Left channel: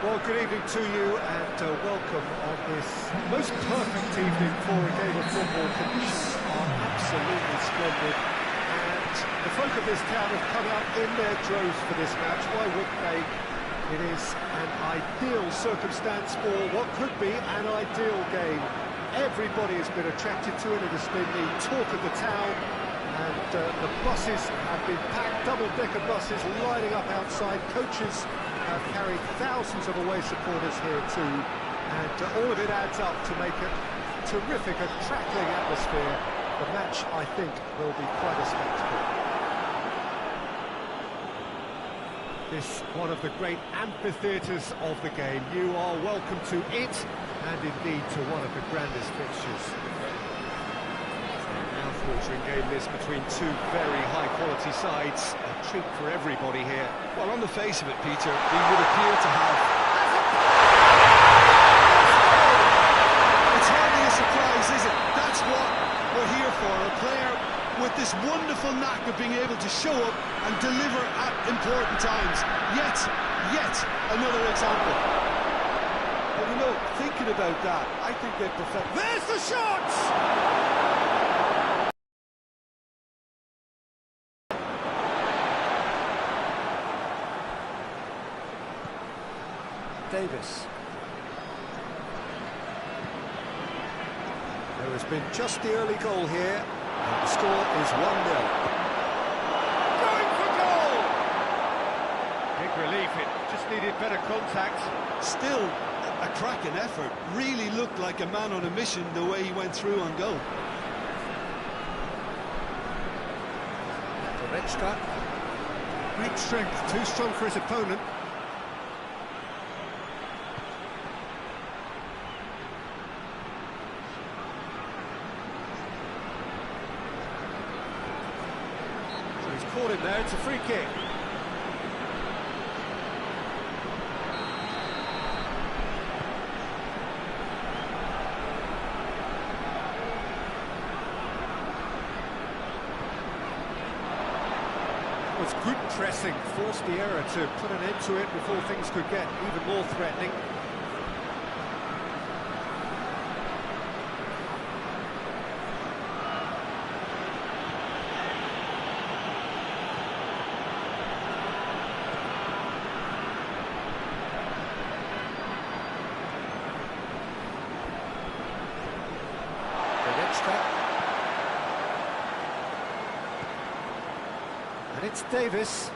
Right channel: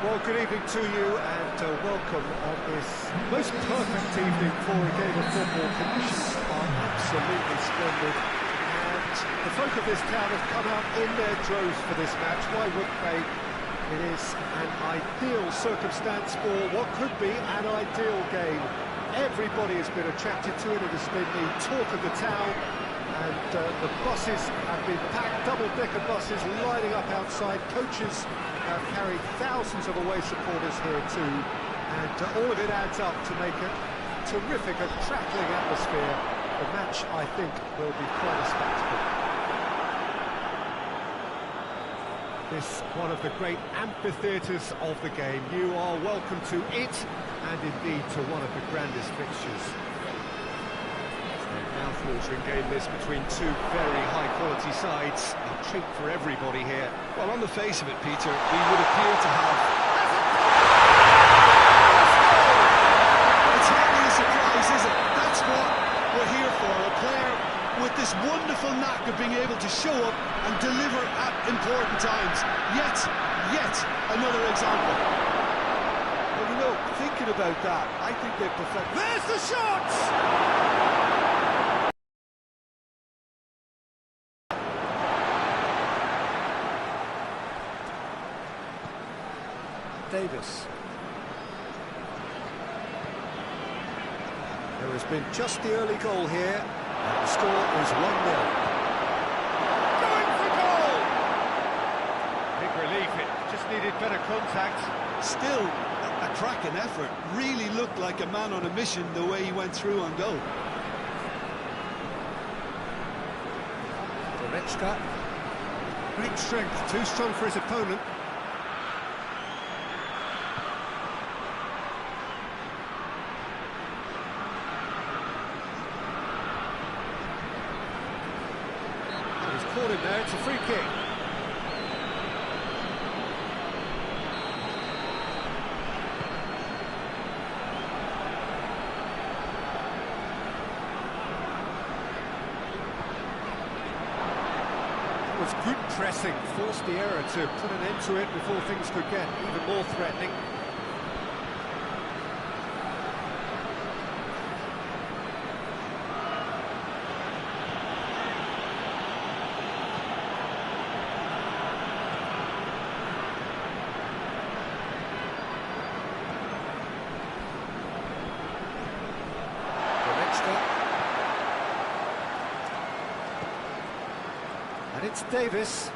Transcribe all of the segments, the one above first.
Well, good evening to you and welcome on this most perfect evening for a game of football. Conditions are absolutely splendid and the folk of this town have come out in their droves for this match. Why wouldn't they? It is an ideal circumstance for what could be an ideal game. Everybody has been attracted to it. It has been the talk of the town and the buses have been packed, double-decker buses lining up outside. Coaches have carried thousands of away supporters here too, and all of it adds up to make a terrific, a crackling atmosphere. The match, I think, will be quite a spectacle. This one of the great amphitheatres of the game. You are welcome to it, and indeed to one of the grandest fixtures. A mouth-watering game this between two very high-quality sides. A treat for everybody here. Well, on the face of it, Peter, we would appear to have... It's hardly a surprise, is it? That's what we're here for. A player with this wonderful knack of being able to show up and deliver at important times. Yet another example. Well, you know, thinking about that, I think they perfect... There's the shot! Davis. There has been just the early goal here, and the score is 1-0. Going for goal! Big relief, it just needed better contact. Still, a cracking effort. Really looked like a man on a mission the way he went through on goal. Goretzka. Great strength, too strong for his opponent. Caught him there, it's a free kick. It was good pressing, forced the error to put an end to it before things could get even more threatening. And it's Davis.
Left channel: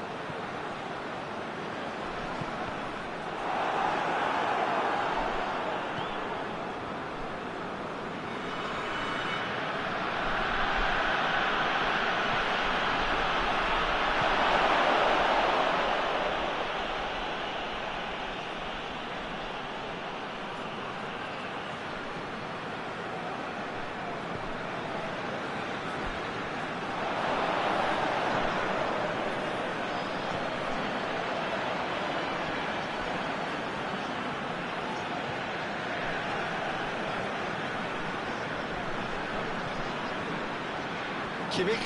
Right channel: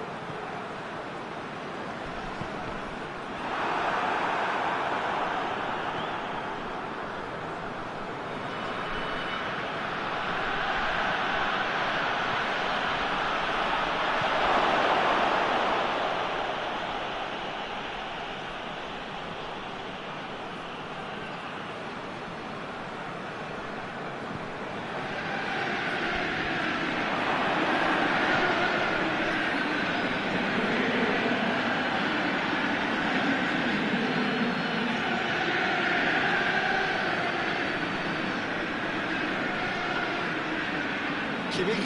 Kimmich.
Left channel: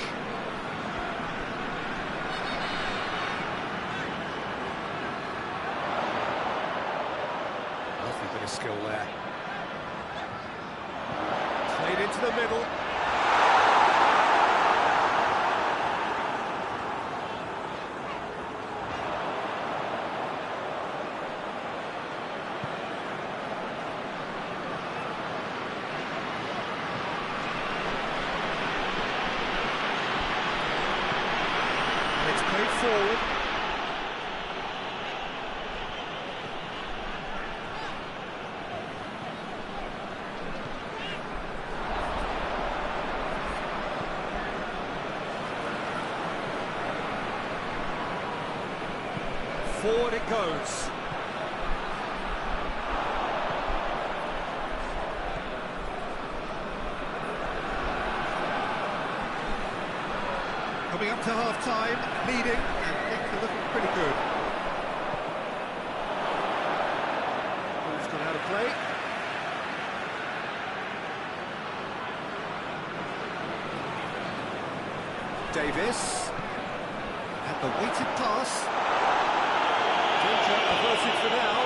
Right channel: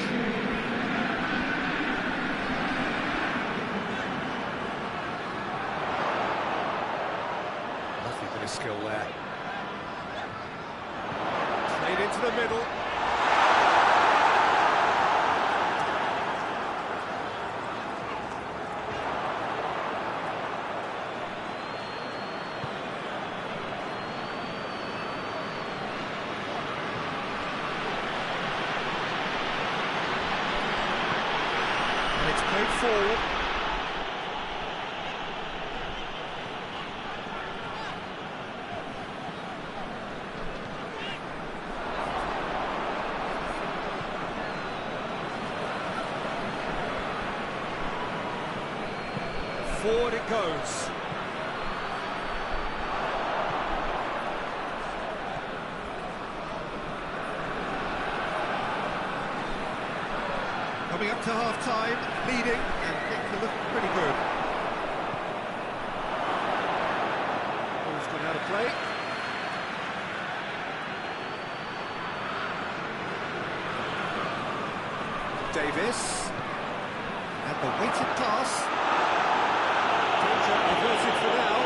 Lovely bit of skill there. Played into the middle. Played forward. Forward it goes. Coming up to half-time, leading, and things are looking pretty good. Ball's gone out of play. Davis. And the weighted pass. Danger averted for now.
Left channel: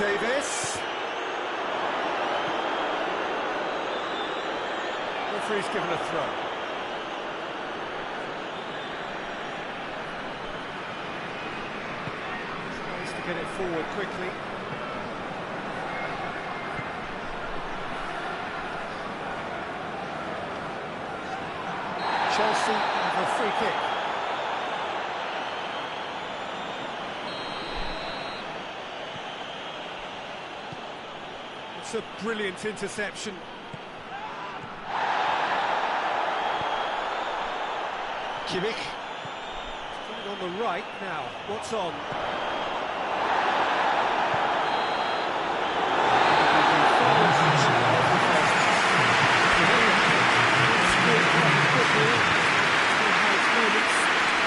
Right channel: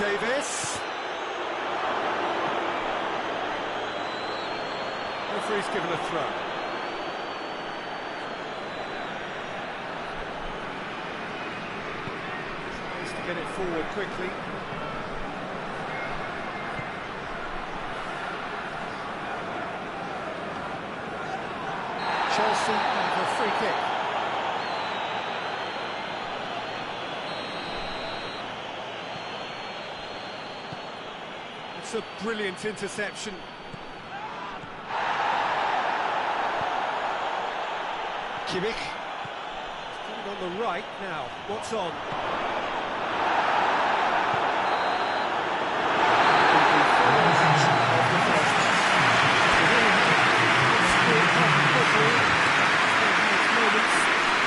Davis. Referee's given a throw. Tries to get it forward quickly. Chelsea have a free kick. It's a brilliant interception. Kimmich. He's on the right now. What's on? The final action of the first half. So there you have it. Sport half of football. Still had its moments.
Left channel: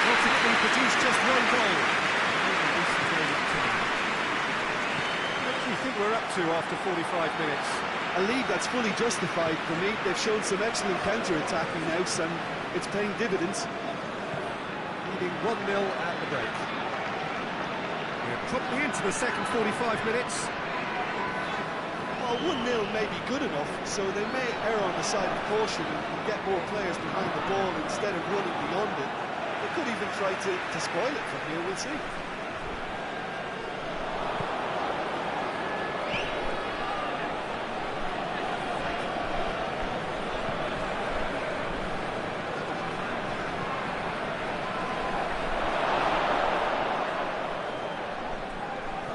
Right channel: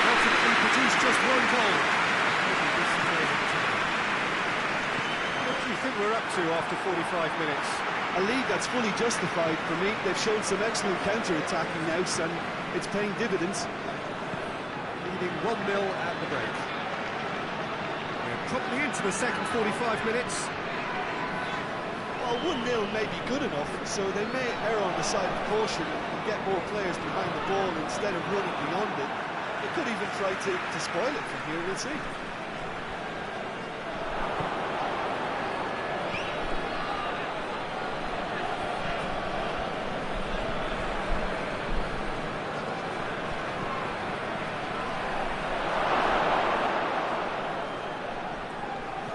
Ultimately produced just one goal. Maybe this is over time. What do you think we're up to after 45 minutes? A lead that's fully justified for me. They've shown some excellent counter-attacking now, and it's paying dividends. Leading 1-0 at the break. We're promptly into the second 45 minutes. Well, 1-0 may be good enough, so they may err on the side of caution and get more players behind the ball instead of running beyond it. They could even try to spoil it from here, we'll see.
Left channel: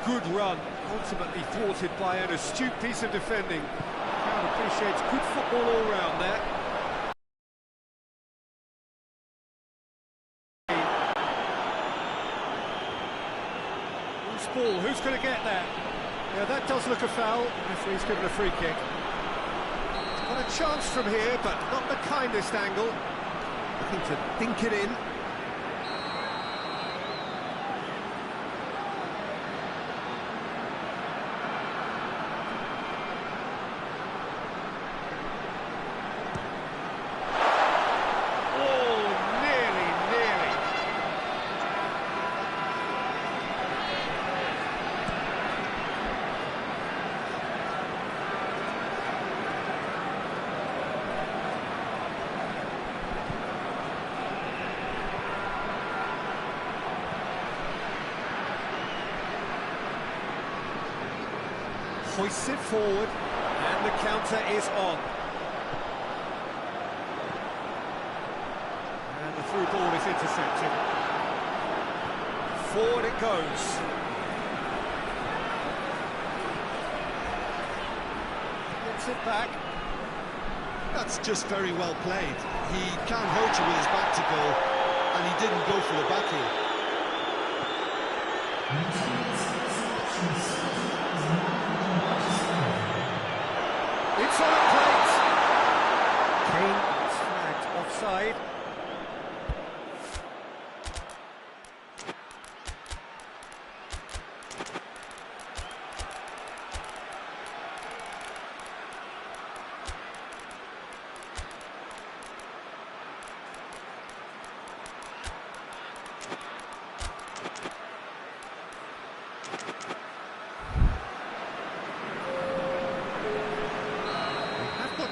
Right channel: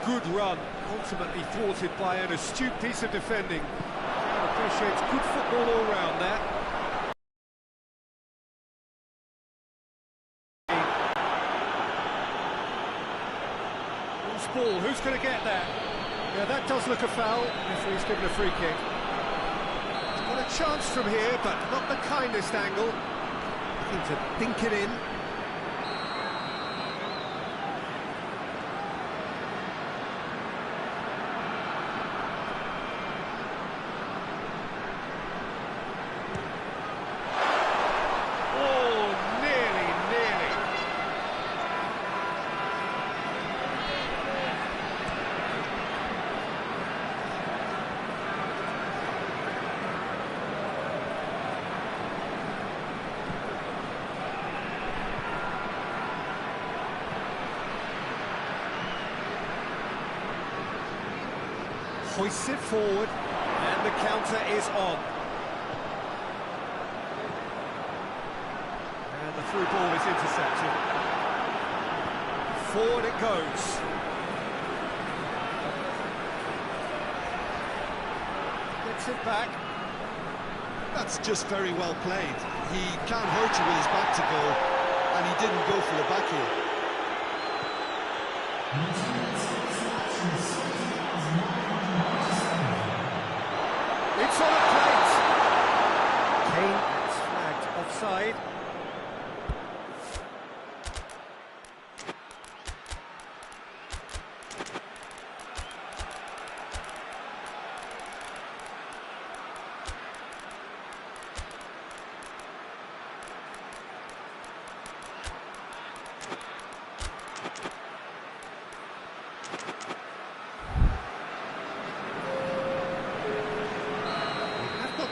Good run, ultimately thwarted by an astute piece of defending. Crowd appreciates good football all round there. Loose ball, who's going to get that? Yeah, that does look a foul. Referee's given a free kick. Got a chance from here, but not the kindest angle. Looking to dink it in. Hoists it forward, and the counter is on. And the through ball is intercepted. Forward it goes. Gets it back. That's just very well played. He can't hurt you with his back to goal, and he didn't go for the back heel. It's on a plate. Kane is flagged offside.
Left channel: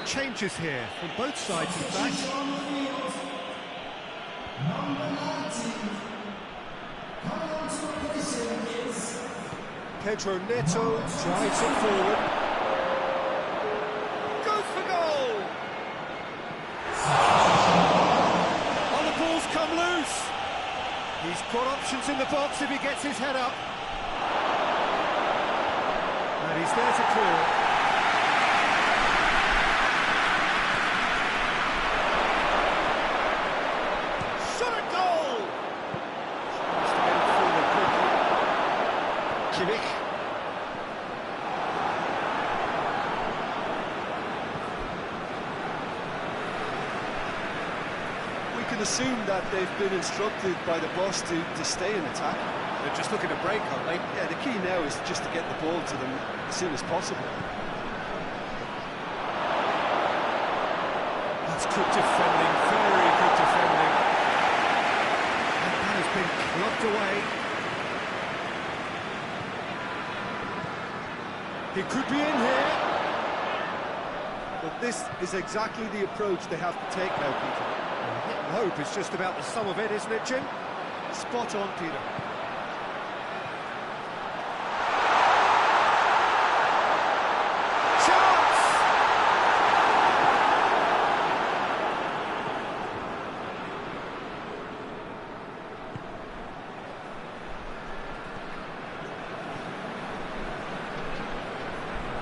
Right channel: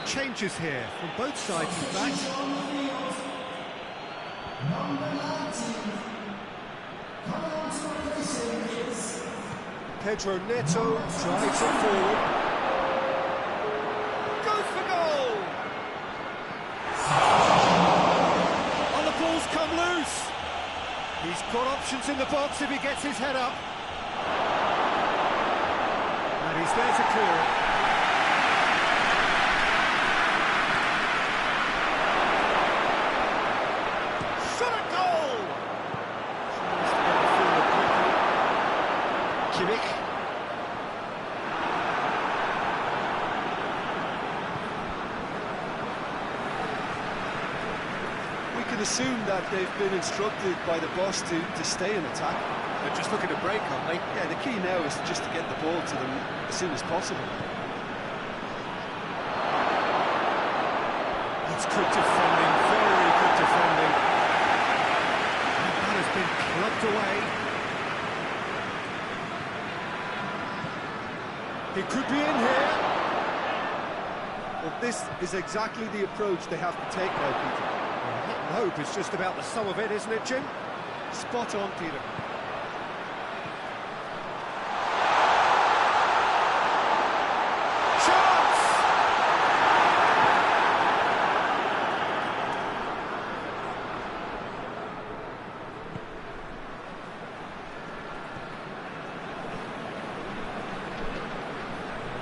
Changes here from both sides, in fact. Pedro Neto drives it forward. Goes for goal! Oh, the ball's come loose. He's got options in the box if he gets his head up. And he's there to clear it. Kimmich. We can assume that they've been instructed by the boss to stay in attack. They're just looking to break, aren't they? Yeah, the key now is just to get the ball to them as soon as possible. That's good defending, very good defending. And that has been clubbed away. He could be in here. Well, this is exactly the approach they have to take now, Peter. Well, hit and hope is just about the sum of it, isn't it, Jim? Spot on, Peter. Chance!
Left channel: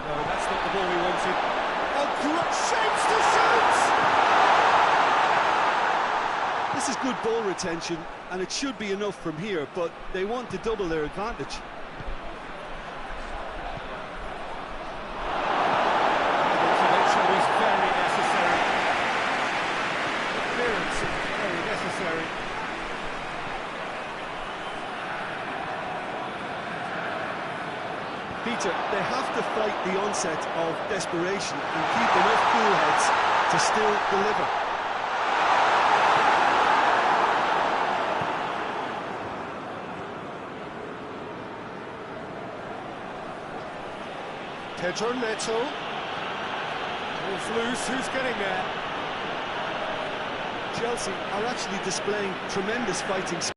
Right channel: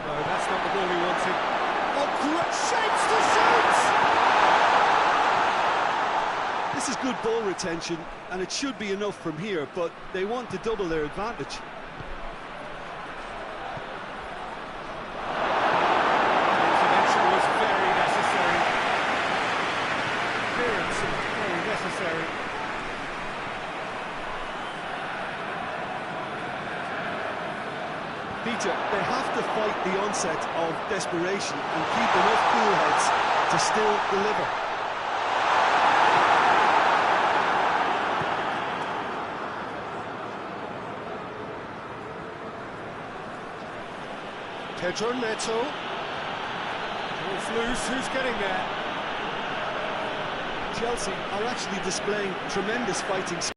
No, that's not the ball he wanted. Oh, great shapes to shoot! This is good ball retention, and it should be enough from here, but they want to double their advantage. That intervention was very necessary. Clearance is very necessary. Peter, they have to fight the onset of desperation and keep enough cool heads to still deliver. Pedro Neto. Ball's loose, who's getting there? Chelsea are actually displaying tremendous fighting spirit.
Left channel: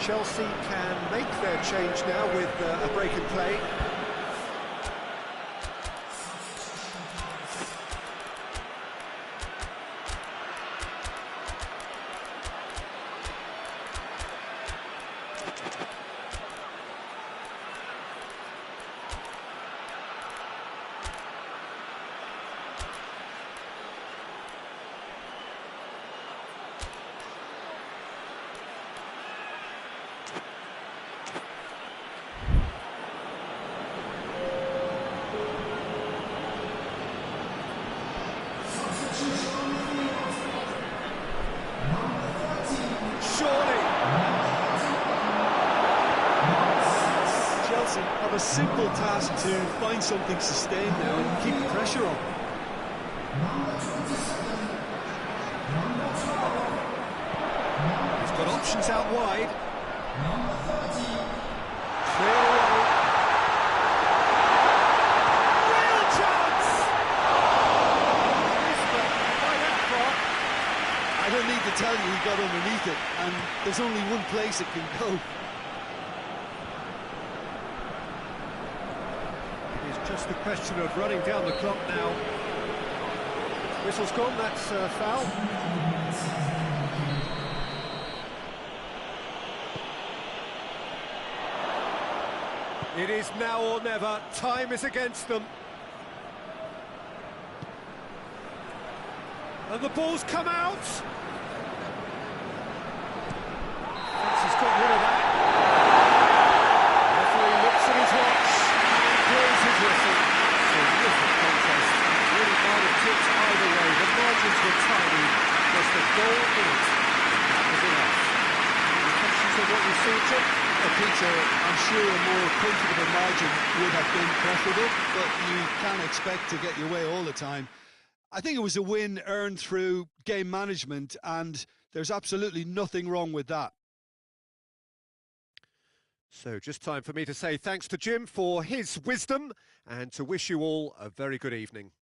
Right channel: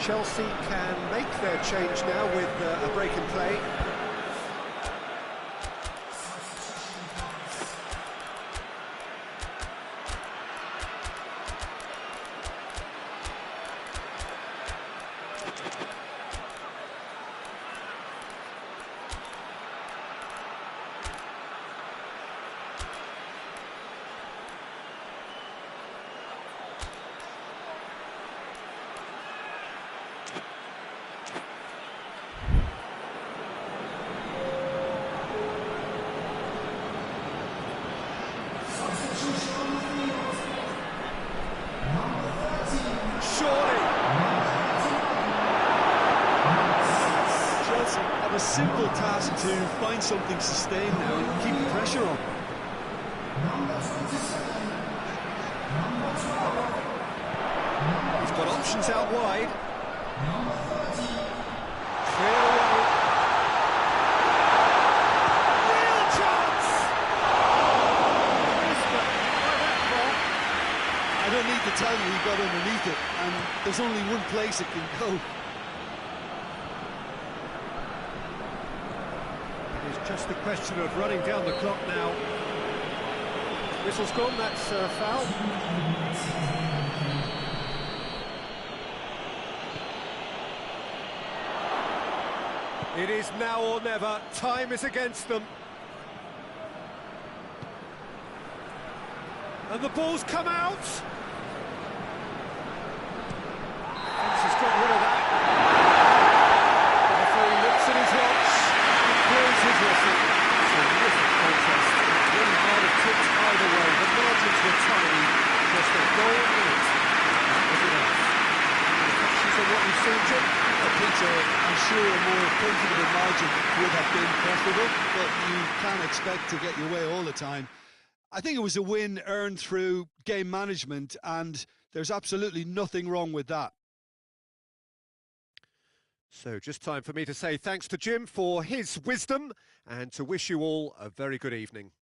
Chelsea can make their change now with a break in play. Surely. Chelsea have a simple task to find something sustained now and keep the pressure on. He's got options out wide. Clear away. Real chance! Missed, but by that far. I don't need to tell you he got underneath it, and there's only one place it can go. It is just a question of running down the clock now. Whistle's gone, that's foul. It is now or never. Time is against them. And the ball's come out. Fence has got rid of that. The referee looks at his watch and blows his whistle. Terrific contest. It really might have tipped either way. The margins were tiny. Just a goal in it. That was enough. Any reflections on what you've seen, Jim? Peter, I'm sure a more comfortable margin would have been preferable, but you can't expect to get your way all the time. I think it was a win earned through game management, and there's absolutely nothing wrong with that. So just time for me to say thanks to Jim for his wisdom and to wish you all a very good evening.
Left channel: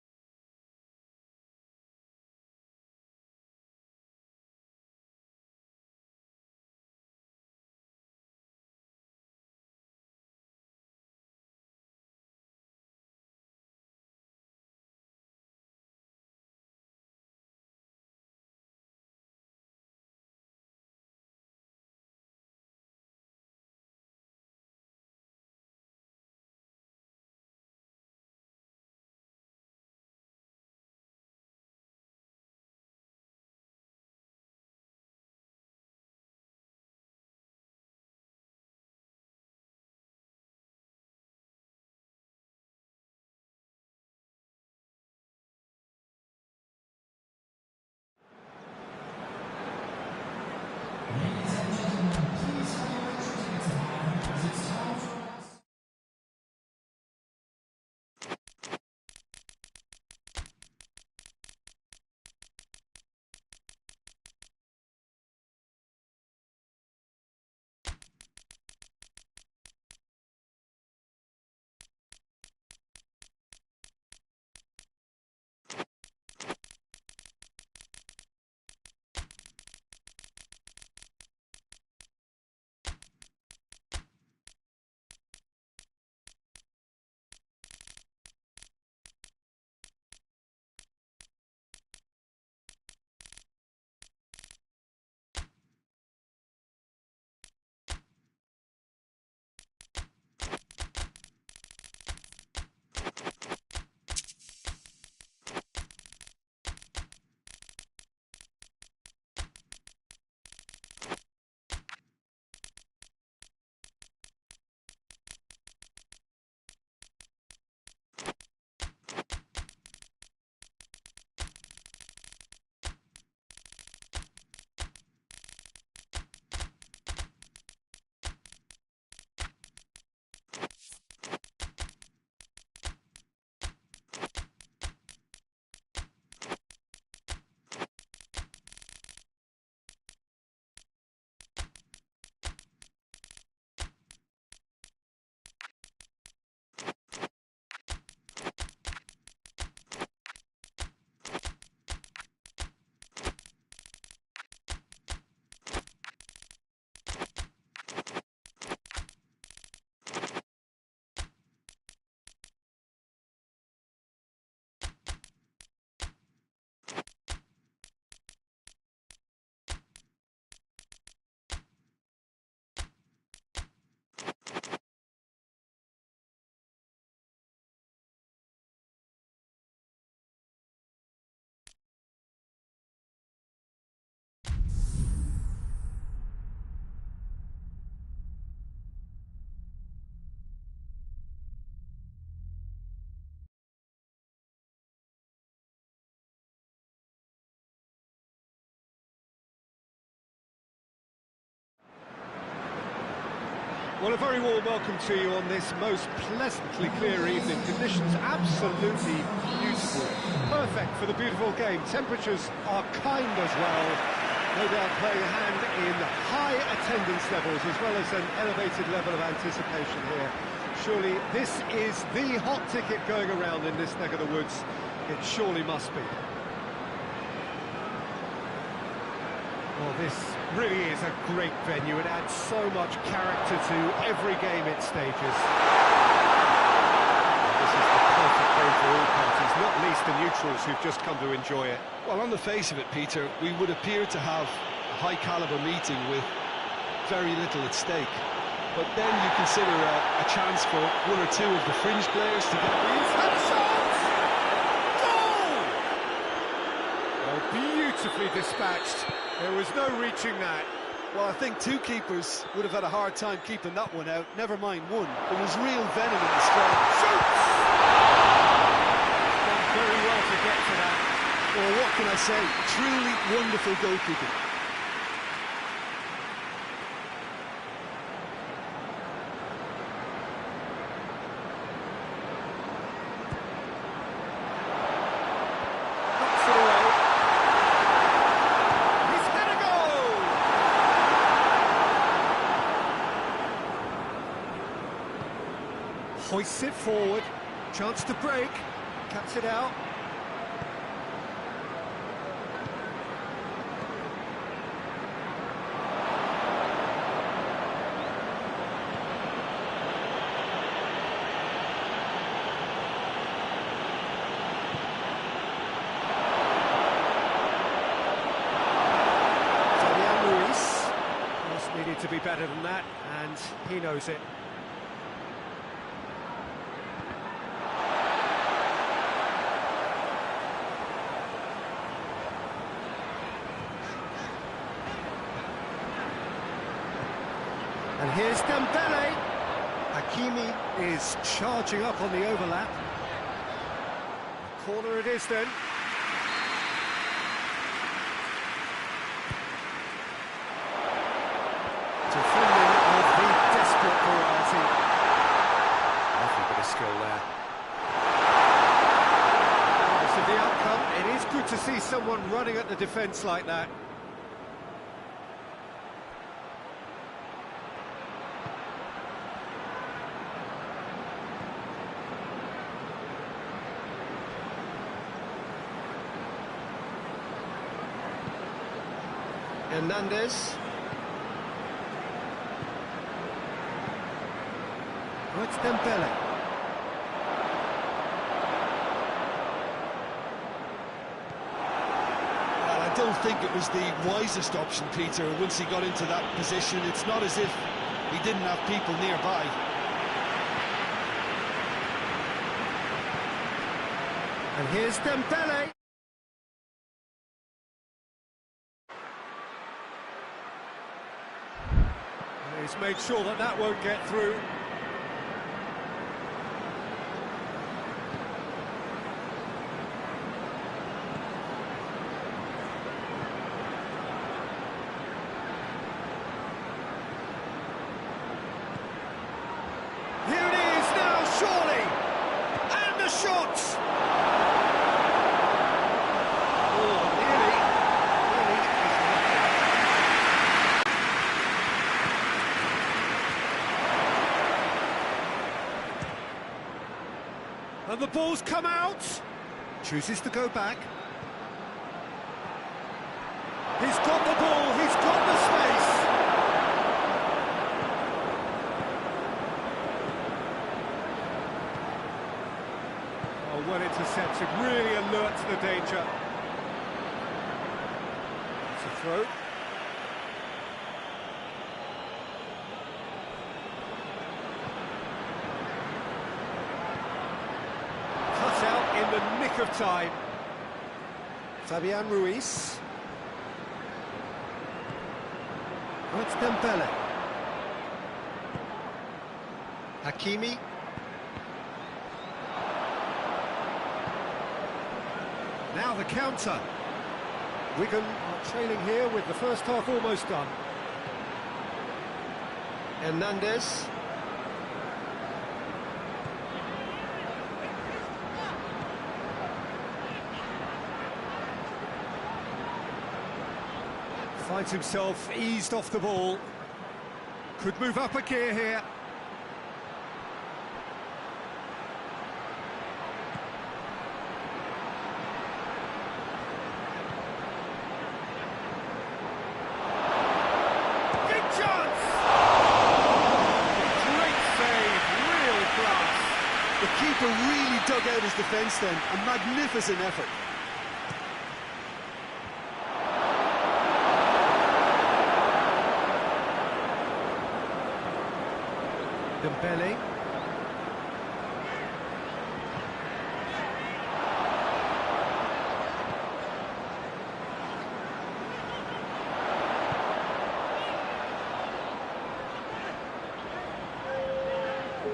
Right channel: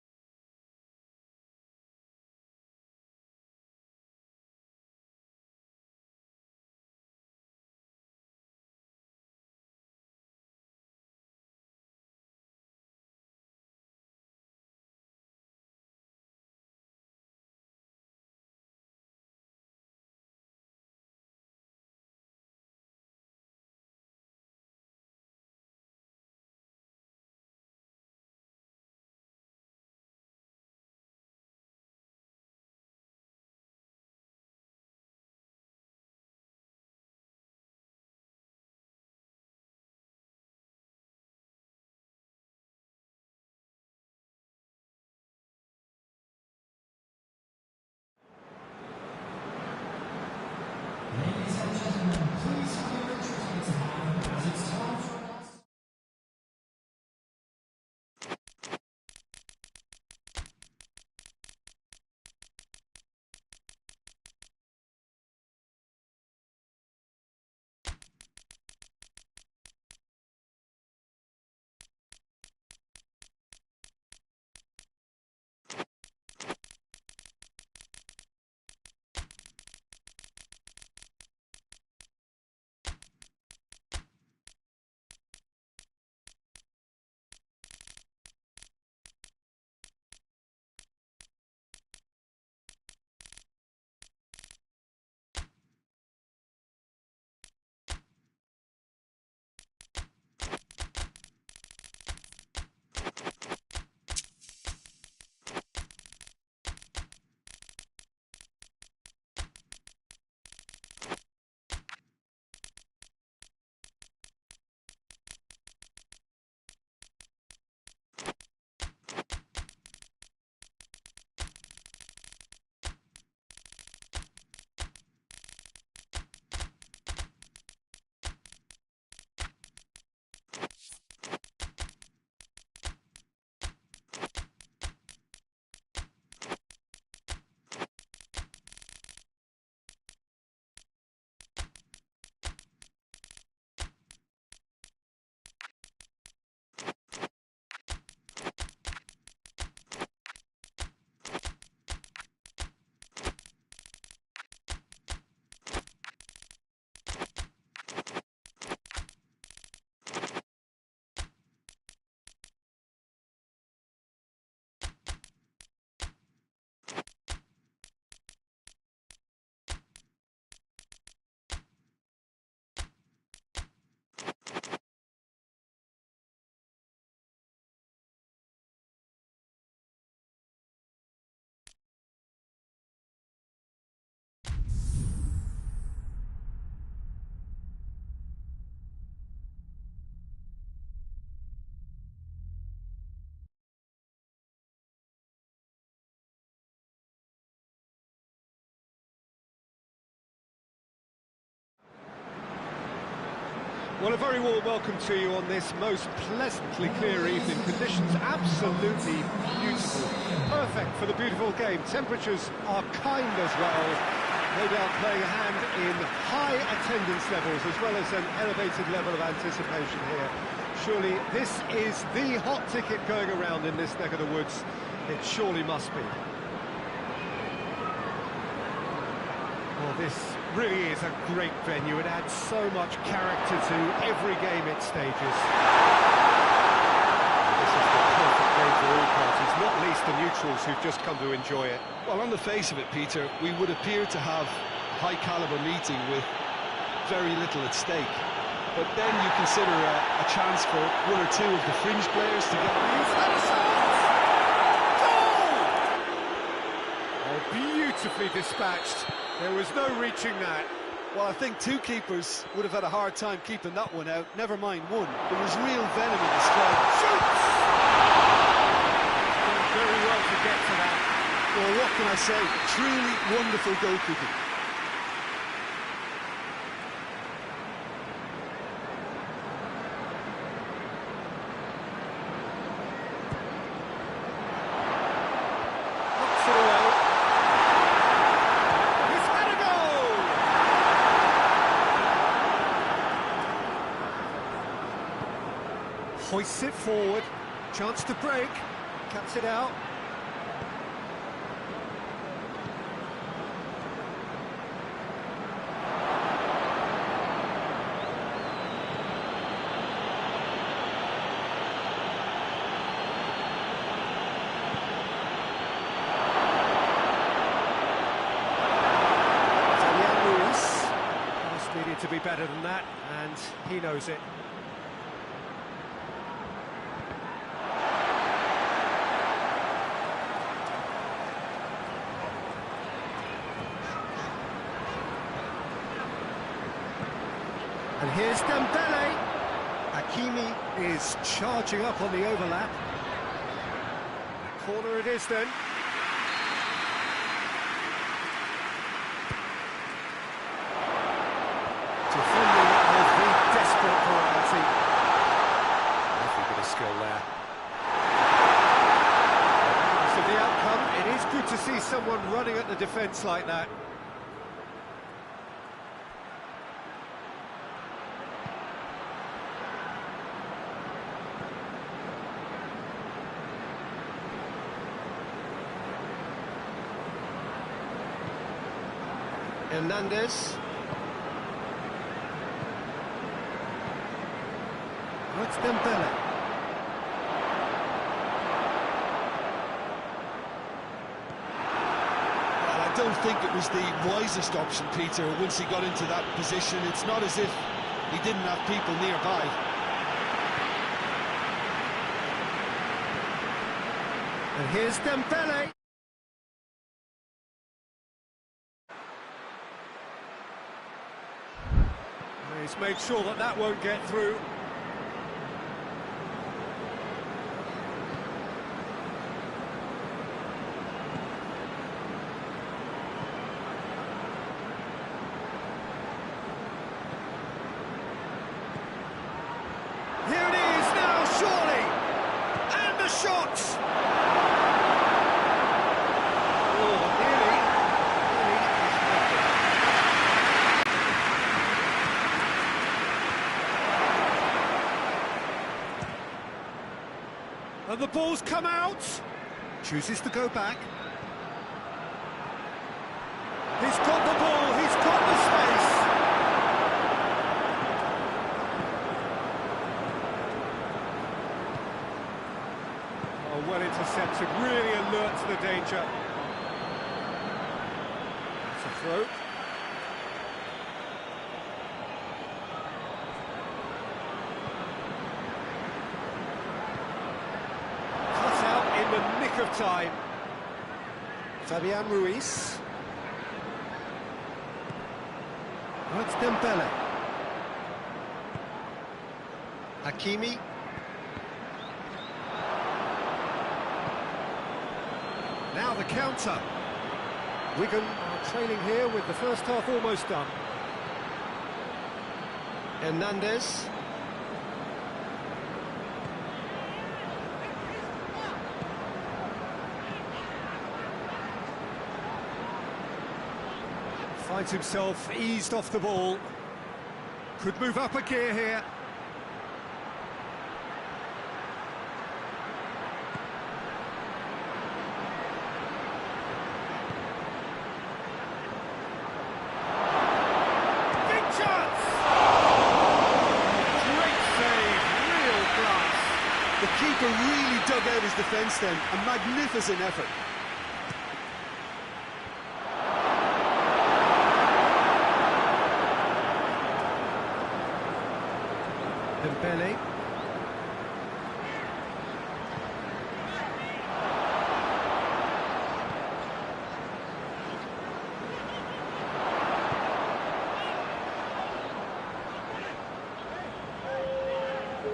Well, a very warm welcome to you on this most pleasantly clear evening. Conditions absolutely beautiful. Perfect for the beautiful game. Temperatures are kind as well. No doubt playing a hand in high attendance levels as well as an elevated level of anticipation here. Surely this is the hot ticket going around in this neck of the woods. It surely must be. Well, this really is a great venue. It adds so much character to every game it stages. And this is the perfect game for all parties, not least the neutrals who've just come to enjoy it. Well, on the face of it, Peter, we would appear to have a high-caliber meeting with very little at stake. But then you consider a chance for one or two of the fringe players to get... He's had a shot! Goal! Oh, beautifully dispatched. There was no reaching that. Well, I think two keepers would have had a hard time keeping that one out. Never mind one. There was real venom in the strike. Shoots! Done very well to get to that. Well, what can I say? Truly wonderful goalkeeping. Knocks it away. He's had a goal! Hoists it forward. Chance to break. Cuts it out. Pass needed to be better than that, and he knows it. And here's Dembele. Hakimi is charging up on the overlap. A corner it is then. Defending of the desperate variety. Lovely bit of skill there. Regardless of the outcome, it is good to see someone running at the defence like that. Hernandez. Oh, it's Dembele. Well, I don't think it was the wisest option, Peter, once he got into that position. It's not as if he didn't have people nearby. And here's Dembele. He's made sure that that won't get through. Here it is now, surely! And the shot! Oh, nearly is nothing. And the ball's come out. Chooses to go back. He's got the ball, he's got the space. Oh, well intercepted, really alert to the danger. It's a throw. Cut out in the nick of time. Fabian Ruiz. Oh, it's Dembele. Hakimi. Now the counter. Wigan are trailing here with the first half almost done. Hernandez. Finds himself eased off the ball. Could move up a gear here. Big chance! Great save, real class. The keeper really dug out his defence then. A magnificent effort. Dembele.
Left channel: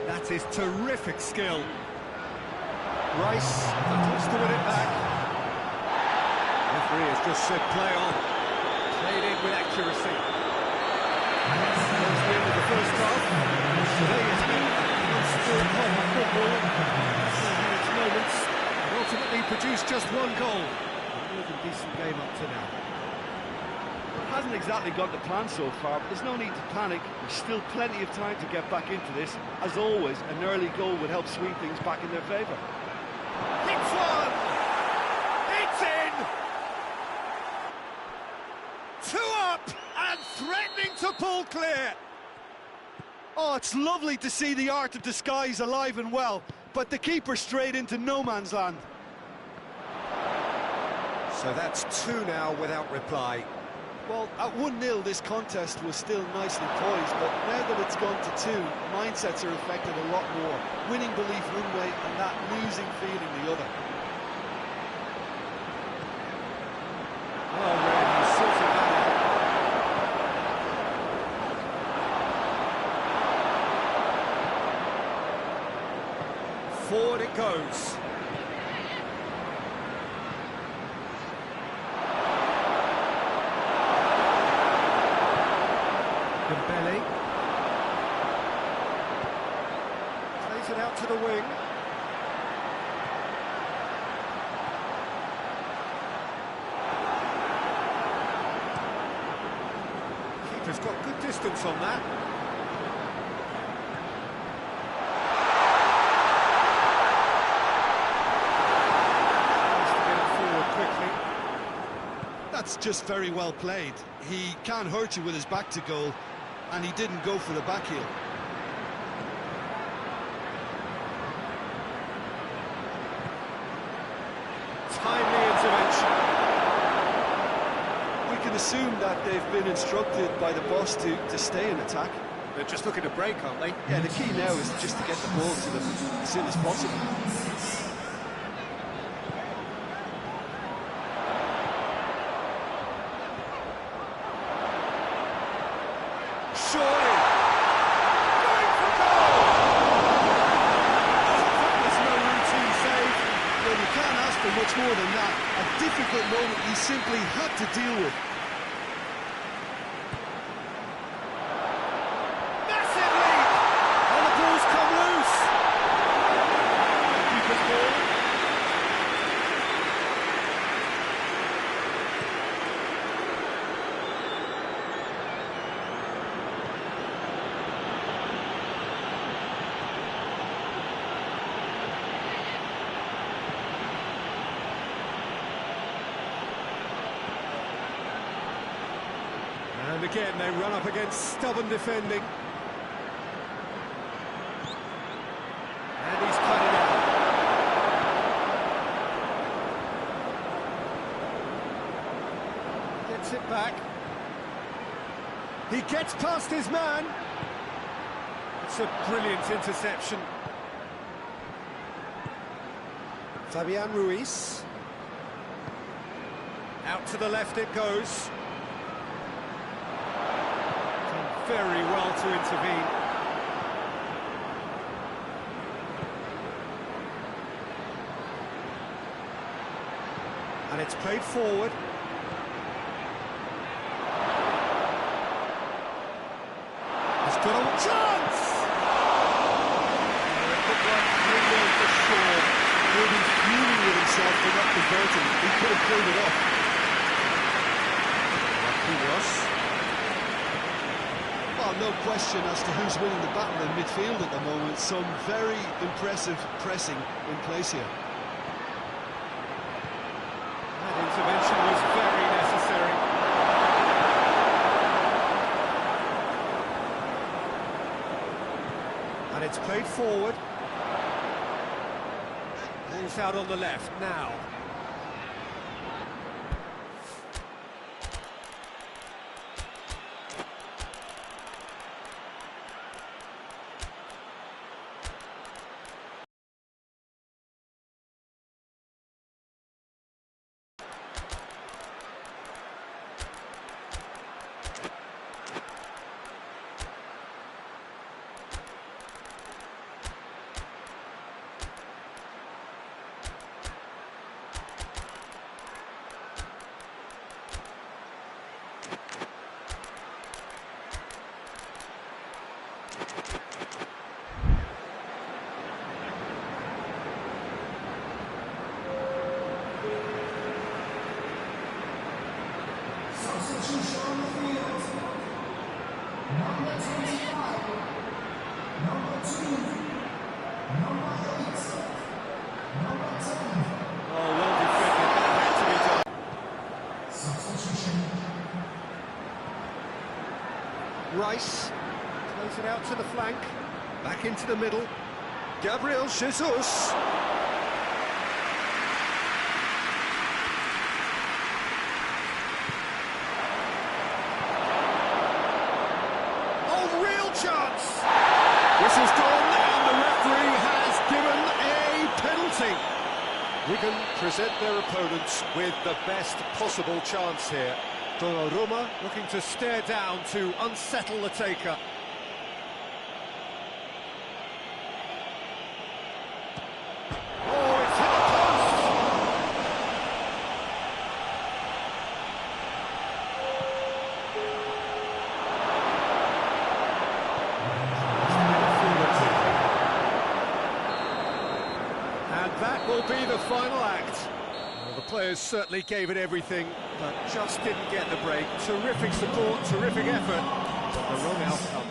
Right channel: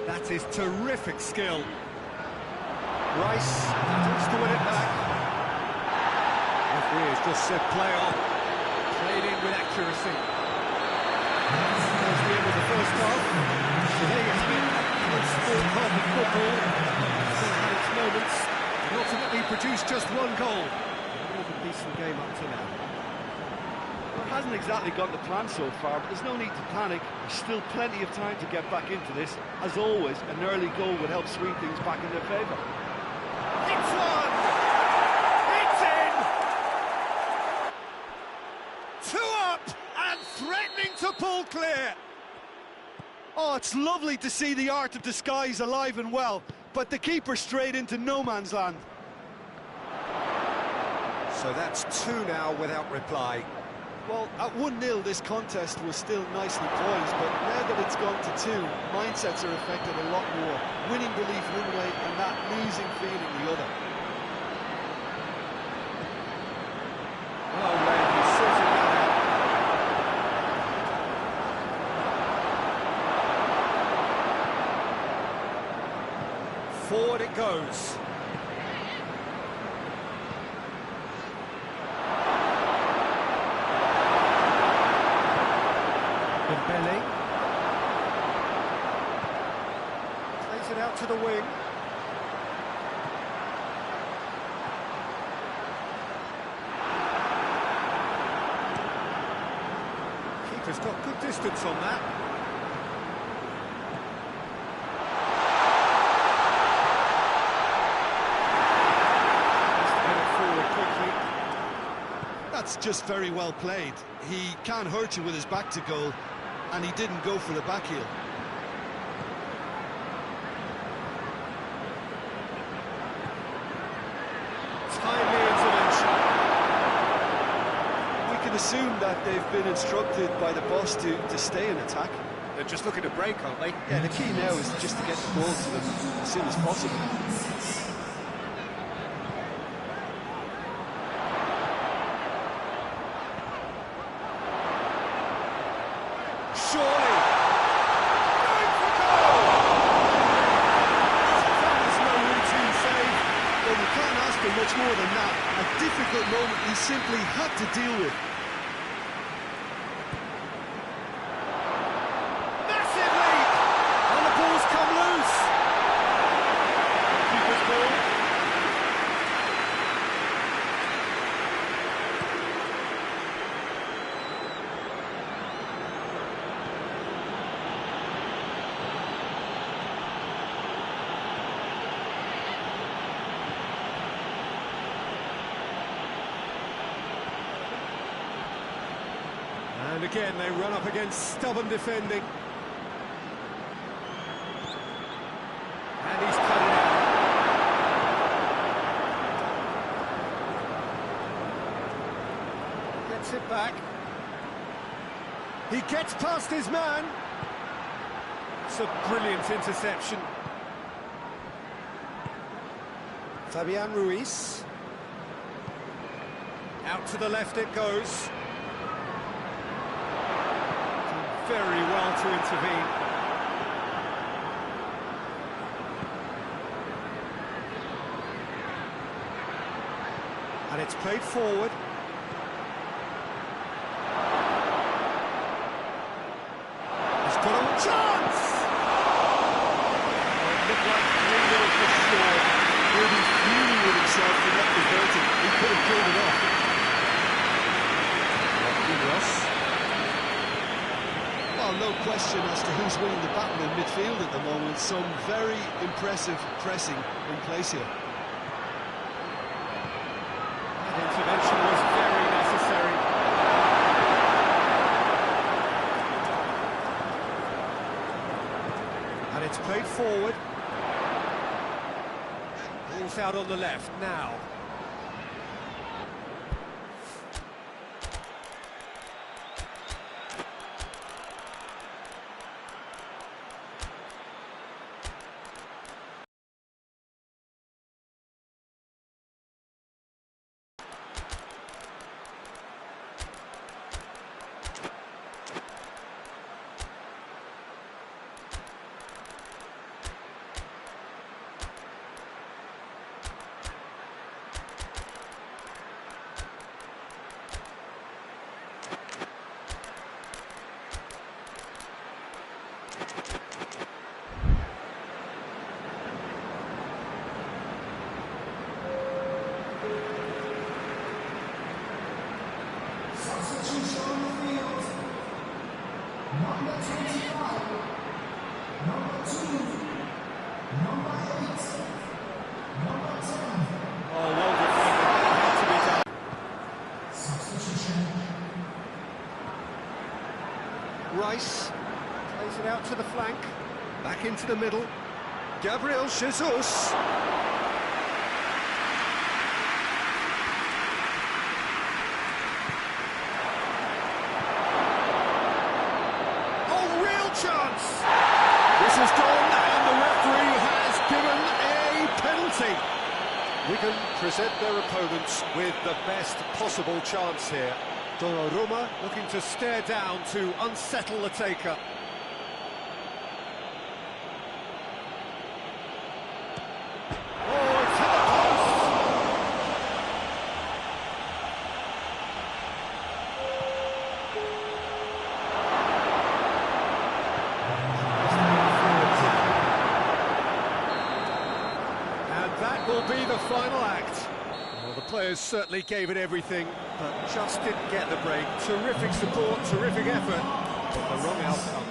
That is terrific skill. Rice battles to win it back. Referee has just said play on. Played in with accuracy. There's the end of the first half. So there you have it, a close-fought half of football. Still had its moments, but ultimately produced just one goal. A more than decent game up to now. Well, it hasn't exactly gone to plan so far, but there's no need to panic. There's still plenty of time to get back into this. As always, an early goal would help swing things back in their favour. It's one! It's in! 2 up and threatening to pull clear. Oh, it's lovely to see the art of disguise alive and well, but the keeper straight into no man's land. So that's 2 now without reply. Well, at 1-0 this contest was still nicely poised, but now that it's gone to 2, mindsets are affected a lot more. Winning belief one way and that losing feeling the other. Oh, Red, he's sorting that out. Forward it goes. Dembele. Plays it out to the wing. Keeper's got good distance on that. Quickly. That's just very well played. He can't hurt you with his back to goal, and he didn't go for the back heel. Timely intervention. We can assume that they've been instructed by the boss to stay in attack. They're just looking to break, aren't they? Yeah, the key now is just to get the ball to them as soon as possible. Surely! Going for goal! Oh, that was no routine save. Well, you can't ask for much more than that. A difficult moment he simply had to deal with. Massive lead! And the ball's come loose. Keeper's ball. And again, they run up against stubborn defending. And he's cut it out. Gets it back. He gets past his man. It's a brilliant interception. Fabian Ruiz. Out to the left it goes. Done very well to intervene. And it's played forward. He's got a chance! Oh, it looked like 3-0 for sure. He'll be fuming with himself for not converting. He could have killed it off. Well, no question as to who's winning the battle in midfield at the moment. Some very impressive pressing in place here. That intervention was very necessary. And it's played forward. Ball's out on the left now. Oh, well defended. That had to be done. Rice plays it out to the flank. Back into the middle. Gabriel Jesus. Oh, real chance! Whistle's gone and the referee has given a penalty. Wigan present their opponents with the best possible chance here. Donnarumma looking to stare down to unsettle the taker. Oh, it's hit the post! Has to get forward quickly. And that will be the final act. Well, the players certainly gave it everything, but just didn't get the break. Terrific support, terrific effort, but the wrong outcome.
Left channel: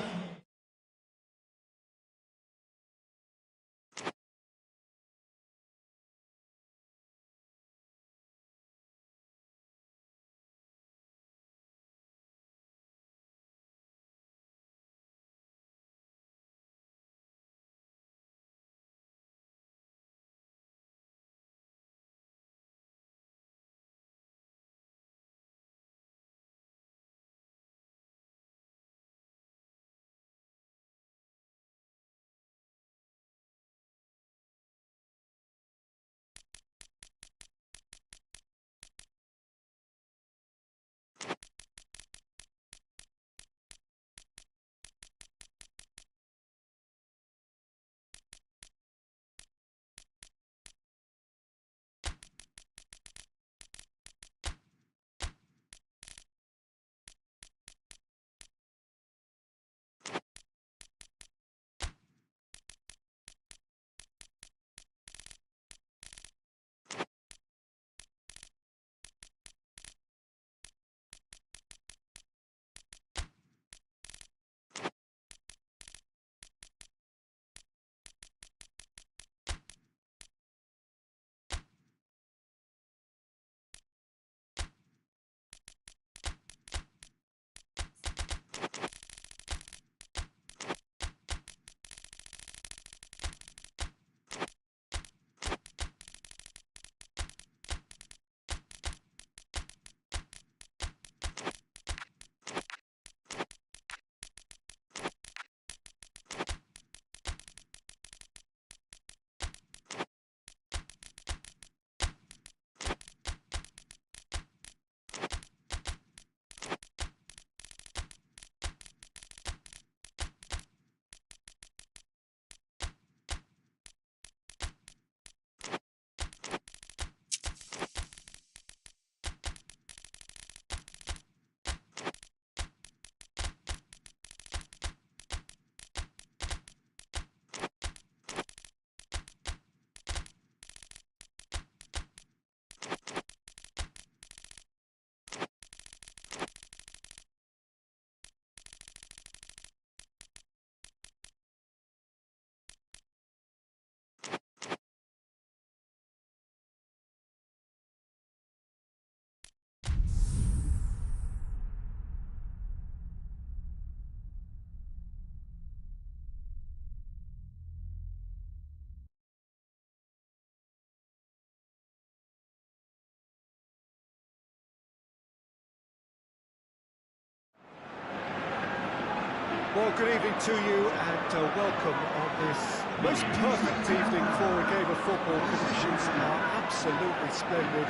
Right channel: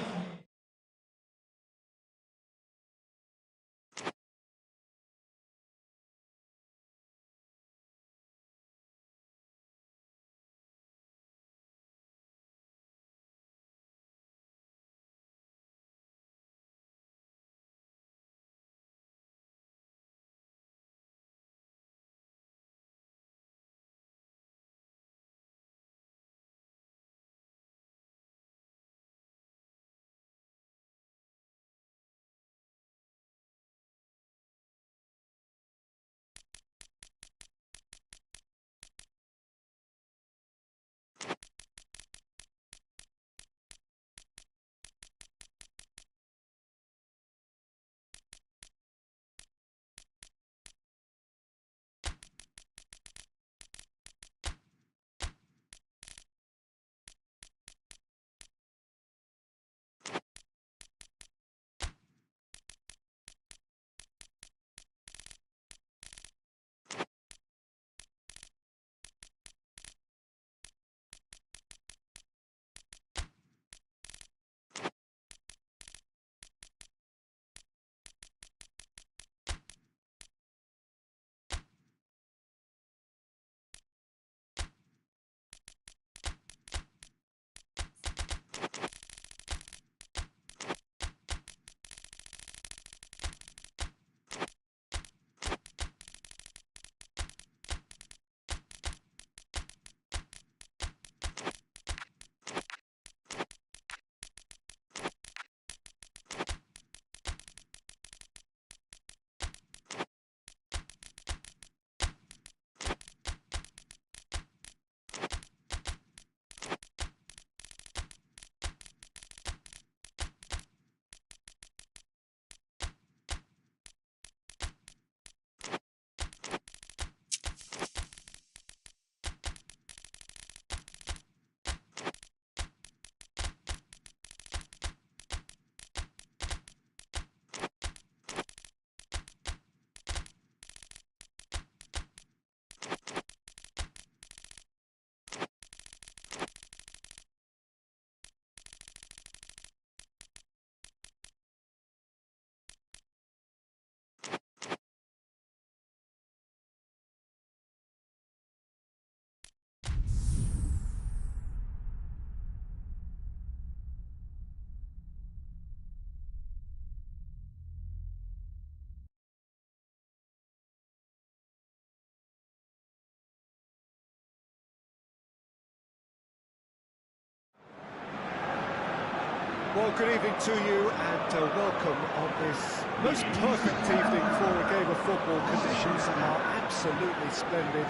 Well, good evening to you and welcome on this most perfect evening for a game of football. Conditions are absolutely splendid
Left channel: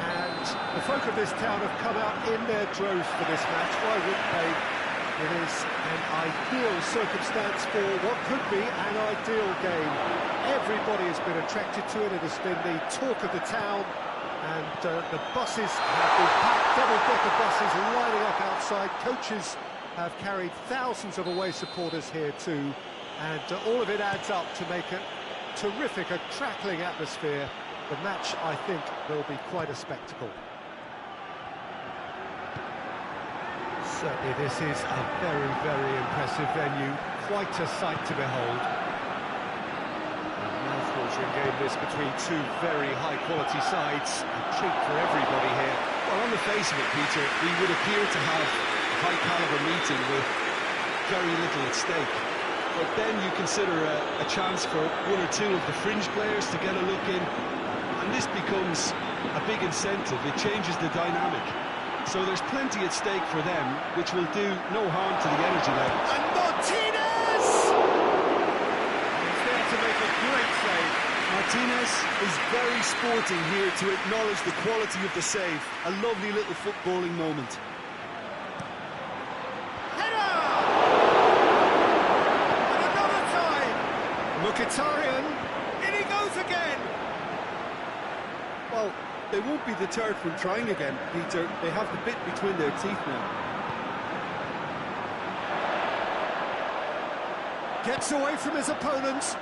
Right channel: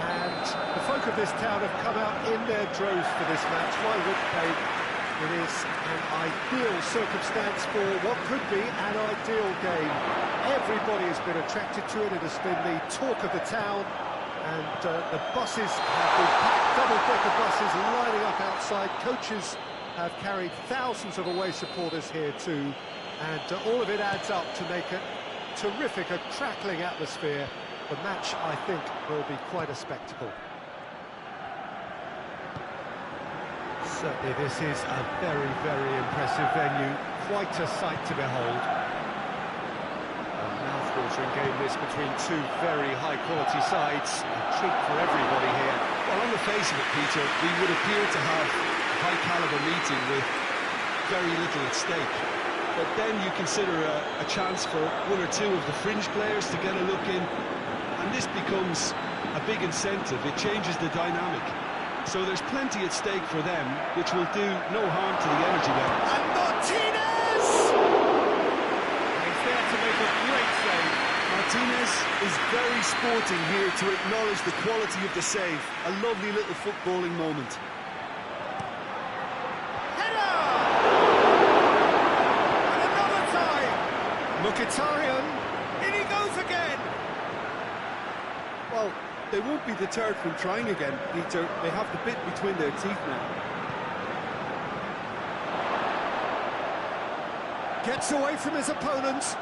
and the folk of this town have come out in their droves for this match. Why wouldn't they? It is an ideal circumstance for what could be an ideal game. Everybody has been attracted to it. It has been the talk of the town. And the buses have been packed, double-decker buses lining up outside. Coaches have carried thousands of away supporters here too. And all of it adds up to make a terrific, a crackling atmosphere. The match, I think, will be quite a spectacle. Certainly this is a very, very impressive venue. Quite a sight to behold. A mouth-watering game this between two very high-quality sides. A treat for everybody here. Well, on the face of it, Peter, we would appear to have a high-caliber meeting with very little at stake. But then you consider a chance for one or two of the fringe players to get a look in, and this becomes a big incentive. It changes the dynamic. So there's plenty at stake for them, which will do no harm to the energy levels. And Martinez! He's there to make a great save. Martinez is very sporting here to acknowledge the quality of the save. A lovely little footballing moment. Header! And another time! Mkhitaryan, in he goes again! Well, they won't be deterred from trying again, Peter. They have the bit between their teeth now. Gets away from his opponents.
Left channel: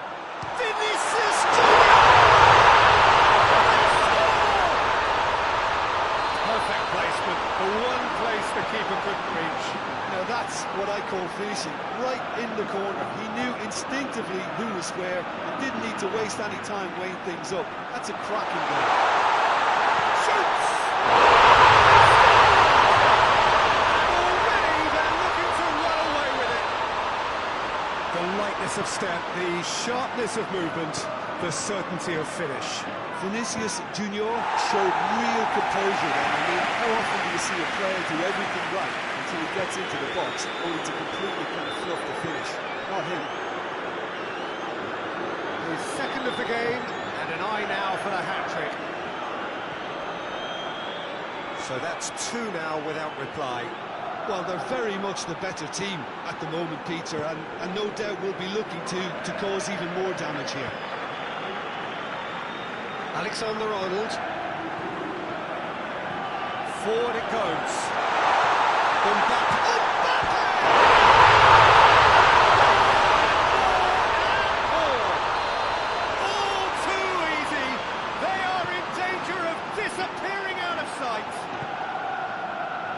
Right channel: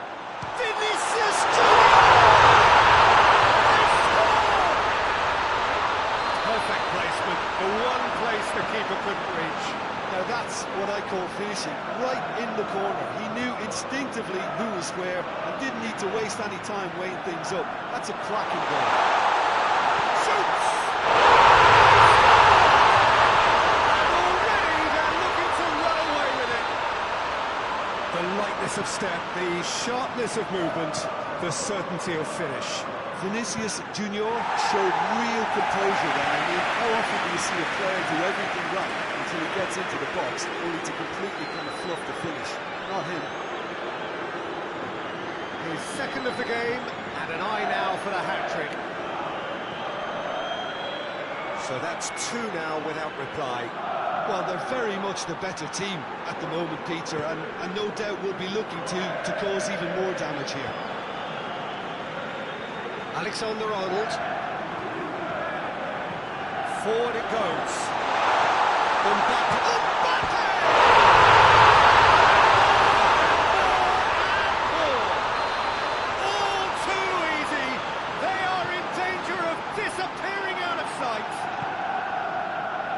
Vinicius Junior! Perfect placement. The one place the keeper couldn't reach. Now that's what I call finishing. Right in the corner. He knew instinctively who was where and didn't need to waste any time weighing things up. That's a cracking goal. Shoots! And already they're looking to run away with it. The lightness of step, the sharpness of movement, the certainty of finish. Vinicius Junior showed real composure then. I mean, how often do you see a player do everything right until he gets into the box, only to completely kind of fluff the finish? Not him. His second of the game, and an eye now for the hat-trick. So that's two now without reply. Well, they're very much the better team at the moment, Peter, and no doubt will be looking to cause even more damage here. Alexander-Arnold. Forward it goes. Mbappe! Mbappe! More! All too easy. They are in danger of disappearing out of sight.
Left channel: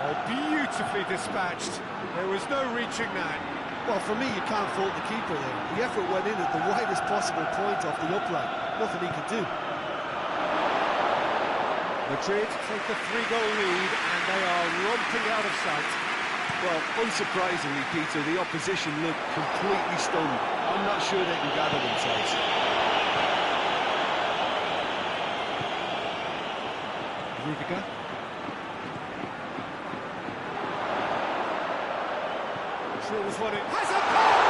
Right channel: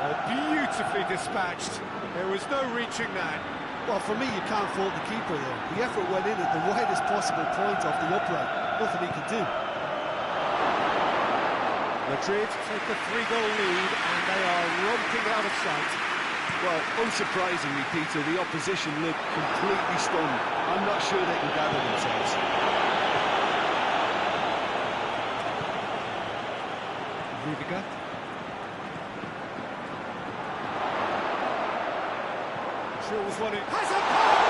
Oh, beautifully dispatched. There was no reaching that. Well, for me, you can't fault the keeper there. The effort went in at the widest possible point off the upright. Nothing he could do. Madrid take a 3-goal lead and they are romping out of sight. Well, unsurprisingly, Peter, the opposition look completely stunned. I'm not sure they can gather themselves. Rudiger. Drills one in. Has a pop!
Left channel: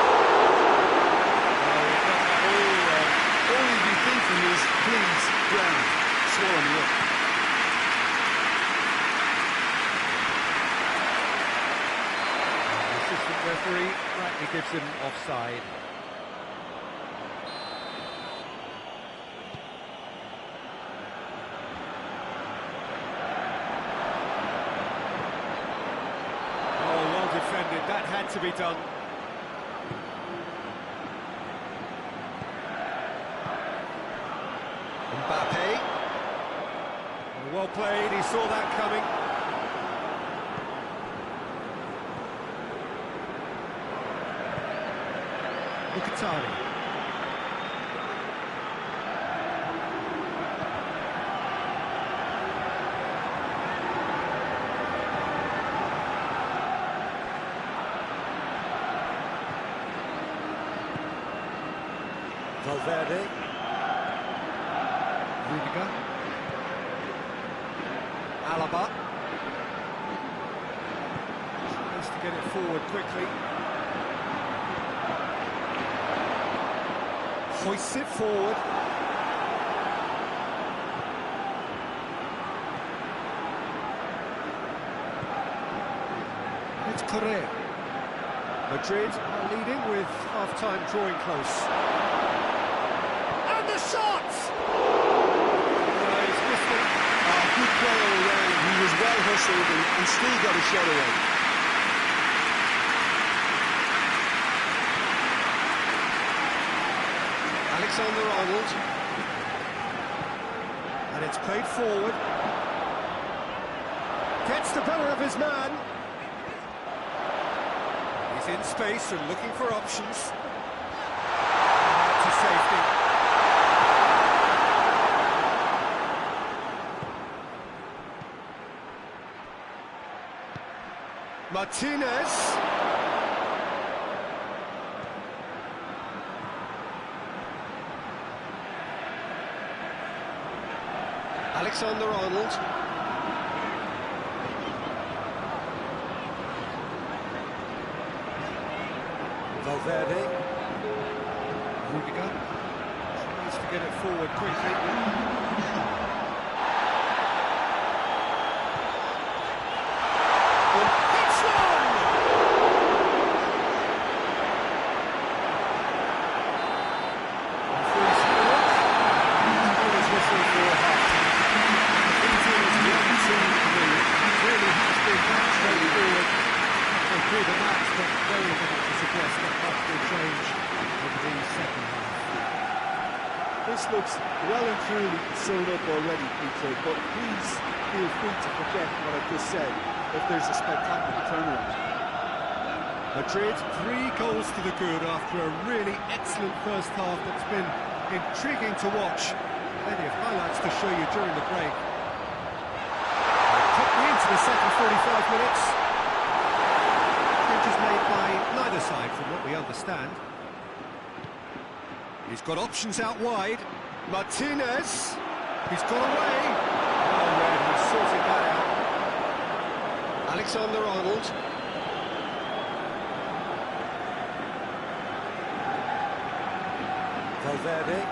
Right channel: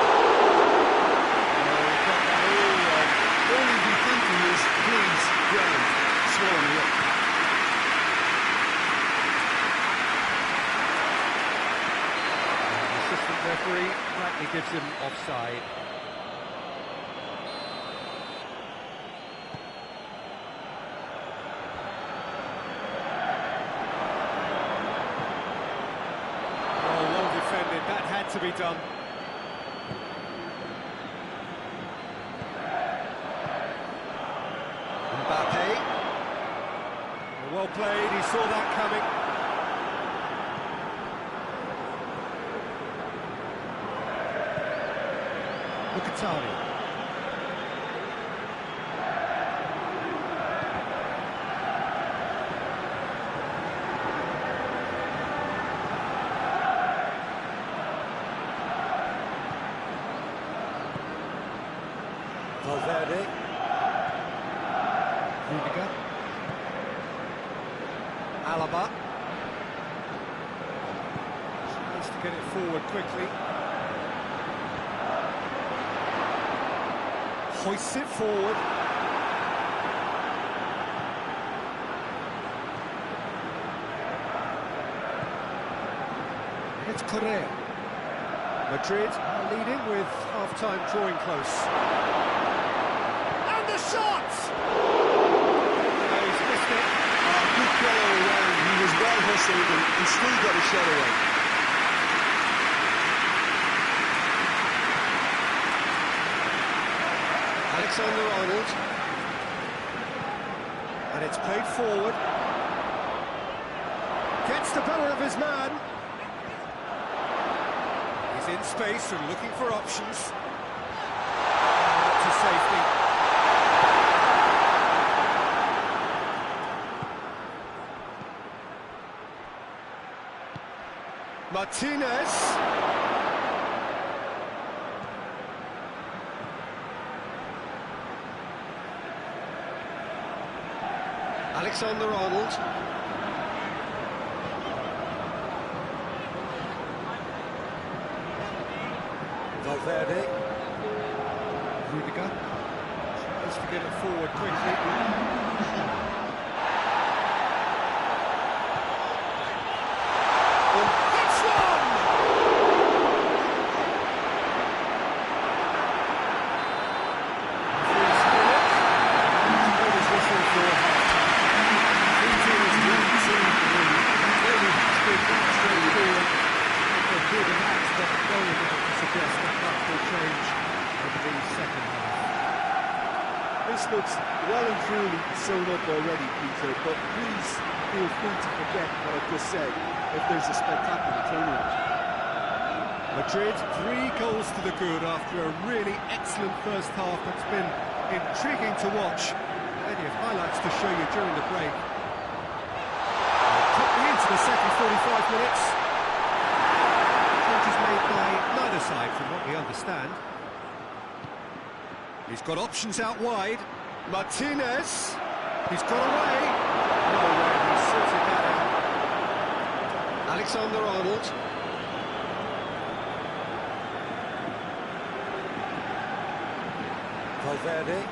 No, he got that all wrong. All he'd be thinking is, please, ground, swallow me up. The assistant referee rightly gives him offside. Oh, well defended. That had to be done. Mbappe. Oh, well played. He saw that coming. Mkhitaryan. Valverde. Rudiger. Alaba. Tries to get it forward quickly. Hoists it forward. It's Correa. Madrid are leading with half-time drawing close. And the shot! No, he's missed it. Good play all around. He was well hustled and still got a shot away. Alexander-Arnold. And it's played forward. Gets the better of his man. He's in space and looking for options. Out to safety. Martinez. Alexander-Arnold. Valverde. Rudiger tries to get it forward quickly. It's one! Referee's had a look. He's blown his whistle for half-time. I think it is 1-2-3. It really has been that straightforward. Through the match, but very little to suggest that much will change over the second half. This looks well and truly sewn up already, Peter, but please feel free to forget what I've just said if there's a spectacular turnaround. Madrid, 3 goals to the good after a really excellent first half that's been intriguing to watch. Plenty of highlights to show you during the break. Quickly into the second 45 minutes. Changes made by neither side from what we understand. He's got options out wide. Martinez. He's got away. Well read, he sorted that out. Alexander-Arnold. Valverde.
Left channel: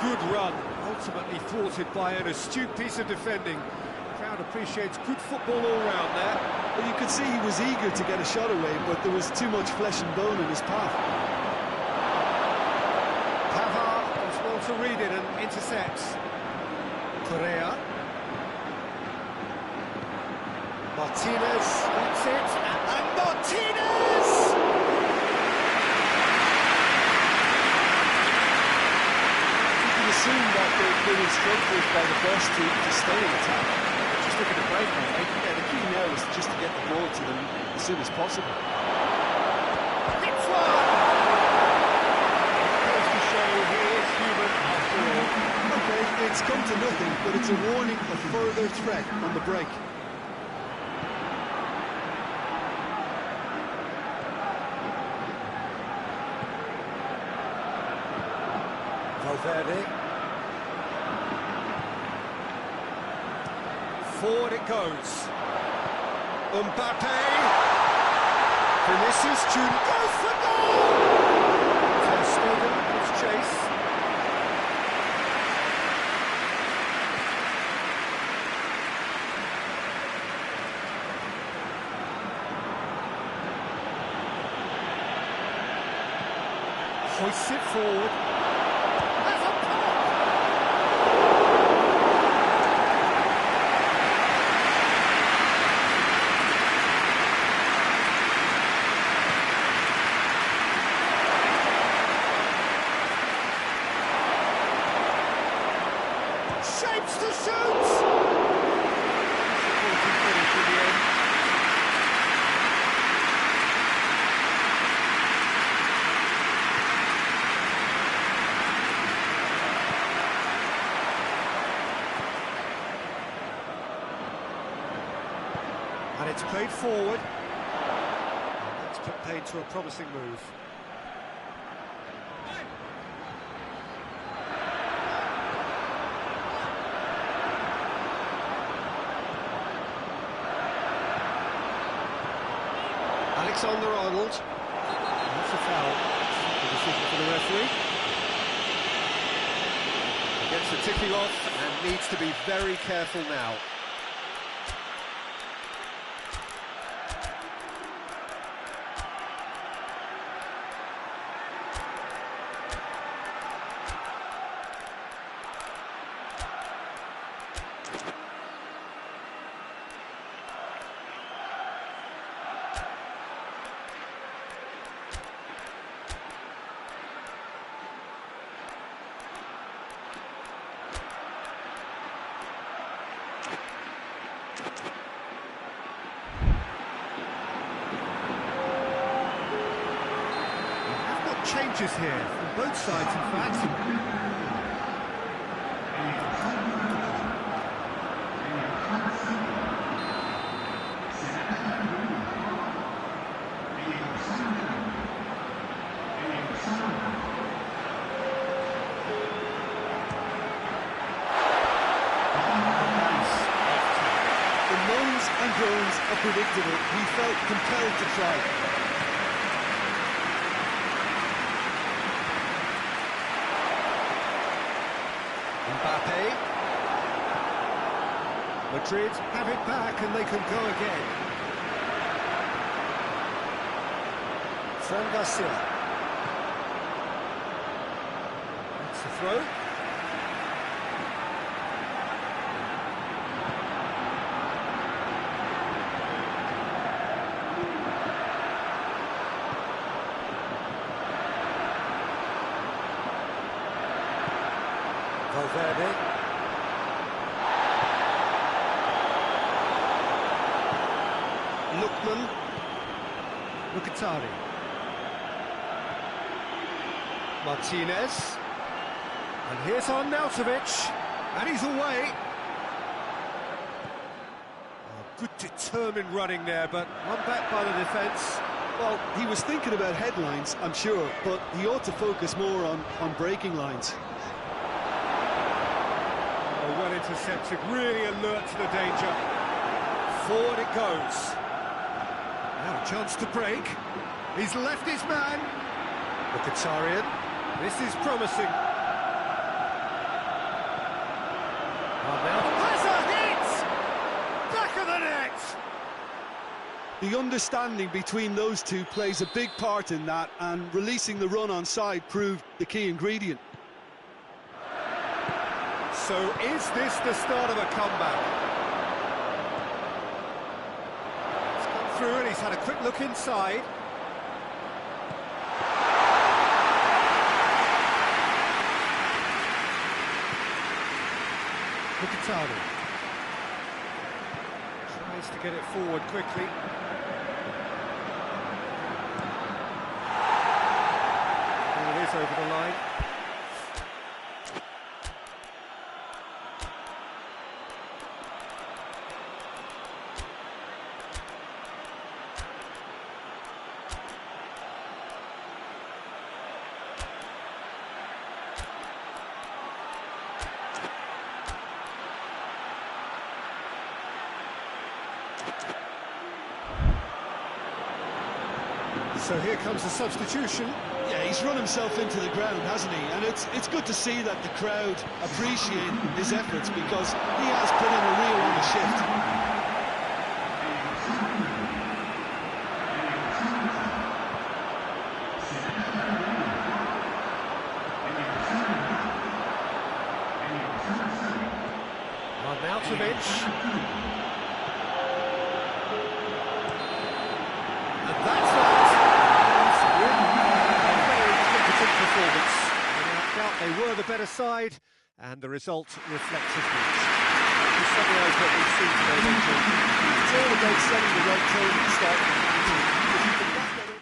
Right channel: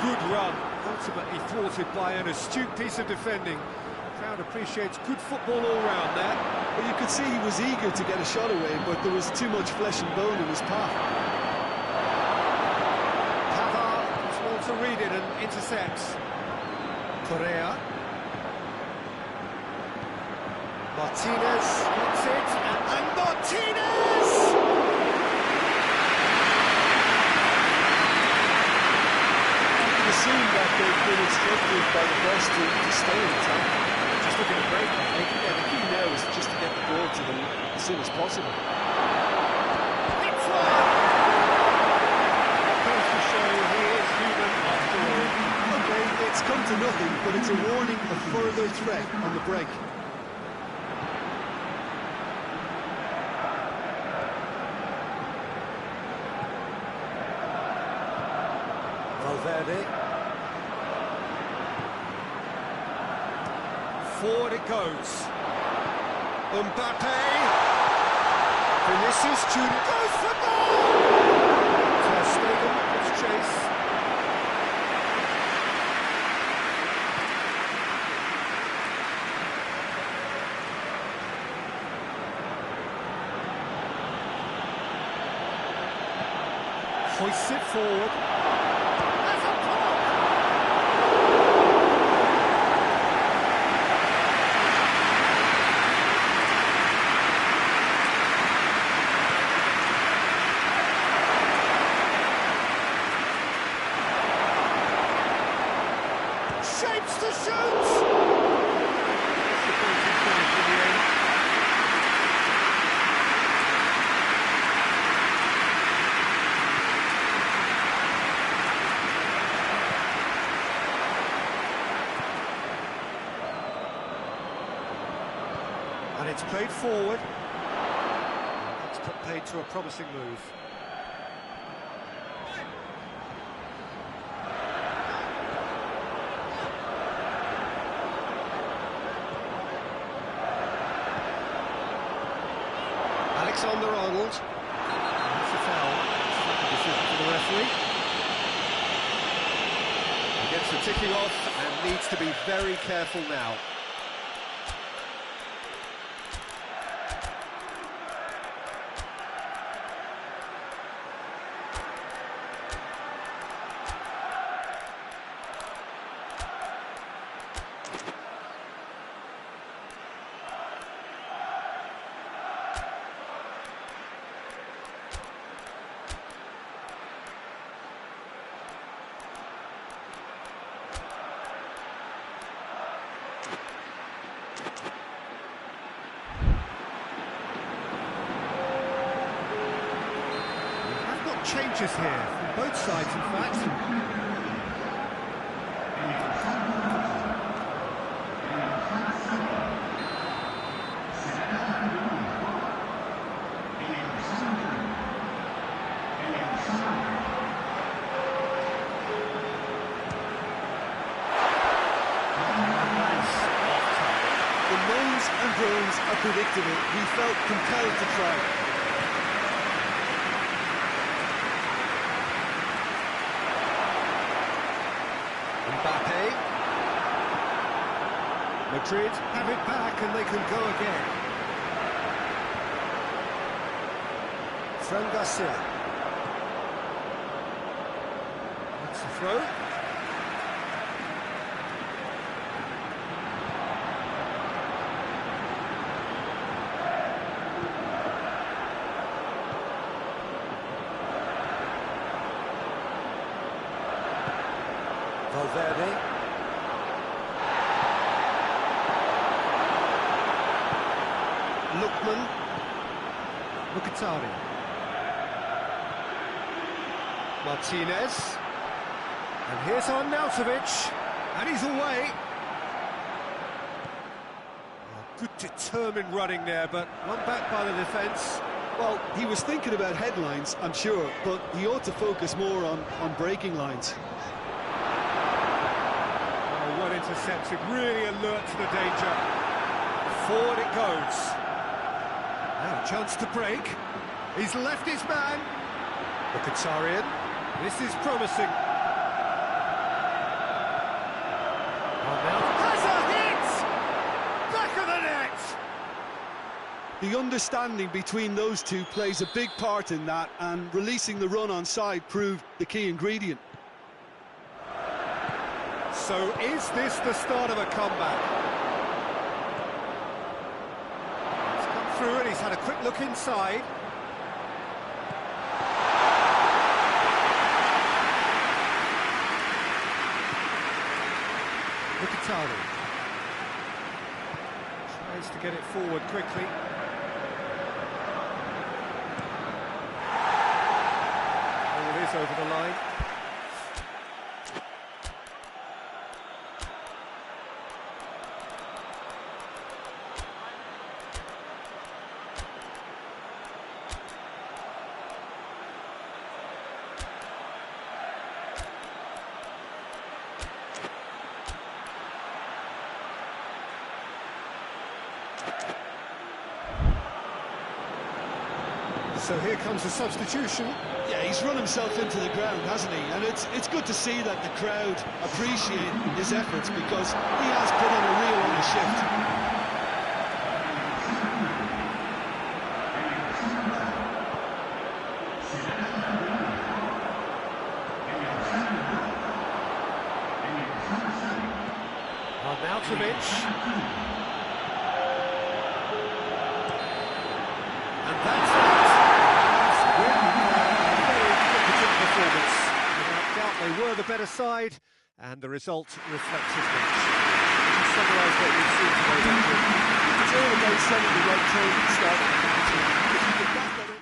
Good run, ultimately thwarted by an astute piece of defending. Crowd appreciates good football all round there. Well, you could see he was eager to get a shot away, but there was too much flesh and bone in his path. Pavard is well to read it and intercepts. Correa. Martinez gets it, and Martinez! Assume that they've been instructed by the boss to stay in attack. They're just looking to break, aren't they? Yeah, the key now is just to get the ball to them as soon as possible. It's one! It goes to show he is human after all. Okay, it's come to nothing, but it's a warning of further threat on the break. Valverde. Forward it goes. Mbappe. Vinicius Junior goes for goal! Ter Stegen gives chase. Hoists it forward. Shapes to shoot! Disappointing finish in the end. And it's played forward. That's played to a promising move. Alexander-Arnold. That's a foul. Simple decision for the referee. He gets the ticking off and needs to be very careful now. Changes here from both sides, in fact. The moans and groans are predictable. He felt compelled to try. Mbappe. Madrid have it back and they can go again. Fran Garcia. That's the throw. Valverde. Lookman. Mkhitaryan. Martinez. And here's Arnautovic. And he's away. Oh, good determined running there, but one back by the defence. Well, he was thinking about headlines, I'm sure, but he ought to focus more on breaking lines. Oh, well intercepted, really alert to the danger. Forward it goes. Now a chance to break. He's left his man. Mkhitaryan. This is promising. Now has a hit! Back of the net! The understanding between those two plays a big part in that, and releasing the run on side proved the key ingredient. So is this the start of a comeback? He's come through and he's had a quick look inside. Mkhitaryan tries to get it forward quickly. Ball is over the line. So here comes the substitution. Yeah, he's run himself into the ground, hasn't he? And it's good to see that the crowd appreciate his efforts, because he has put in a real honest shift. Arnautovic. And that's that. A very competent performance. Without doubt, they were the better side, and the result reflects as much. To summarise what we've seen today, then, Jim. It's all about setting the right tone at the start of the match. If you can back that up.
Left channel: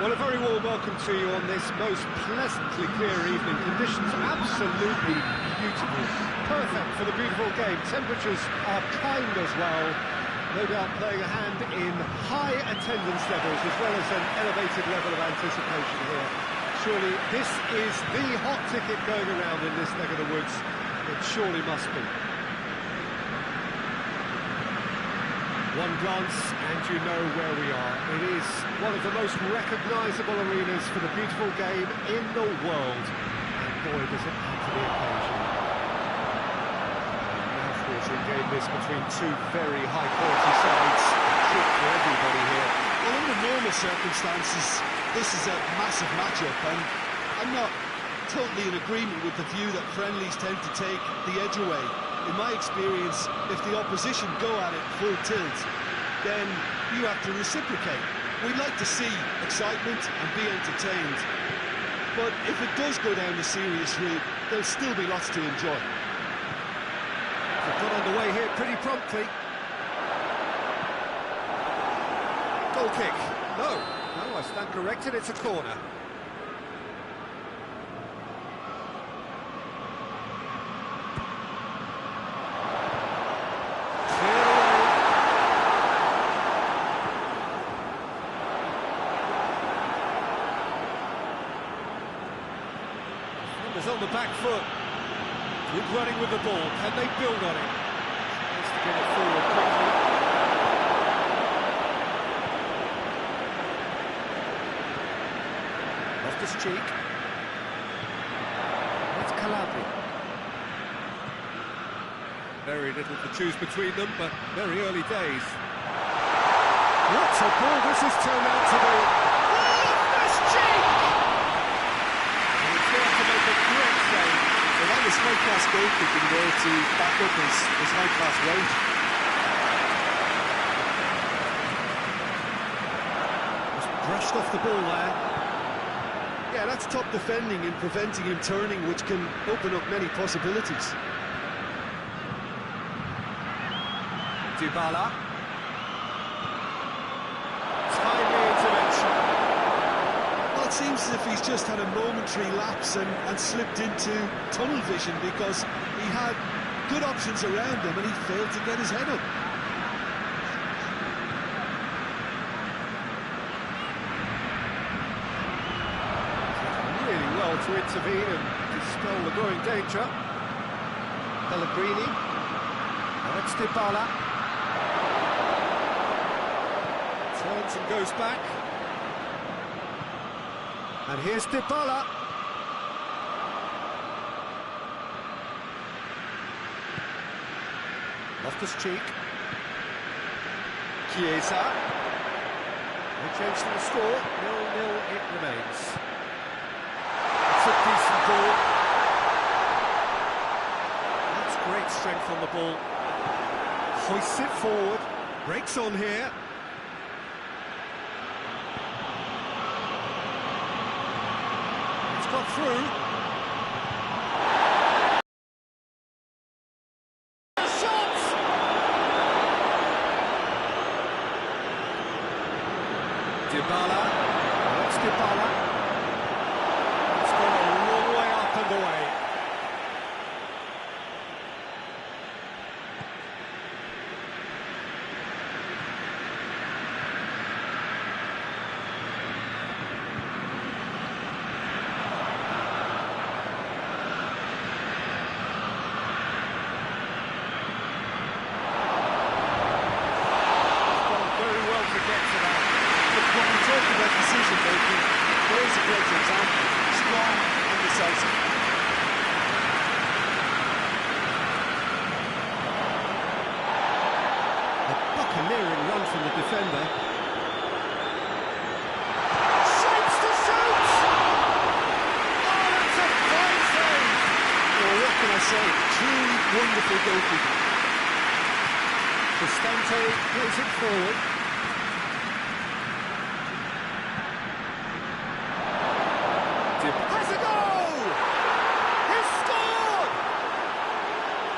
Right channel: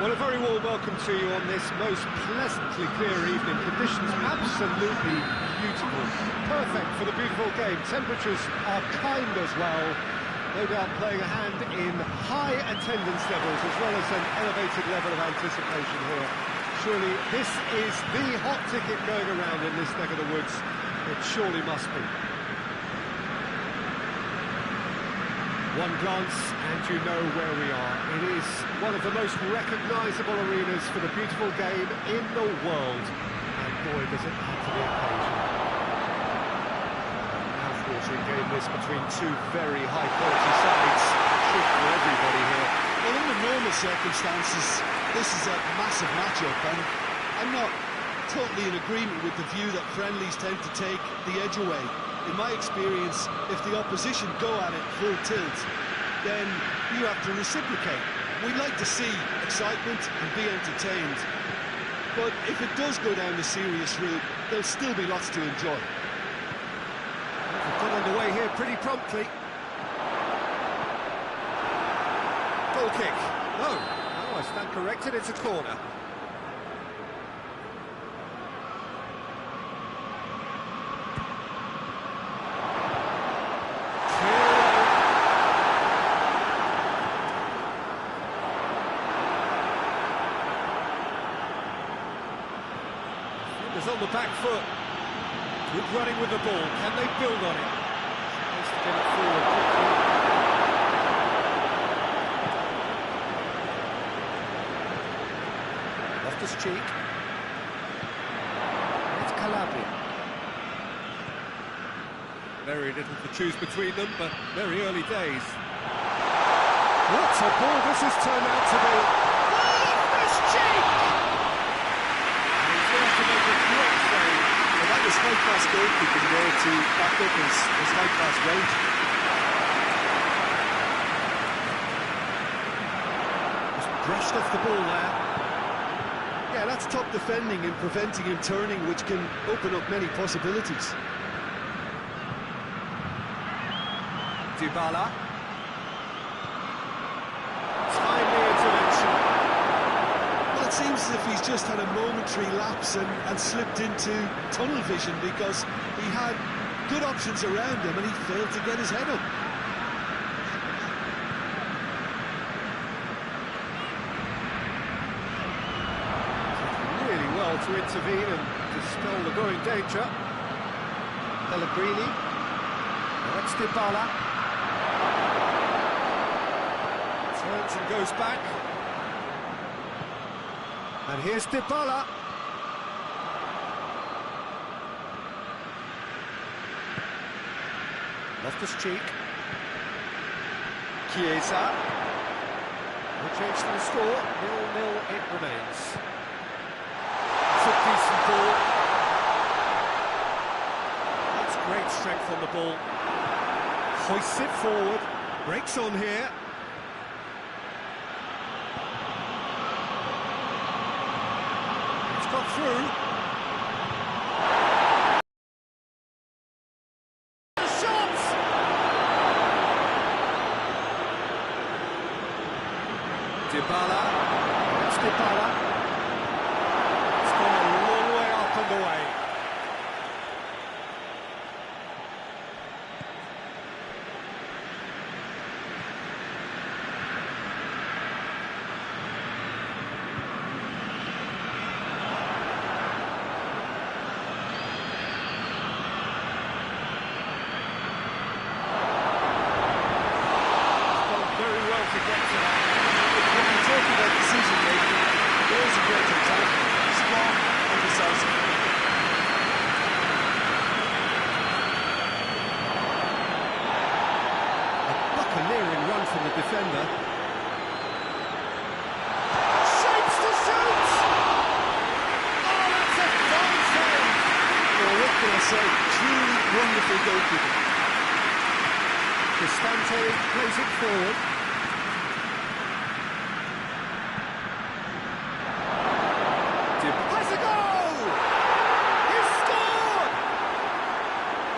Well, a very warm welcome to you on this most pleasantly clear evening. Conditions absolutely beautiful. Perfect for the beautiful game. Temperatures are kind as well. No doubt playing a hand in high attendance levels as well as an elevated level of anticipation here. Surely this is the hot ticket going around in this neck of the woods. It surely must be. One glance and you know where we are. It is one of the most recognisable arenas for the beautiful game in the world. And boy, does it add to the occasion. A mouth-watering game this between two very high-quality sides. A treat for everybody here. Well, under normal circumstances, this is a massive match-up, and I'm not totally in agreement with the view that friendlies tend to take the edge away. In my experience, if the opposition go at it full tilt, then you have to reciprocate. We like to see excitement and be entertained. But if it does go down the serious route, there'll still be lots to enjoy. They've got underway here pretty promptly. Goal kick. No, I stand corrected, it's a corner. On the back foot. Good running with the ball. Can they build on it? Tries to get it forward quickly. Loftus-Cheek. It's Calabria. Very little to choose between them, but very early days. What a ball this has turned out to be! Loftus-Cheek! To make a great save. Well, that was high-class goalkeeping there to back up his high-class range. Just brushed off the ball there. Yeah, that's top defending and preventing him turning, which can open up many possibilities. Dybala. Timely intervention. Well, it seems as if he's just had a momentary lapse and slipped into tunnel vision because he had good options around him and he failed to get his head up. Did really well to intervene and dispel the growing danger. Pellegrini. Now it's Dybala. Turns and goes back. And here's Dybala. Loftus-Cheek. Chiesa. No change to the score. 0-0 it remains. It's a decent ball. That's great strength on the ball. Hoists it forward. Breaks on here. Got through. The shot! Dybala. Oh, it's Dybala. It's gone a long way up and away. To get to that. But when we talk about decision-making, there's a great example. Strong and decisive. A bucket Clearing run from the defender. Shapes to shoot! Oh, that's a fine save! Well, what can I say? Truly wonderful goalkeeping. Cristante plays it forward. Has a goal! He's scored!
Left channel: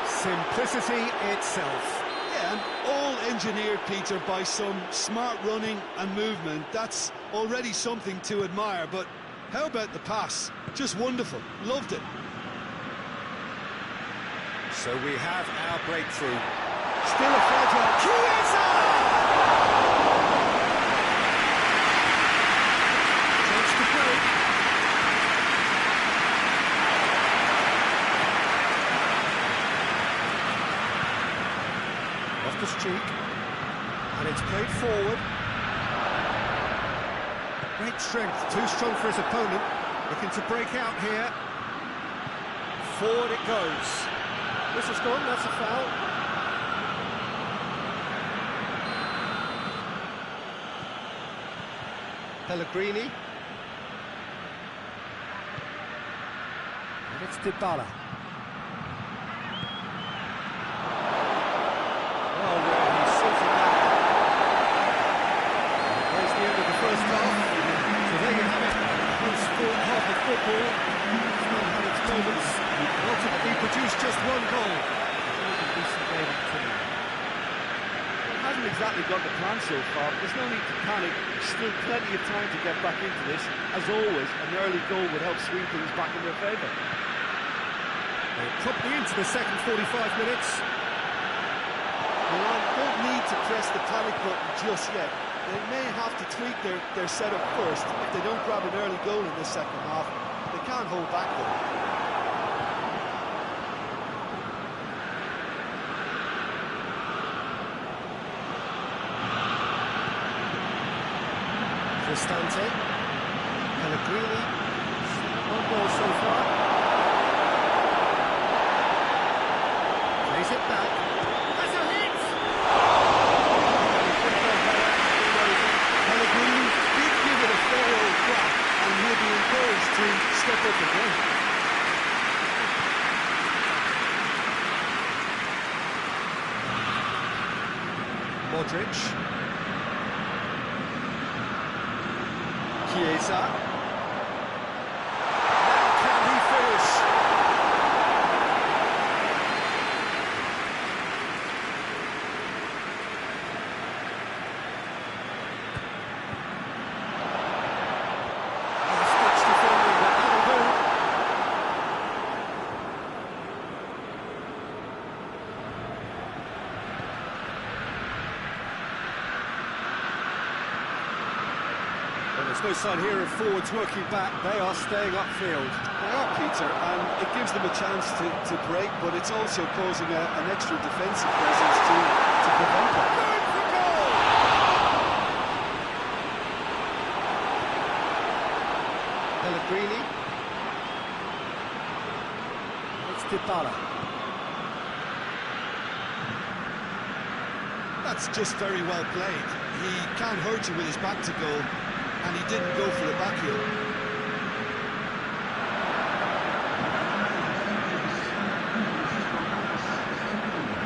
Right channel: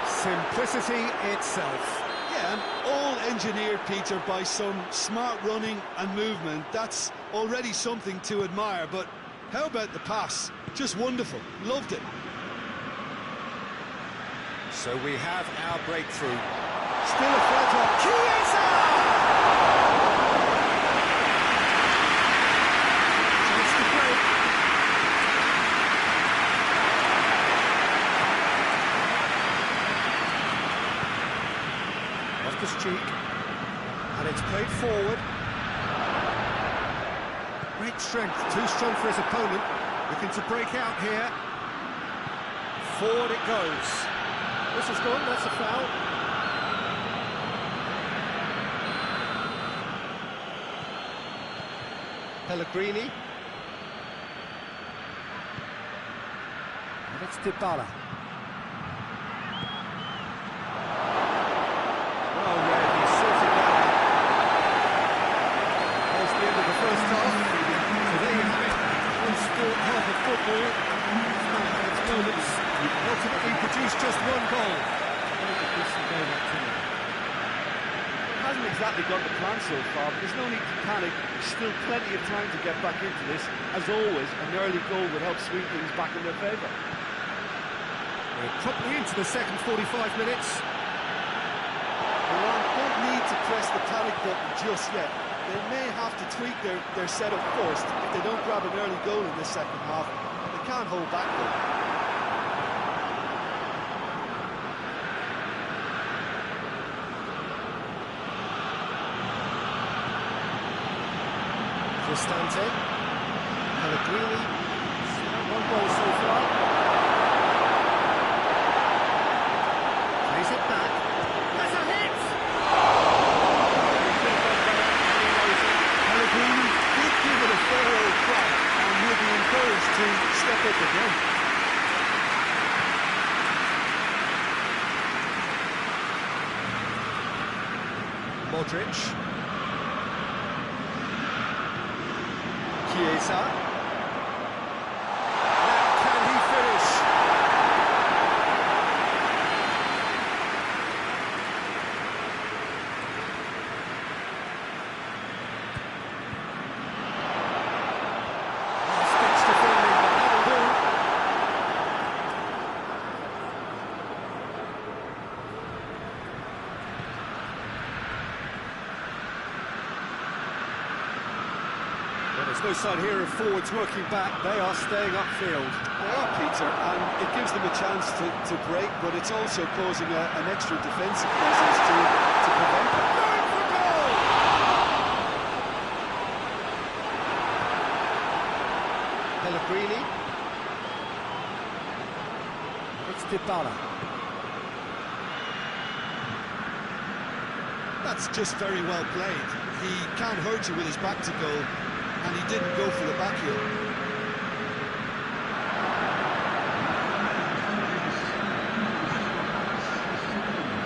Simplicity itself. Yeah, and all engineered, Peter, by some smart running and movement. That's already something to admire, but how about the pass? Just wonderful. Loved it. So we have our breakthrough. Still a fragile... Chiesa! Chance to break. Off the streak. And it's played forward. Great strength, too strong for his opponent. Looking to break out here. Forward it goes. Whistle's gone, that's a foul. Pellegrini. And it's Dybala. Oh, Red, he's sorted that out. There's the end of the first half. So there you have it. One sport, half of football. Still had its moments. And ultimately produced just one goal. It was a decent game up to now. It hasn't exactly got the plan so far, but there's no need to panic. There's still plenty of time to get back into this. As always, an early goal would help swing things back in their favour. We're promptly into the second 45 minutes. Milan don't need to press the panic button just yet. They may have to tweak their setup first if they don't grab an early goal in this second half. They can't hold back though. Cristante, Pellegrini, one goal so far. Plays it back. That's a hit! He could have gone better, and he knows it. Pellegrini did give it a fair old crack, and he'll be encouraged to step up again. Modric. Chiesa. Now can he finish? Stitch defending, but that'll do. Well, there's no sign here of forwards working back. They are staying upfield. They are, Peter, and it gives them a chance to break, but it's also causing an extra defensive presence to prevent that. Going for goal! Pellegrini. And it's Dybala. That's just very well played. He can't hurt you with his back to goal, and he didn't go for the back heel.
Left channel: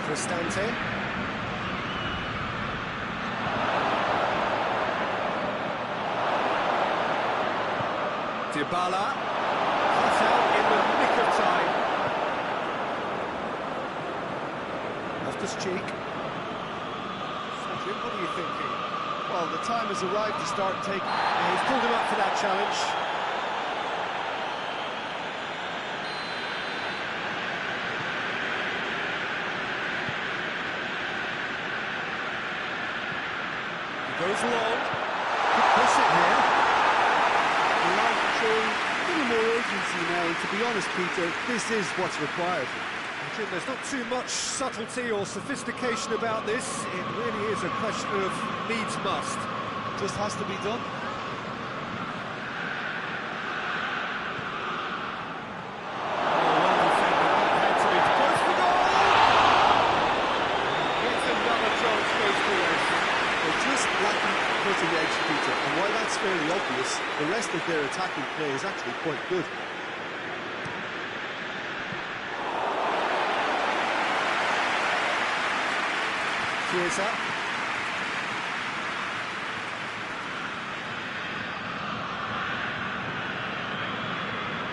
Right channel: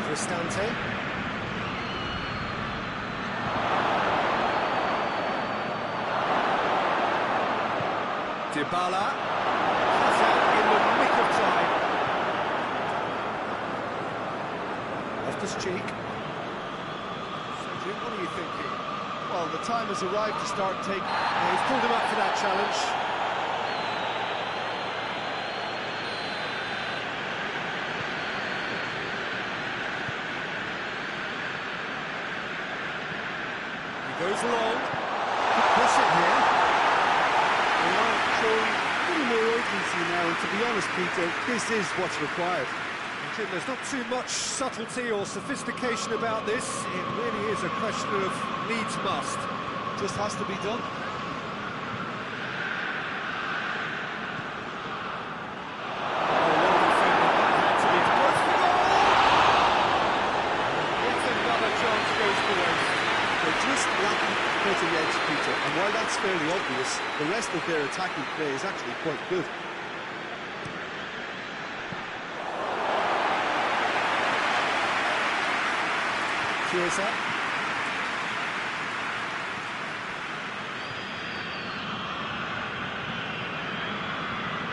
Cristante. Dybala. Cut out in the nick of time. Loftus-Cheek. What are you thinking? Well, the time has arrived to start taking... Yeah, he's pulled him up for that challenge. He goes long. Could push it here. Milan showing a little more urgency now, and to be honest, Peter, this is what's required. Jim, there's not too much subtlety or sophistication about this. It really is a question of needs must. Just has to be done. Oh, well defended. That had to be close for goal! Yet another chance goes to waste. just lacking cutting edge, Peter, and while that's fairly obvious, the rest of their attacking play is actually quite good. Chiesa.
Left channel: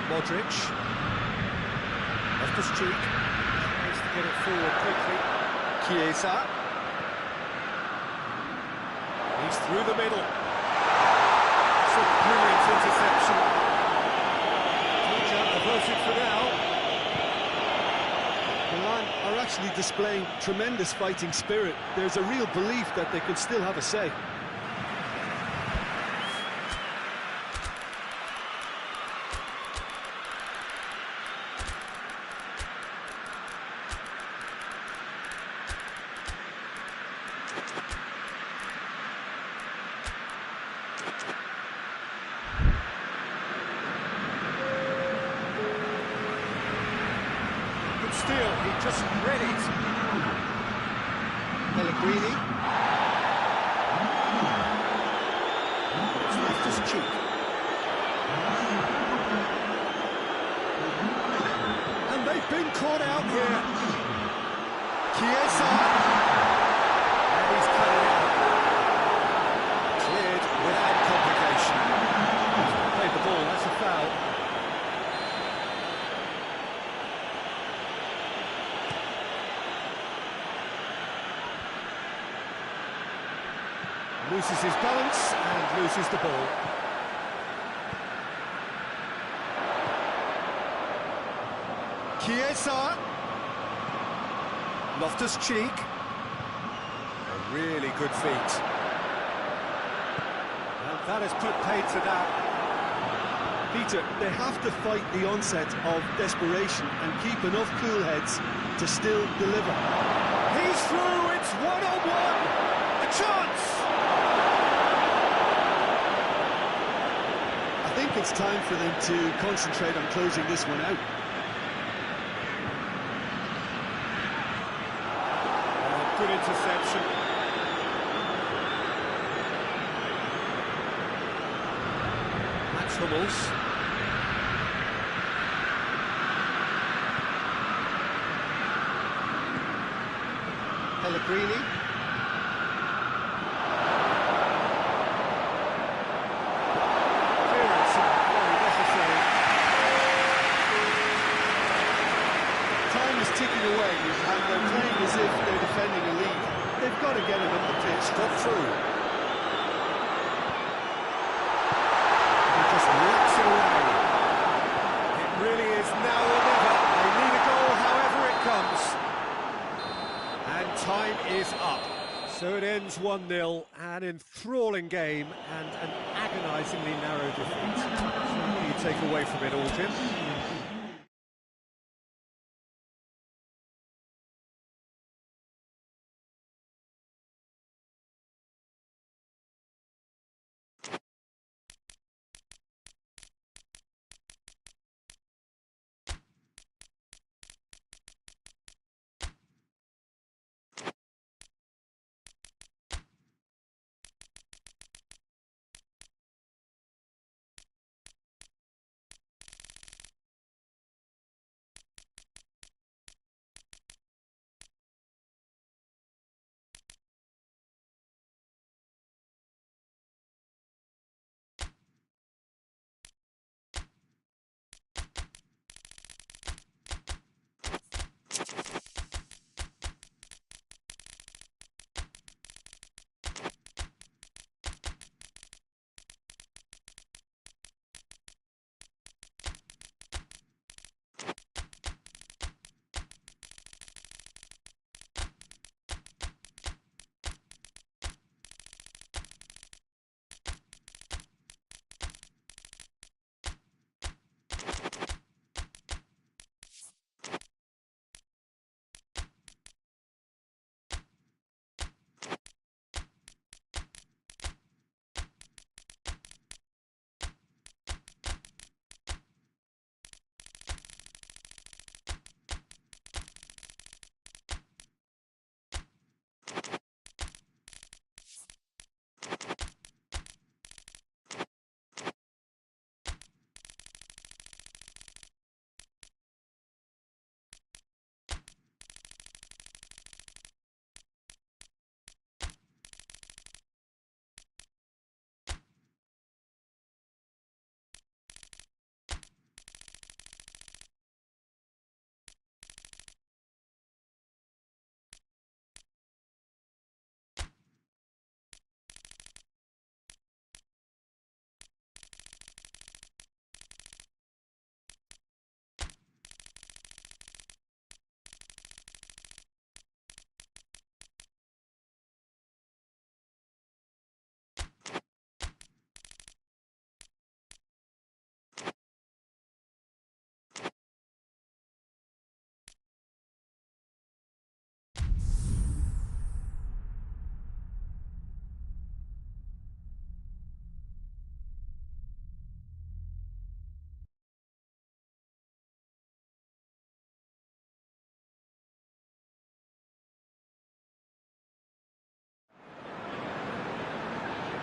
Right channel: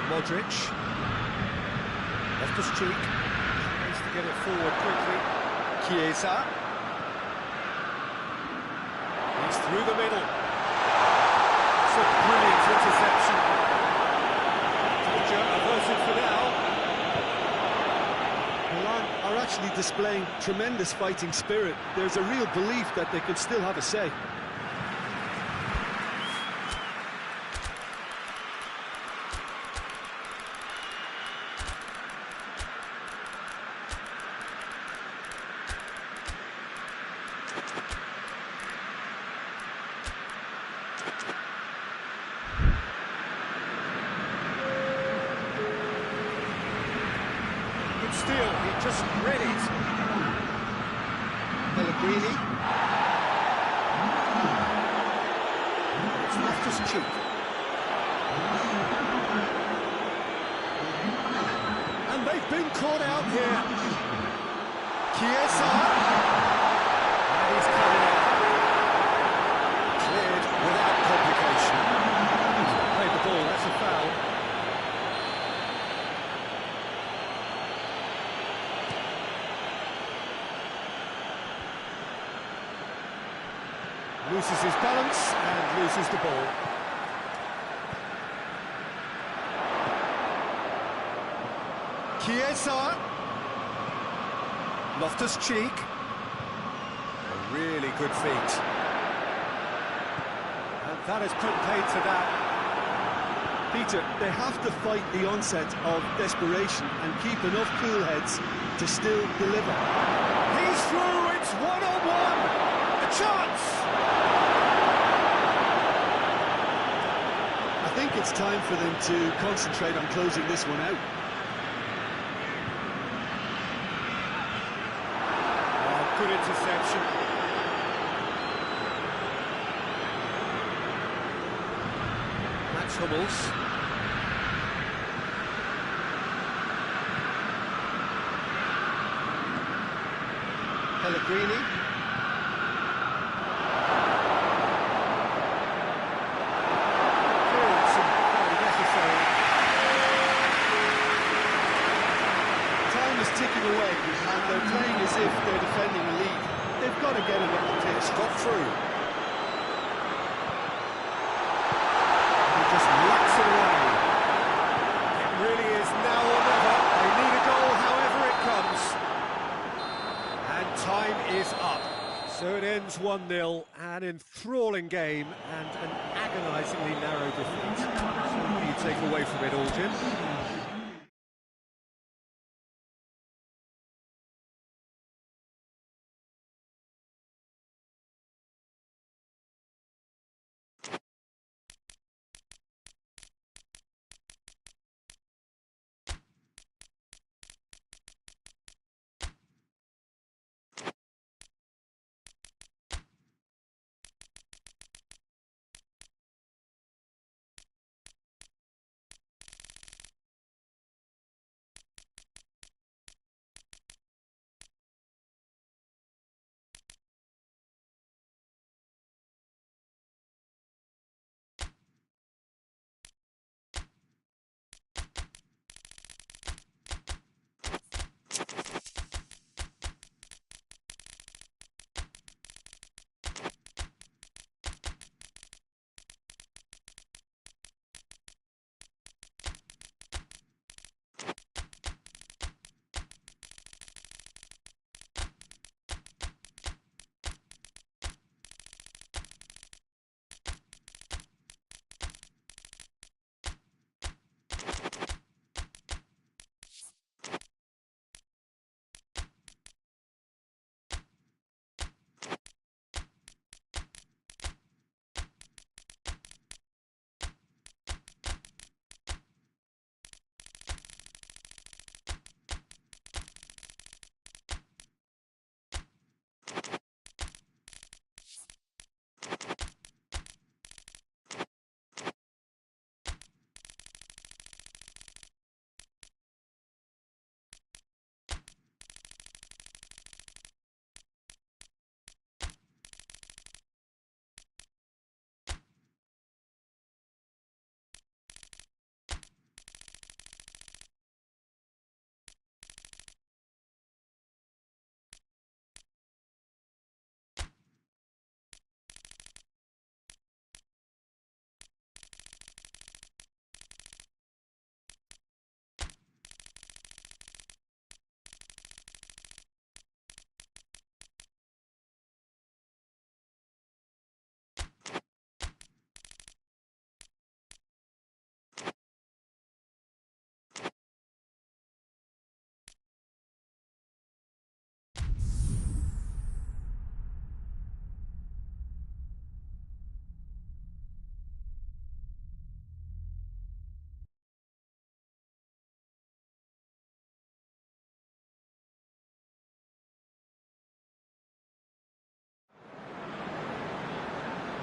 Modric. Loftus-Cheek. Tries to get it forward quickly. Chiesa. He's through the middle. It's a brilliant interception. Danger averted for now. Milan are actually displaying tremendous fighting spirit. There's a real belief that they can still have a say. Good steal, he just read it. Pellegrini. It's Loftus-Cheek. And they've been caught out here. Chiesa. And he's cut it out. Cleared without complication. He's not played the ball, that's a foul. Loses his balance and loses the ball. Chiesa. Loftus-Cheek. A really good feat. And that has put paid to that. Peter, they have to fight the onset of desperation and keep enough cool heads to still deliver. He's through, it's one-on-one. A chance. I think it's time for them to concentrate on closing this one out. Oh, good interception. That's Hummels. Pellegrini. Time is ticking away, and they're playing as if they're defending a lead. They've got to get it up the pitch. Got through. He just locks it away. It really is now or never. They need a goal however it comes. And time is up. So it ends 1-0, an enthralling game and an agonisingly narrow defeat. So what do you take away from it all, Jim?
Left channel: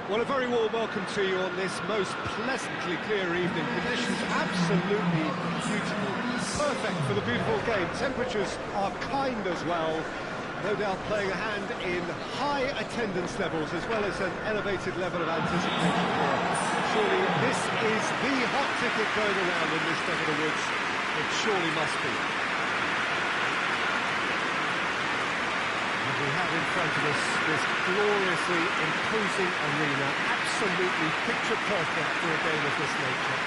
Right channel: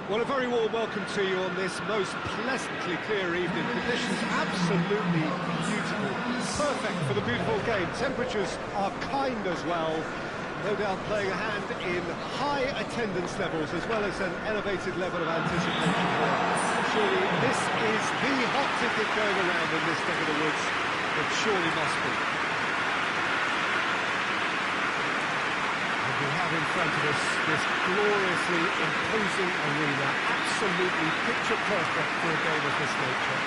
Well, a very warm welcome to you on this most pleasantly clear evening. Conditions absolutely beautiful. Perfect for the beautiful game. Temperatures are kind as well. No doubt playing a hand in high attendance levels as well as an elevated level of anticipation here. Surely this is the hot ticket going around in this neck of the woods. It surely must be. And we have in front of us this gloriously imposing arena, absolutely picture perfect for a game of this nature.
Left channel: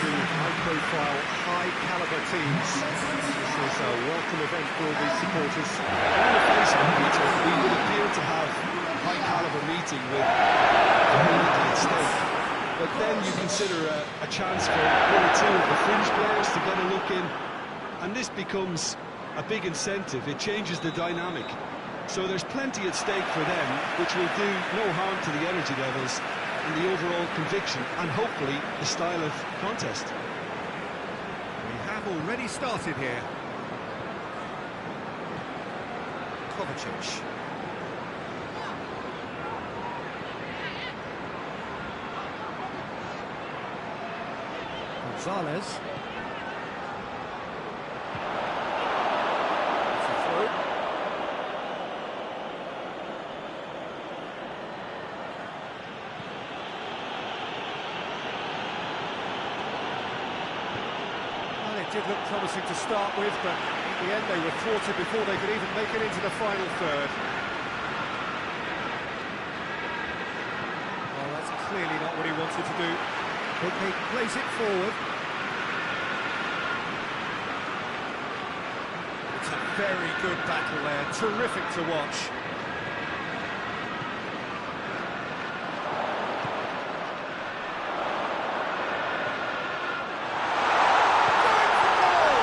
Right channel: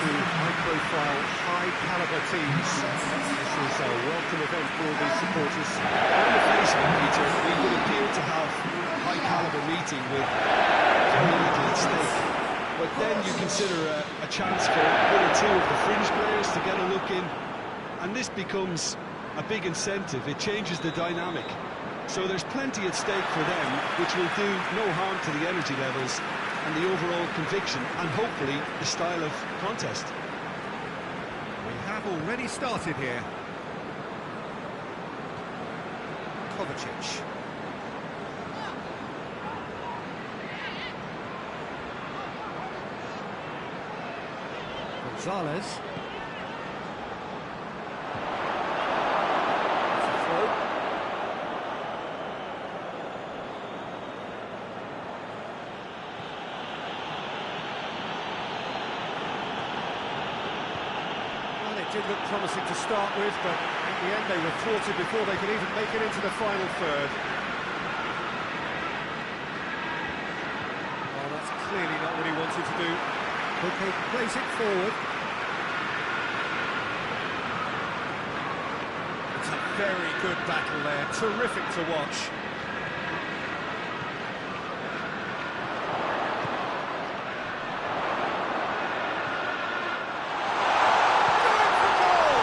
Two high-profile, high-caliber teams. This is a welcome event for all these supporters. On the face of it, Peter, we would appear to have a high-caliber meeting with very little at stake. But then you consider a chance for one or two of the fringe players to get a look in, and this becomes a big incentive. It changes the dynamic. So there's plenty at stake for them, which will do no harm to the energy levels and the overall conviction, and hopefully the style of contest. We have already started here. Kovacic. Gonzalez. It's a throw. Well, it did look promising to start with, but in the end they were thwarted before they could even make it into the final third. Well, that's clearly not what he wanted to do. Okay, plays it forward. It's a very good battle there, terrific to watch. Going for goal!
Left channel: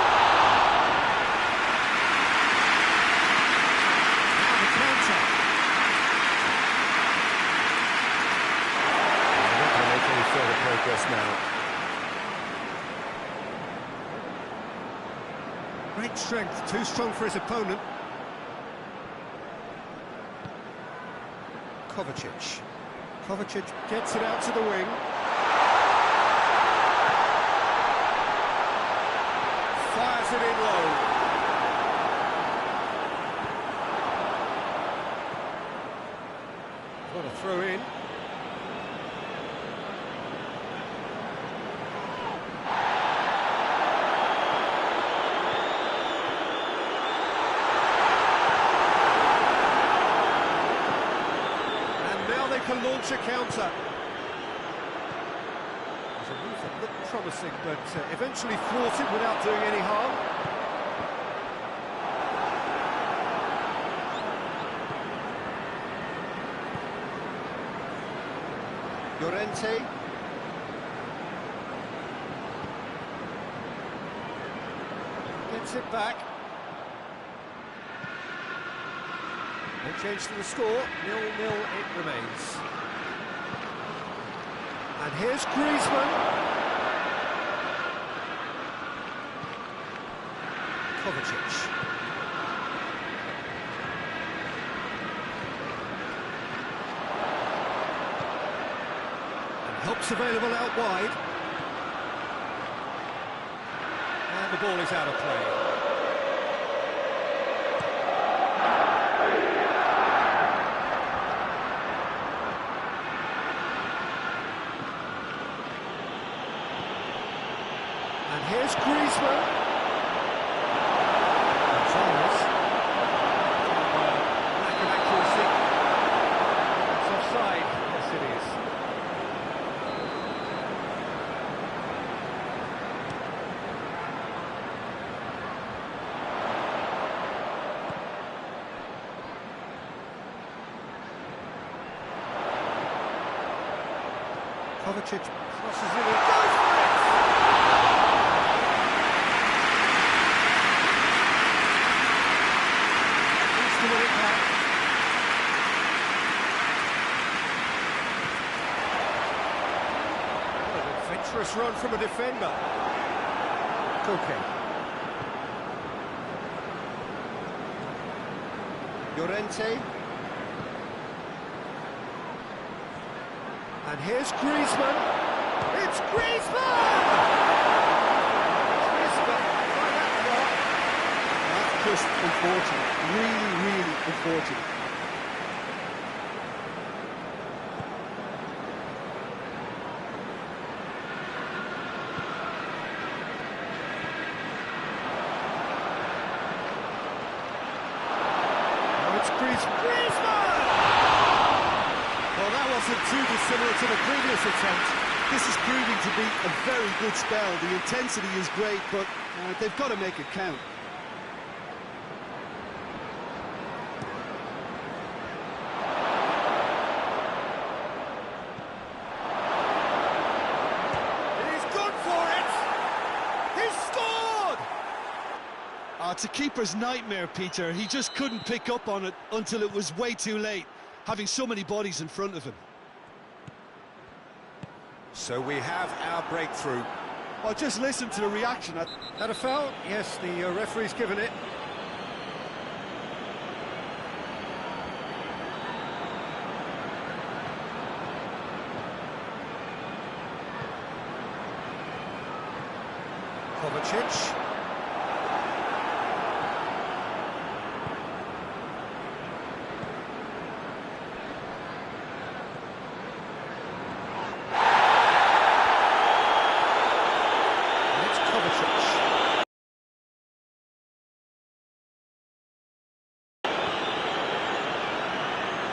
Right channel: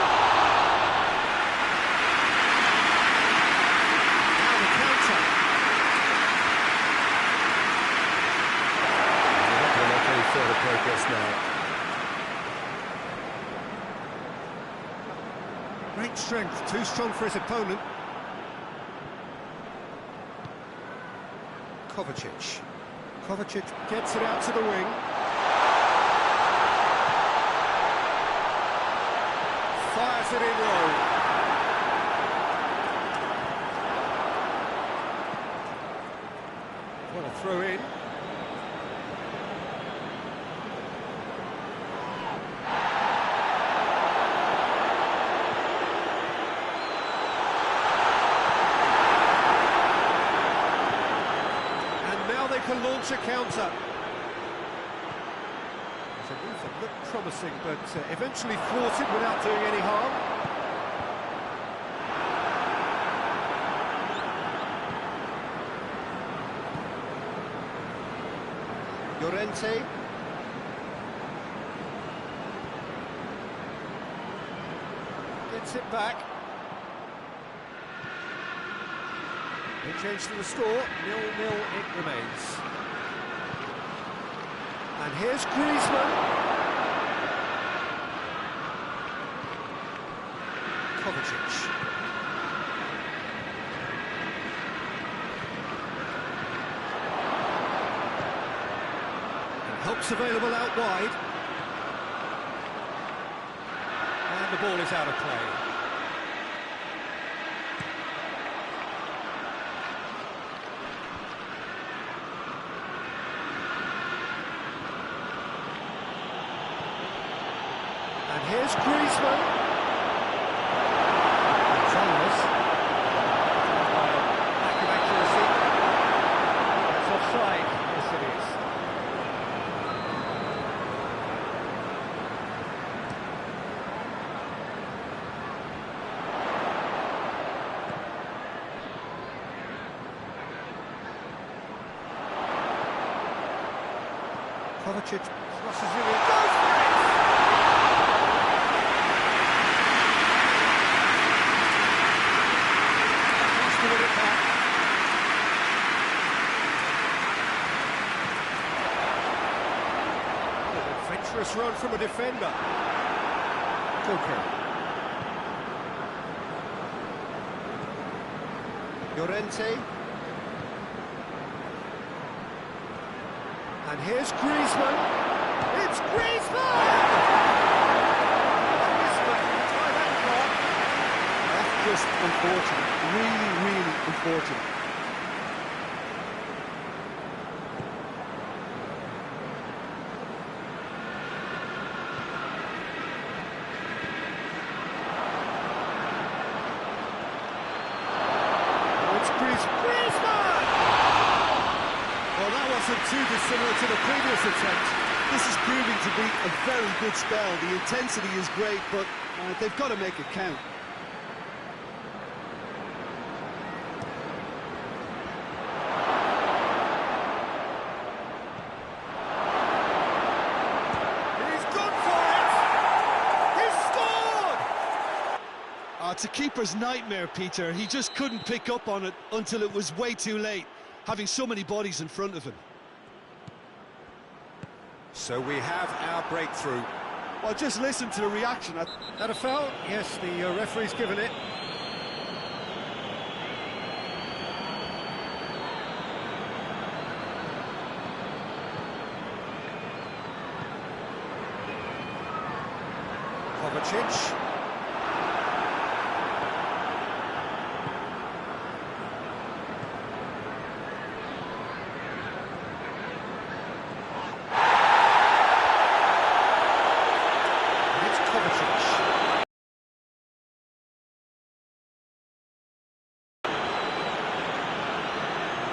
Now the counter. They're not going to make any further progress now. Great strength, too strong for his opponent. Kovacic. Kovacic gets it out to the wing. Fires it in low. What a throw in. Now they can launch a counter. It's a move that looked promising, but eventually thwarted without doing any harm. Llorente. Gets it back. No change to the score, 0-0 it remains. And here's Griezmann. Kovacic. And help's available out wide. And the ball is out of play. And here's Griezmann. Gonzalez. By a lack of accuracy. That's offside. Yes, it is. Kovacic crosses it in. Goes for it! To win it back. What an adventurous run from a defender. Koke. Llorente. And here's Griezmann. It's Griezmann! Griezmann, try that far. That's just unfortunate. Really, really unfortunate. Now it's Griezmann! Well, that wasn't too dissimilar to the previous attempt. This is proving to be a very good spell. The intensity is great, but they've got to make it count. He's gone for it! He's scored! It's a keeper's nightmare, Peter. He just couldn't pick up on it until it was way too late, having so many bodies in front of him. So we have our breakthrough. Well, just listen to the reaction. That a foul? Yes, the referee's given it. Kovacic.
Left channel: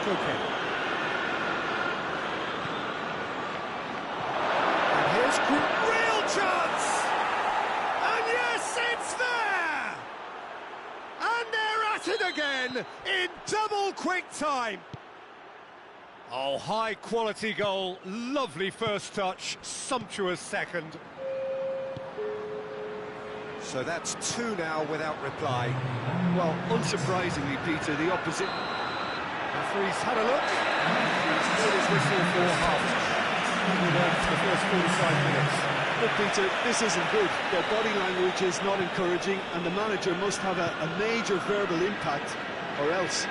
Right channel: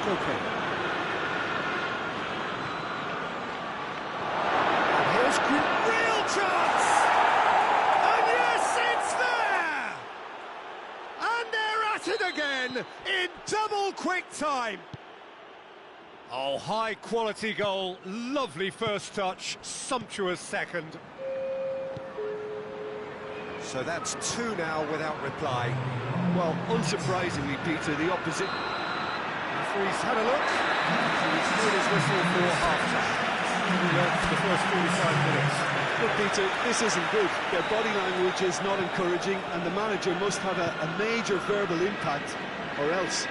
Okay. And here's real chance! And yes, it's there! And they're at it again in double quick time. Oh, high quality goal, lovely first touch, sumptuous second. So that's two now without reply. Well, unsurprisingly, Peter, the opposite. Referee's had a look. He's blown his whistle for half-time. We learned for the first 45 minutes. Look, Peter, this isn't good. Their body language is not encouraging, and the manager must have a major verbal impact, or else.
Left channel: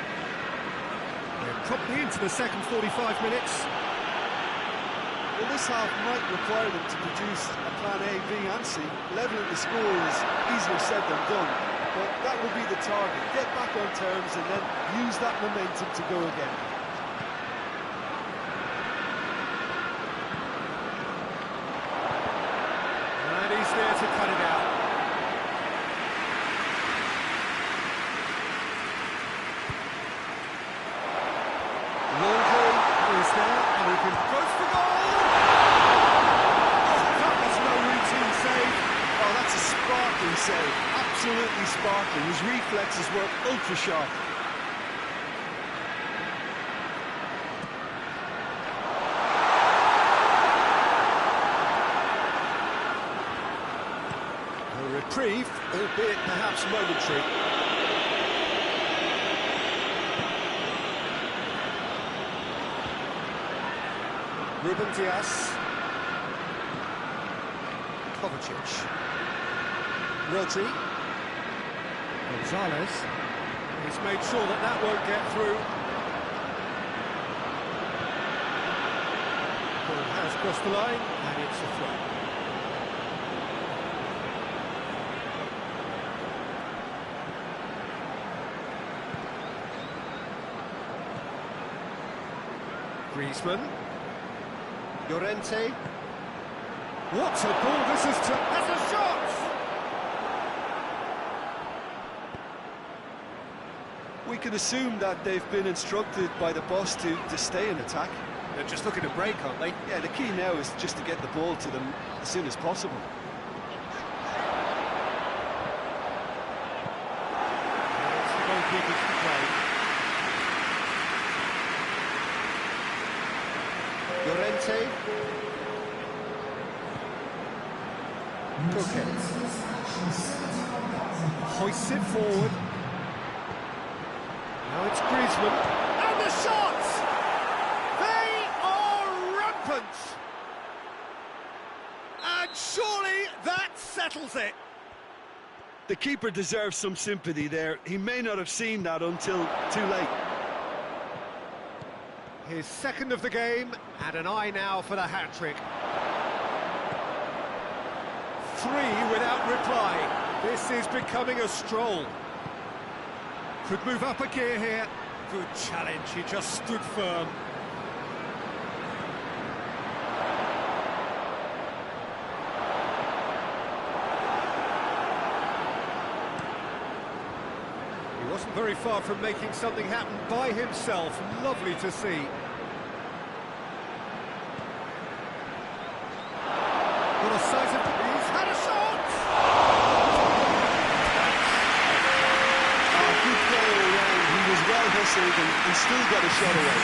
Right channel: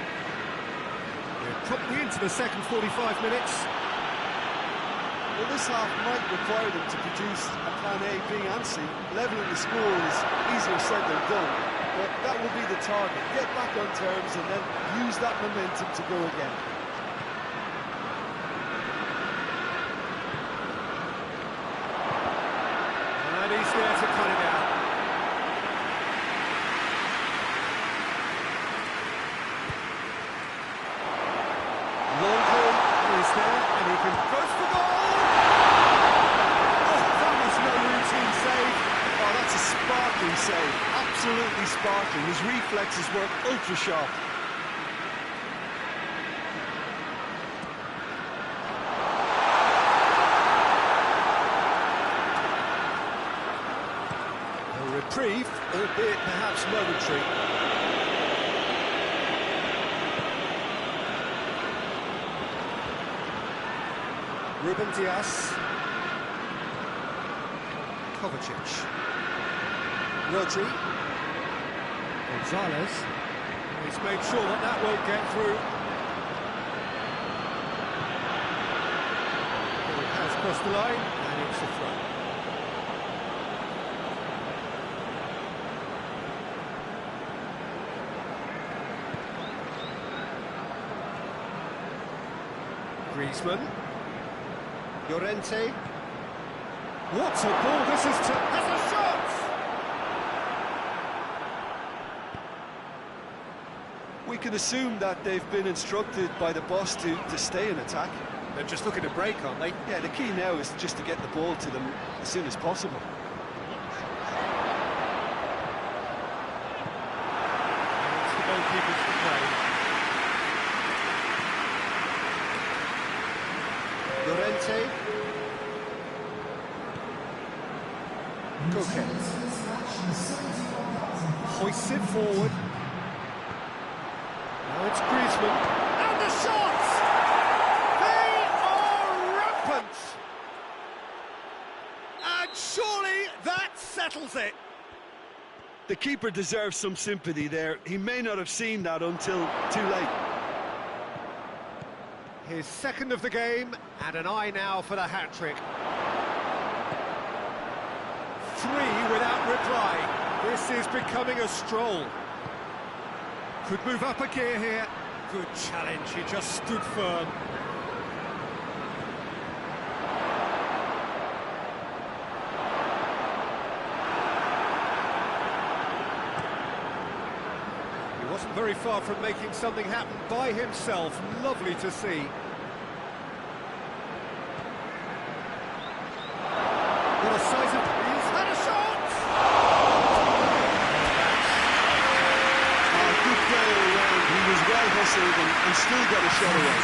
We're probably into the second 45 minutes. Well, this half might require them to produce a plan A, B and C. Levelling the score is easier said than done, but that will be the target. Get back on terms and then use that momentum to go again. And he's there to cut it out. Longholm is there, and he can go for goal! Oh, that was no routine save. Oh, that's a sparkling save. Absolutely sparkling. His reflexes were ultra sharp. A reprieve, albeit perhaps momentary. Ruben Dias. Kovacic. Rodri. Gonzalez. He's made sure that that won't get through. Ball has crossed the line, and it's a throw. Griezmann. Llorente. What a ball this is has a shot! We can assume that they've been instructed by the boss to stay in attack. They're just looking to break, aren't they? Yeah, the key now is just to get the ball to them as soon as possible. And it's the goalkeepers to play. Llorente. Koke. Hoists it forward. Now it's Griezmann. And the shots! They are rampant! And surely that settles it. The keeper deserves some sympathy there. He may not have seen that until too late. His second of the game, and an eye now for the hat-trick. 3 without reply. This is becoming a stroll. Could move up a gear here. Good challenge, he just stood firm. He wasn't very far from making something happen by himself. Lovely to see. What a size of... He's had a shot! Good play all round. He was well hustled and still got a shot away.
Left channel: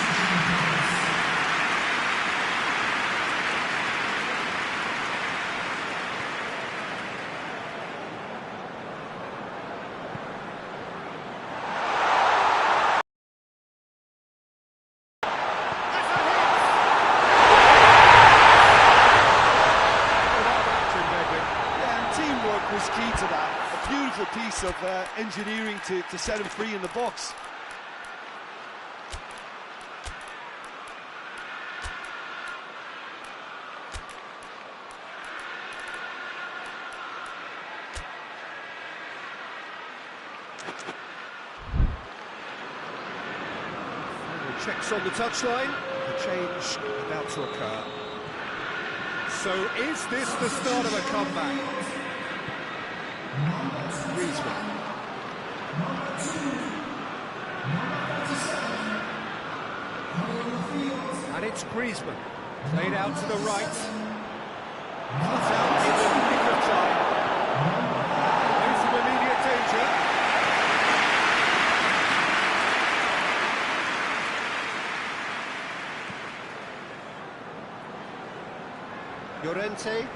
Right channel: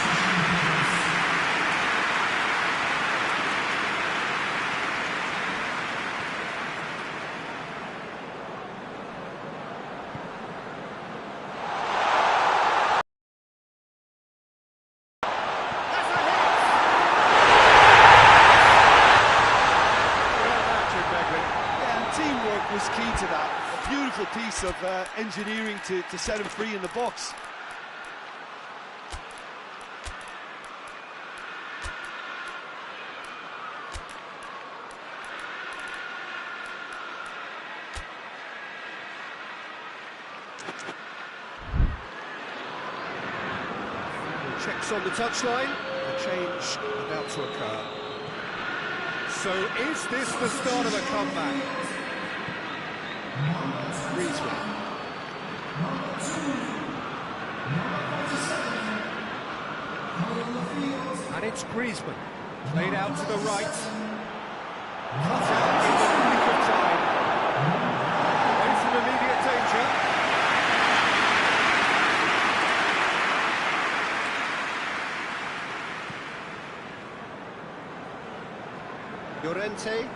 Teamwork was key to that. A beautiful piece of engineering to set him free in the box. Checks on the touchline. A change about to occur. So is this the start of a comeback? Griezmann. And it's Griezmann. Played out to the right. Cut out in the nick of time. Away from immediate danger. Llorente.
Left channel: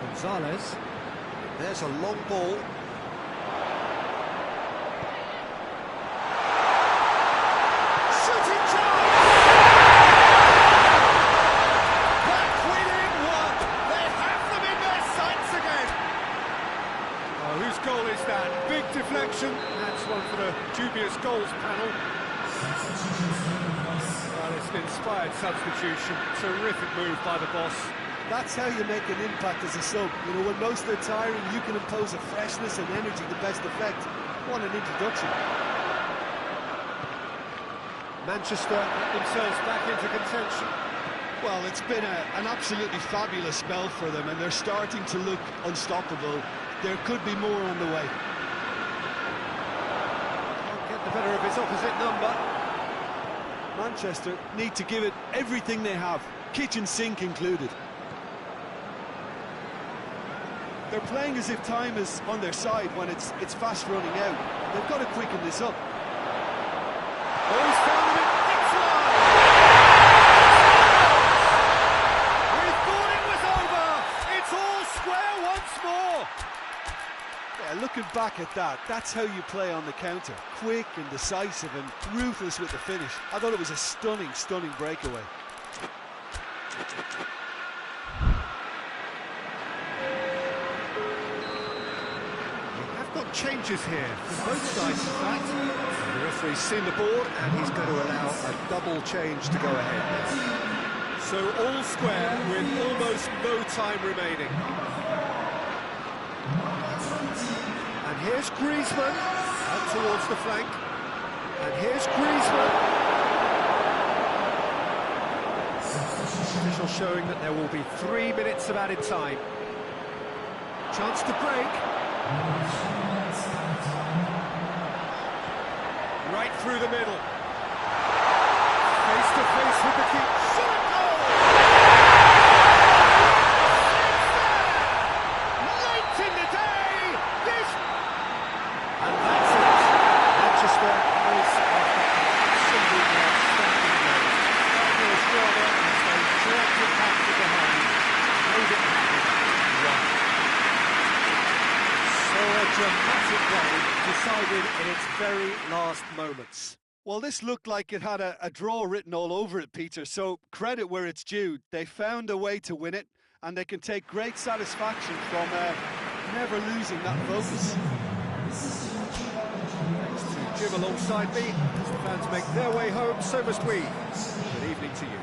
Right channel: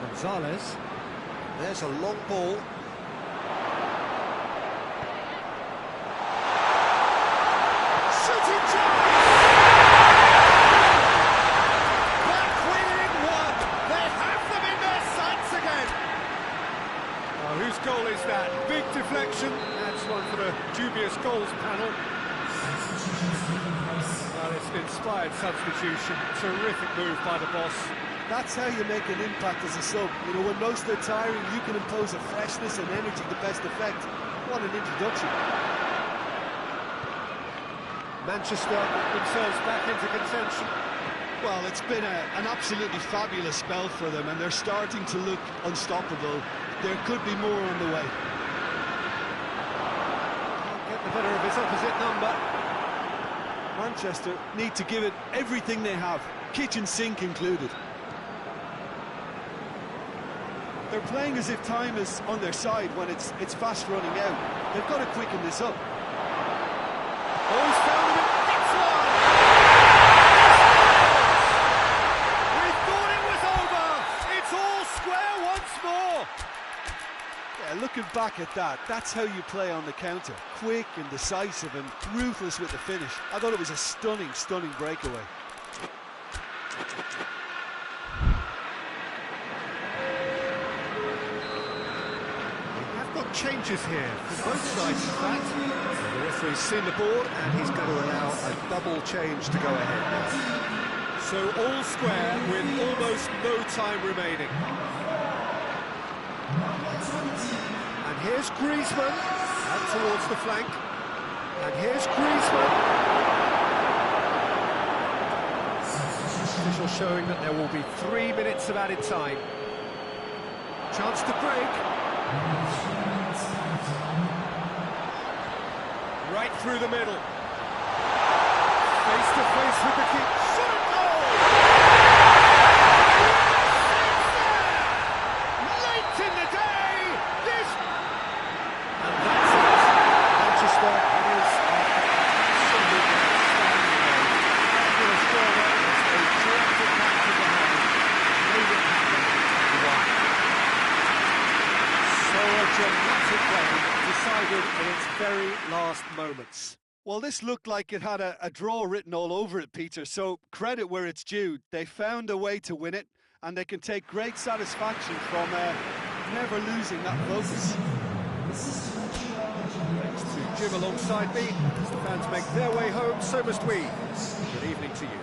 Gonzalez. There's a long ball. Shooting chance! Back within one. They have them in their sights again. Oh, whose goal is that? Big deflection. That's one for the dubious goals panel. Well, it's an inspired substitution. Terrific move by the boss. That's how you make an impact as a sub. You know, when most are tiring, you can impose a freshness and energy to best effect. What an introduction. Manchester get themselves back into contention. Well, it's been an absolutely fabulous spell for them, and they're starting to look unstoppable. There could be more on the way. Can't get the better of his opposite number. Manchester need to give it everything they have, kitchen sink included. They're playing as if time is on their side when it's fast running out. They've got to quicken this up. Oh, he's found him. It's one! We thought it was over. It's all square once more. Yeah, looking back at that, that's how you play on the counter. Quick and decisive and ruthless with the finish. I thought it was a stunning, stunning breakaway. Got changes here from both sides, in fact. So the referee's seen the board and he's going to allow a double change to go ahead now. So all square with almost no time remaining. And here's Griezmann out towards the flank. And here's Griezmann. Official showing that there will be 3 minutes of added time. Chance to break. Right through the middle. Face to face with the keeper. Shot and goal! It's there! Late in the day! This... And that's it. Manchester is after an absolutely outstanding game. Fabulous drama as they dragged it back to behind. Made it happen. Won. So a dramatic game decided in its very last moments. Well, this looked like it had a draw written all over it, Peter, so credit where it's due. They found a way to win it, and they can take great satisfaction from never losing that focus. Thanks to Jim alongside me. As the fans make their way home, so must we. Good evening to you.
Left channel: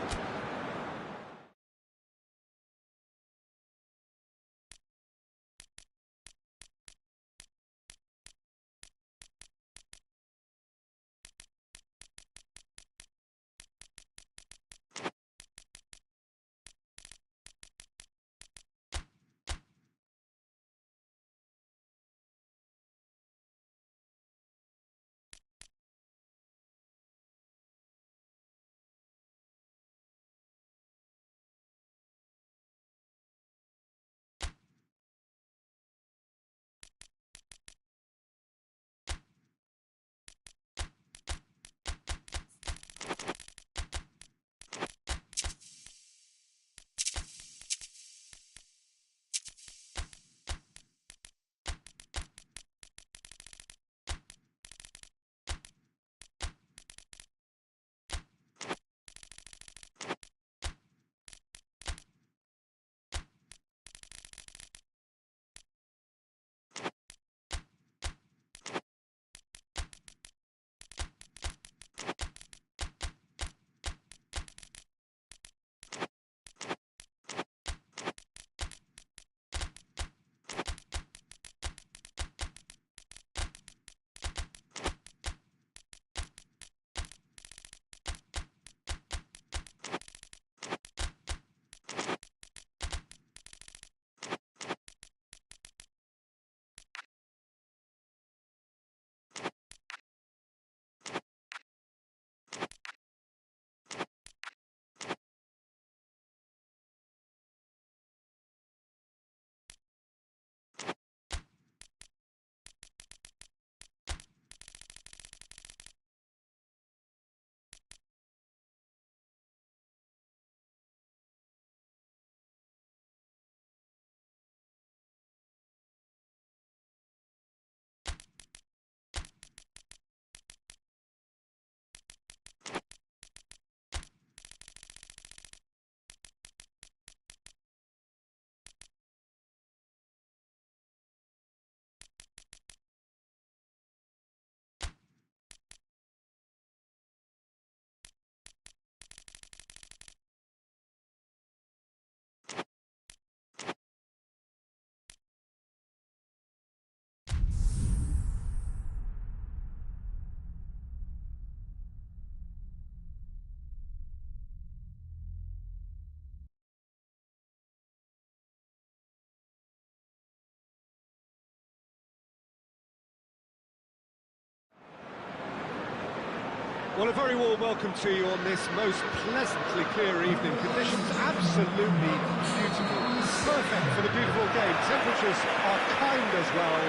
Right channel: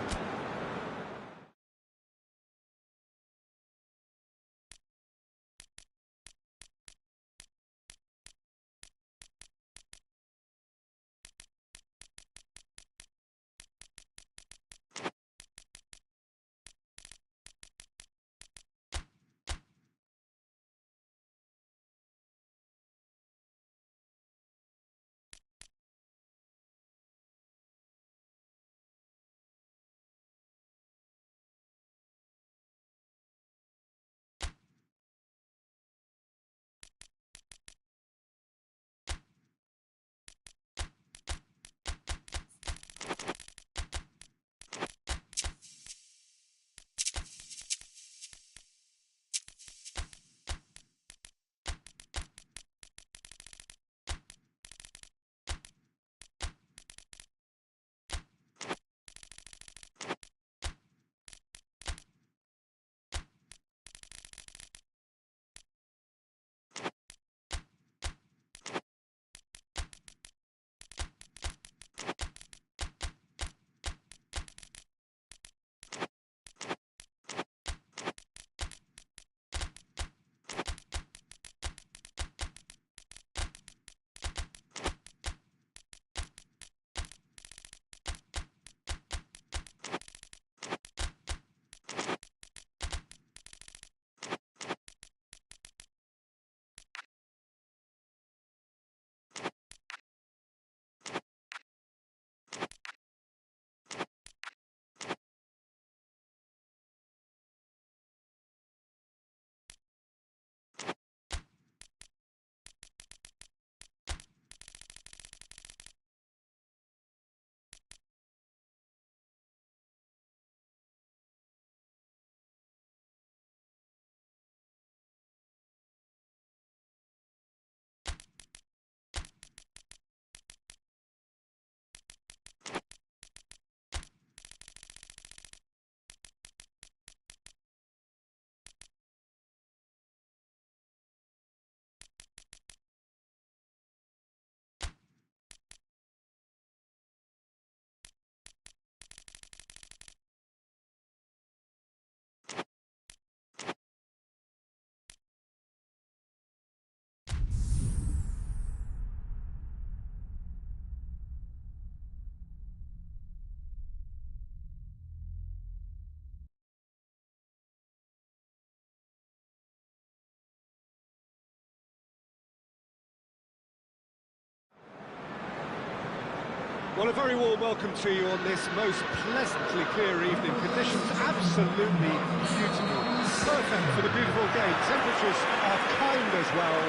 Well, a very warm welcome to you on this most pleasantly clear evening. Conditions absolutely beautiful. Perfect for the beautiful game. Temperatures are kind as well.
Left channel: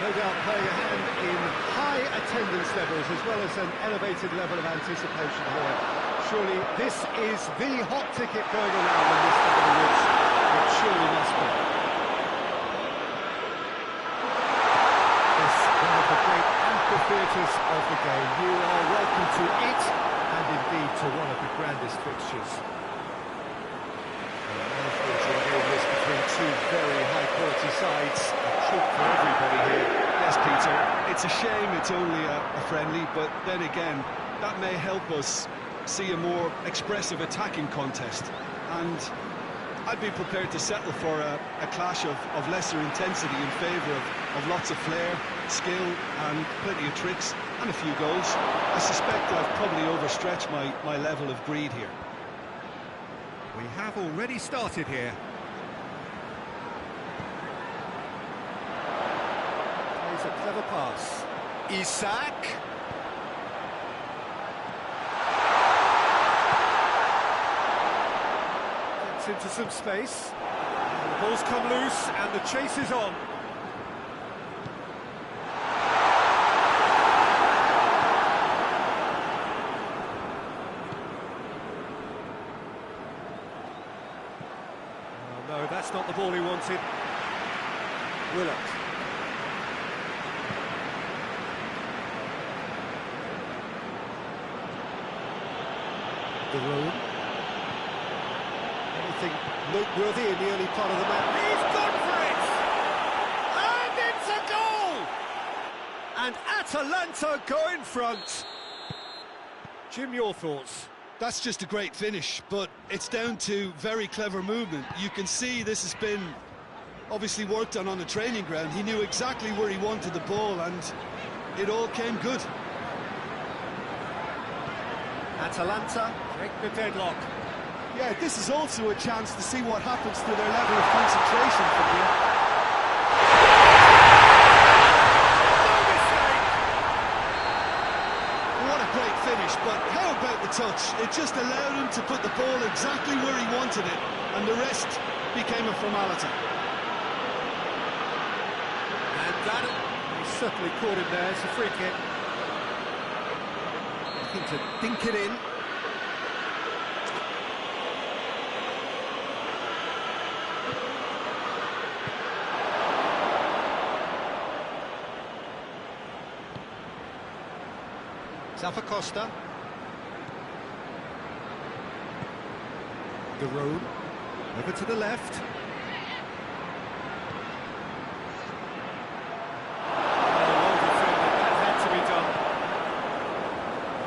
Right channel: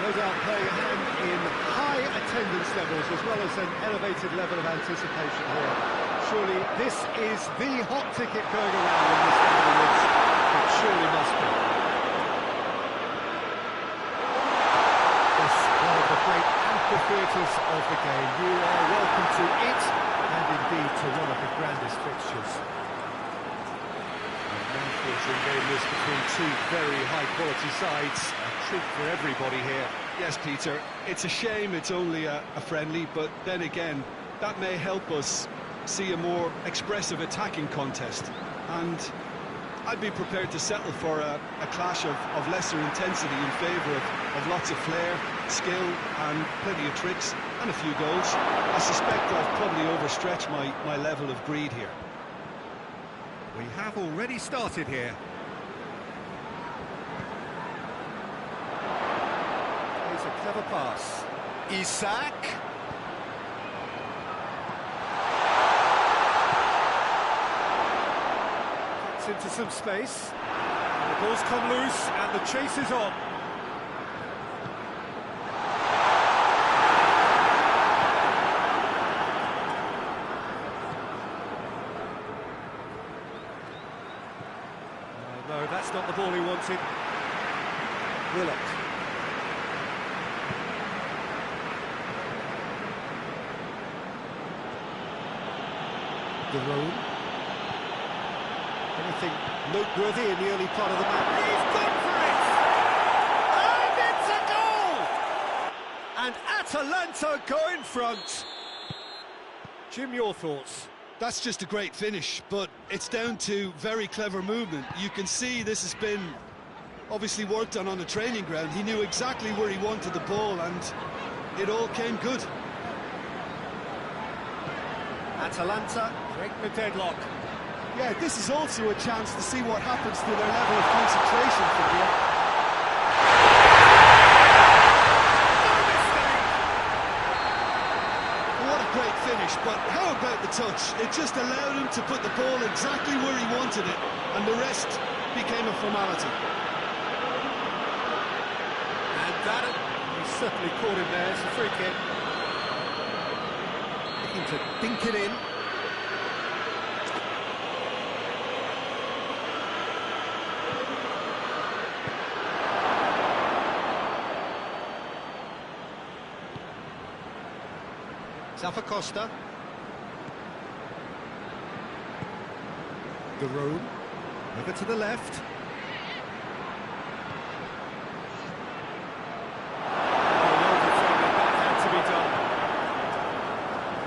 No doubt playing a hand in high attendance levels as well as an elevated level of anticipation here. Surely this is the hot ticket going around in this neck of the woods. It surely must be. This one of the great amphitheatres of the game. You are welcome to it, and indeed to one of the grandest fixtures. A mouth-watering game this between two very high-quality sides. A treat for everybody here. Yes, Peter, it's a shame it's only a friendly, but then again, that may help us see a more expressive attacking contest. And I'd be prepared to settle for a clash of lesser intensity in favour of lots of flair, skill and plenty of tricks and a few goals. I suspect I've probably overstretched my level of greed here. We have already started here. Plays a clever pass. Isak. Gets into some space. And the ball's come loose and the chase is on. No, that's not the ball he wanted. Willett. The road. Anything noteworthy in the early part of the match? He's gone for it! And it's a goal! And Atalanta go in front. Jim, your thoughts? That's just a great finish, but it's down to very clever movement. You can see this has been obviously worked on the training ground. He knew exactly where he wanted the ball, and it all came good. Atalanta break the deadlock. Yeah, this is also a chance to see what happens to their level of concentration from here. No mistake! What a great finish, but how about the touch? It just allowed him to put the ball exactly where he wanted it, and the rest became a formality. And that, he certainly caught him there. It's a free kick. Looking to dink it in. Costa. The road. Over to the left. Well defended, that had to be done.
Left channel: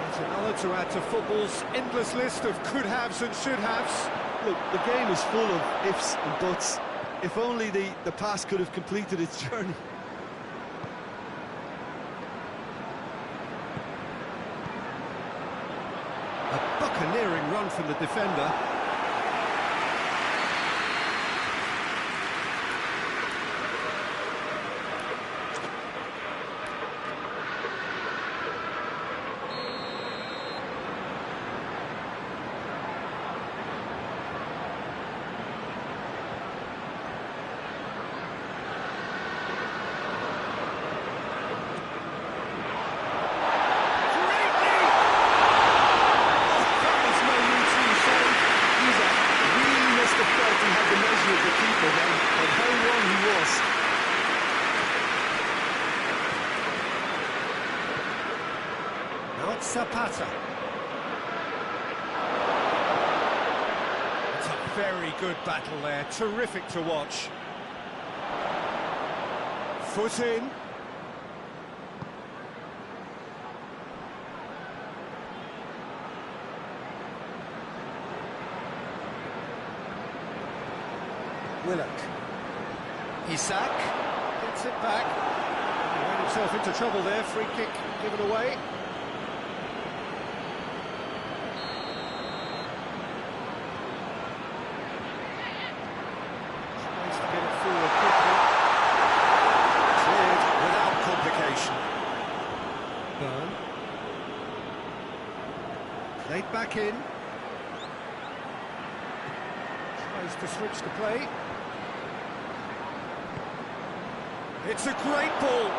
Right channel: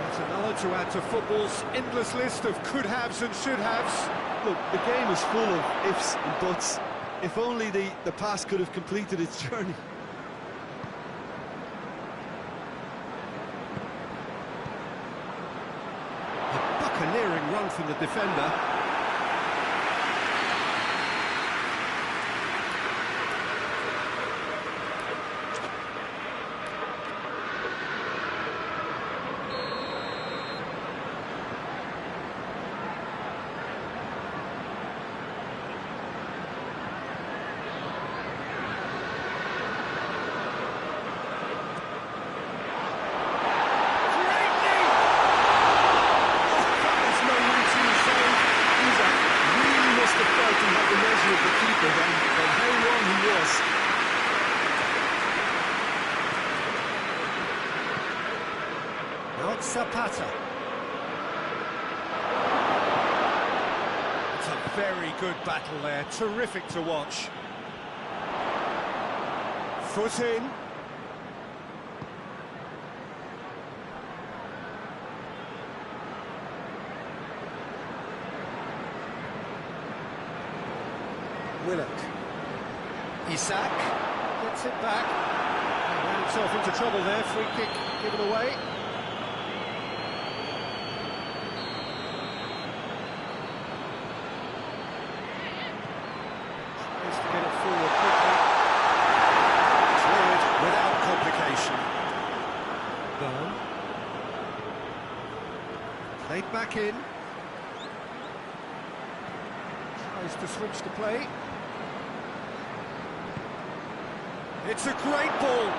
Yet another to add to football's endless list of could-haves and should-haves. Look, the game is full of ifs and buts. If only the pass could have completed its journey. A buccaneering run from the defender. He had the measure of the keeper then, and how wrong he was. Now it's Zapata. It's a very good battle there, terrific to watch. Foot in. Willock. Isak gets it back. He ran himself into trouble there. Free kick given away. Tries to get it forward quickly. Cleared without complication. Burn. Played back in. Tries to switch the play. It's a great ball.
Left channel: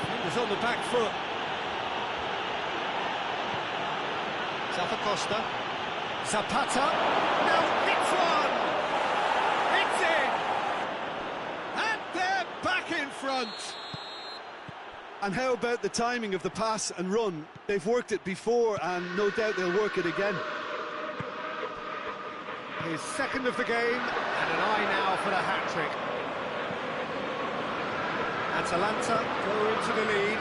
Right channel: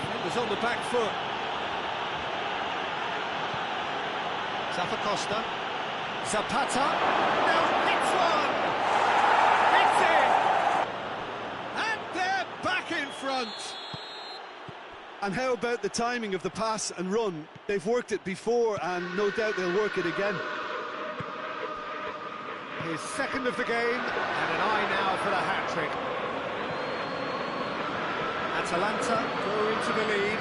Defenders on the back foot. Costa. Zapata. Now hits one. It's in. And they're back in front. And how about the timing of the pass and run? They've worked it before, and no doubt they'll work it again. His second of the game, and an eye now for the hat-trick. Atalanta go into the lead.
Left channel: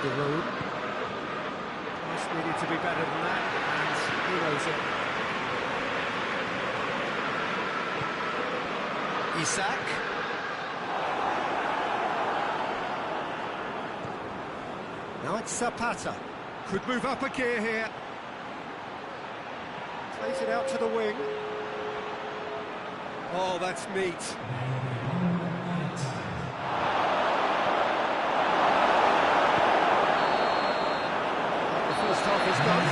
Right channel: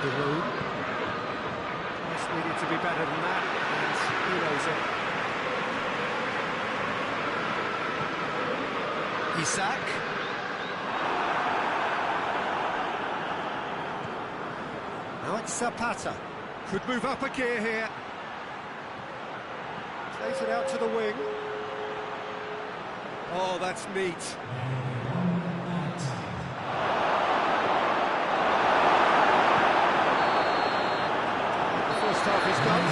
The road. Price needed to be better than that, and he knows it. Isak. Now it's Zapata. Could move up a gear here. Plays it out to the wing. Oh, that's neat. The first half is done.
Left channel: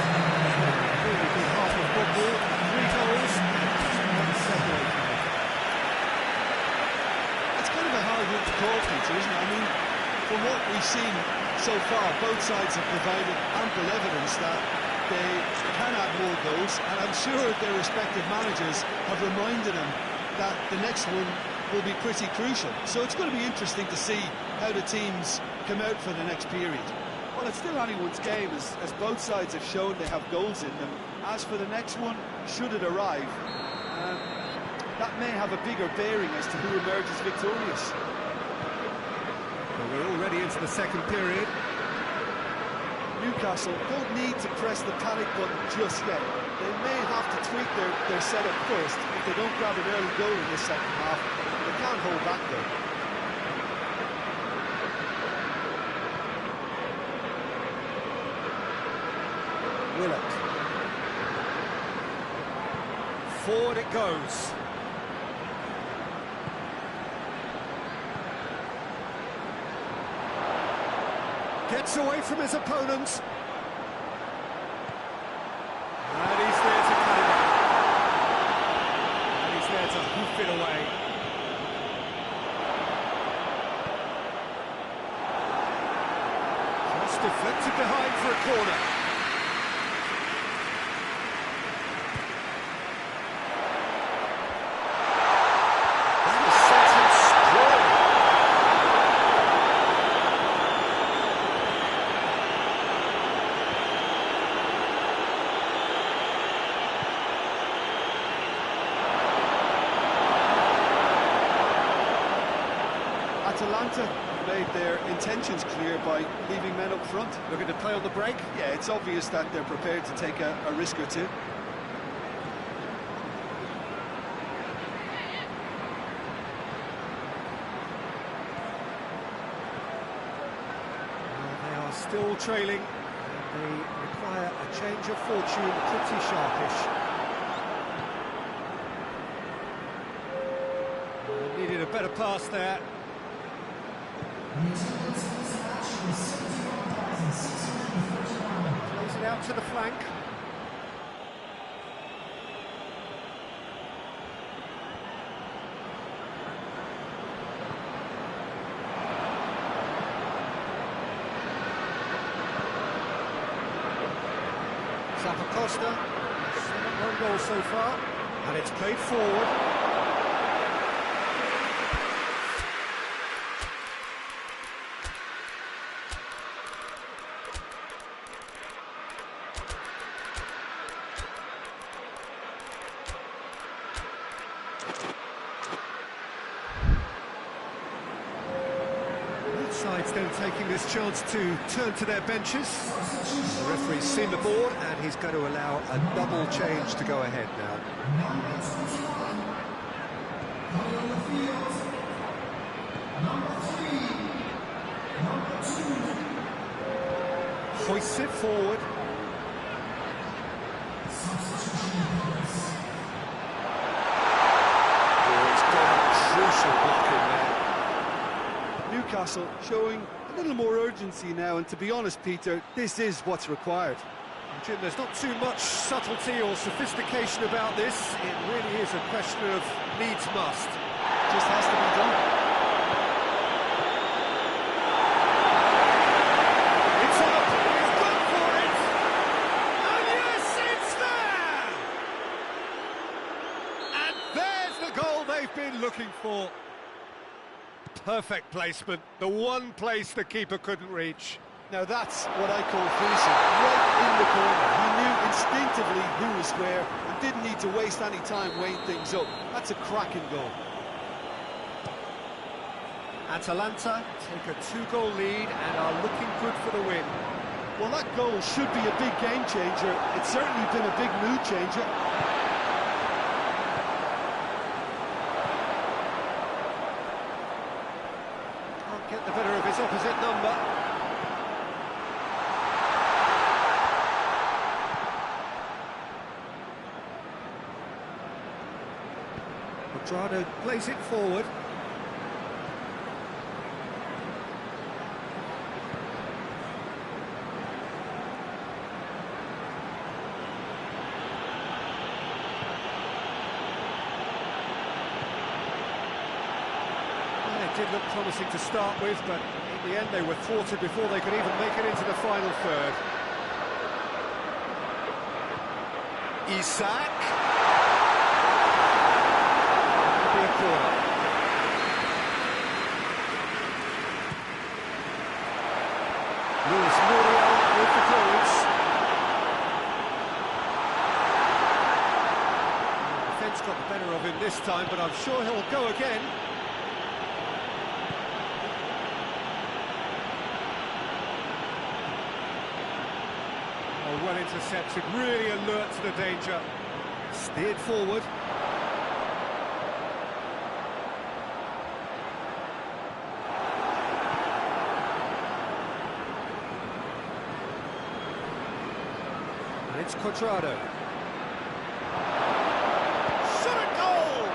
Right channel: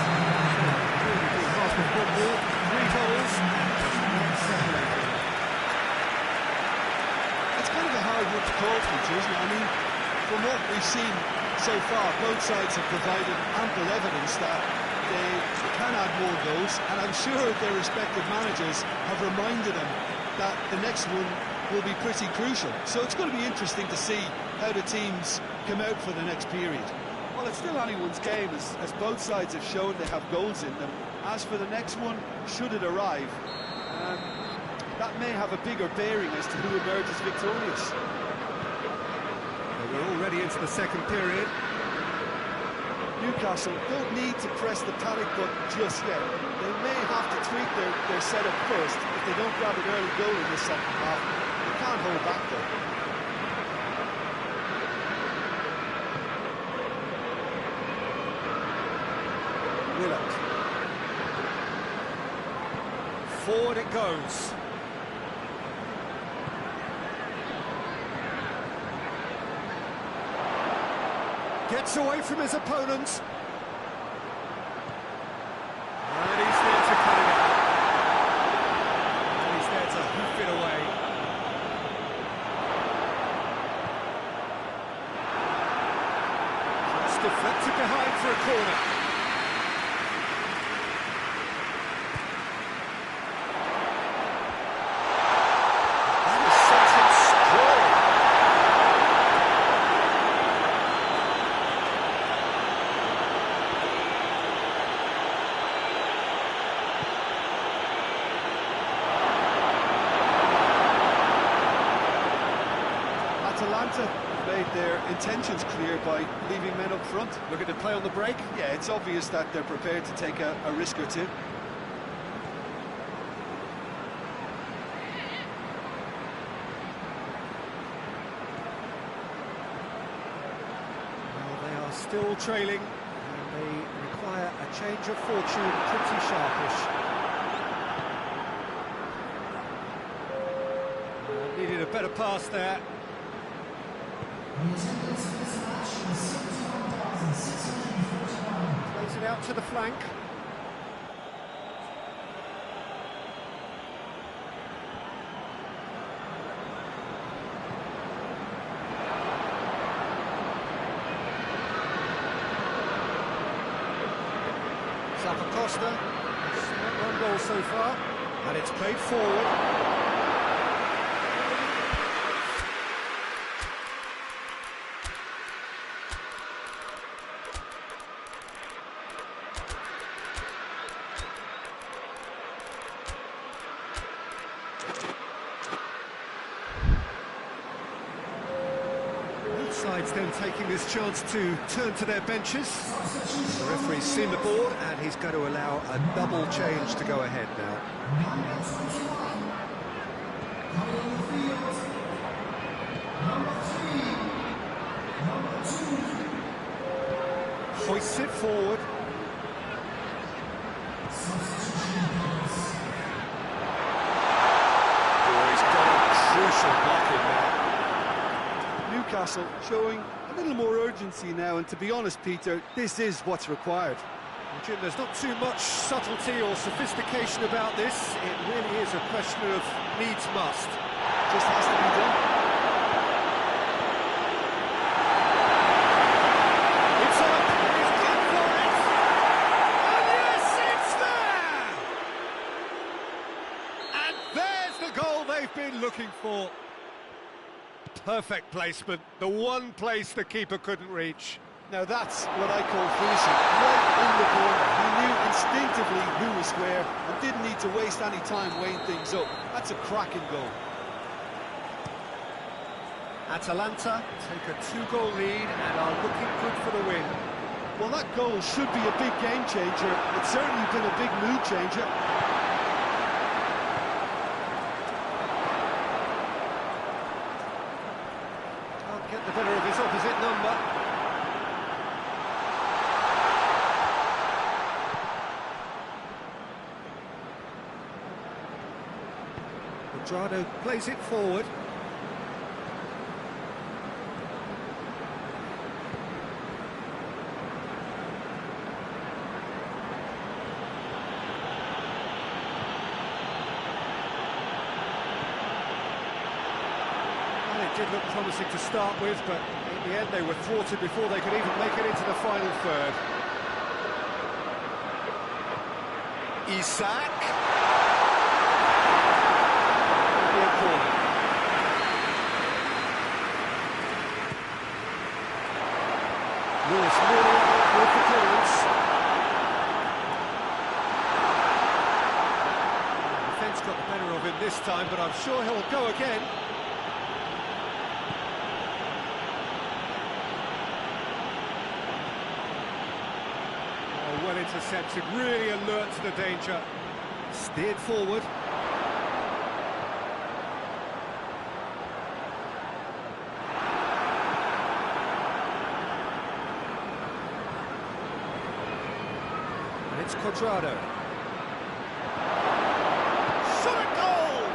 Really good half of football. 3 goals and just one separating them. It's kind of a hard one to call, Peter, isn't it? I mean, from what we've seen so far, both sides have provided ample evidence that they can add more goals, and I'm sure their respective managers have reminded them that the next one will be pretty crucial. So it's going to be interesting to see how the teams come out for the next period. Well, it's still anyone's game, as both sides have shown they have goals in them. As for the next one, should it arrive, that may have a bigger bearing as to who emerges victorious. Well, we're already into the second period. Newcastle don't need to press the panic button just yet. They may have to tweak their setup first if they don't grab an early goal in this second half. They can't hold back though. Willett. Forward it goes. Gets away from his opponents. And he's there to cut it out. And he's there to hoof it away. Just deflected behind for a corner. That is sent him sprawling. Atalanta made their intentions clear by leaving men up front. Looking to play on the break. Yeah, it's obvious that they're prepared to take a risk or two. Well, they are still trailing, and they require a change of fortune pretty sharpish. Needed a better pass there. Plays it out to the flank. Costa has one goal so far, and it's played forward. Both sides then taking this chance to turn to their benches. The referee's seen the board, and he's going to allow a double change to go ahead now. Hoists it forward. Oh, he's got a crucial block in there. Newcastle showing a little more urgency now, and to be honest, Peter, this is what's required. Jim, there's not too much subtlety or sophistication about this. It really is a question of needs must. Just has to be done. It's up, he's gone for it! And yes, it's there! And there's the goal they've been looking for. Perfect placement, the one place the keeper couldn't reach. Now that's what I call finishing, right in the corner. He knew instinctively who was where and didn't need to waste any time weighing things up. That's a cracking goal. Atalanta take a 2-goal lead and are looking good for the win. Well, that goal should be a big game changer. It's certainly been a big mood changer. Can't get the better of his opposite number. Quadrado plays it forward. Well, it did look promising to start with, but in the end they were thwarted before they could even make it into the final third. Isak. A corner. Luis Muriel with the clearance. The defence got the better of him this time, but I'm sure he'll go again. Oh, well intercepted, really alert to the danger. Steered forward. And it's Cuadrado. Shot at goal!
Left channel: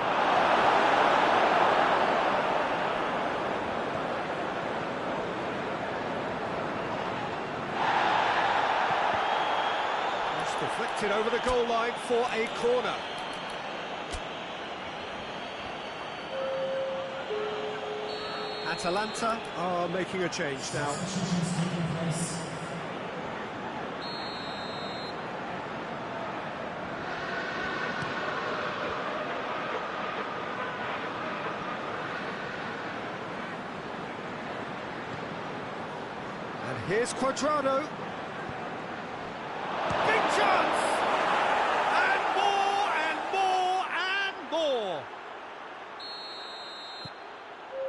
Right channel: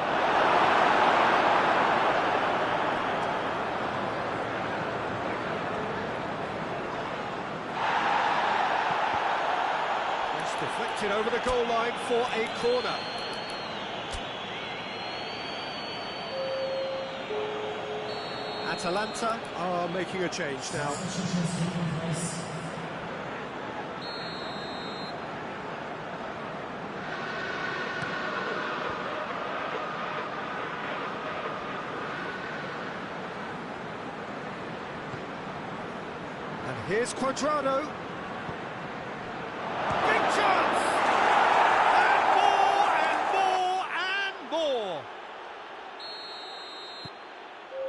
That's deflected over the goal line for a corner. Atalanta are making a change now. And here's Cuadrado. Big chance! And more, and more, and more!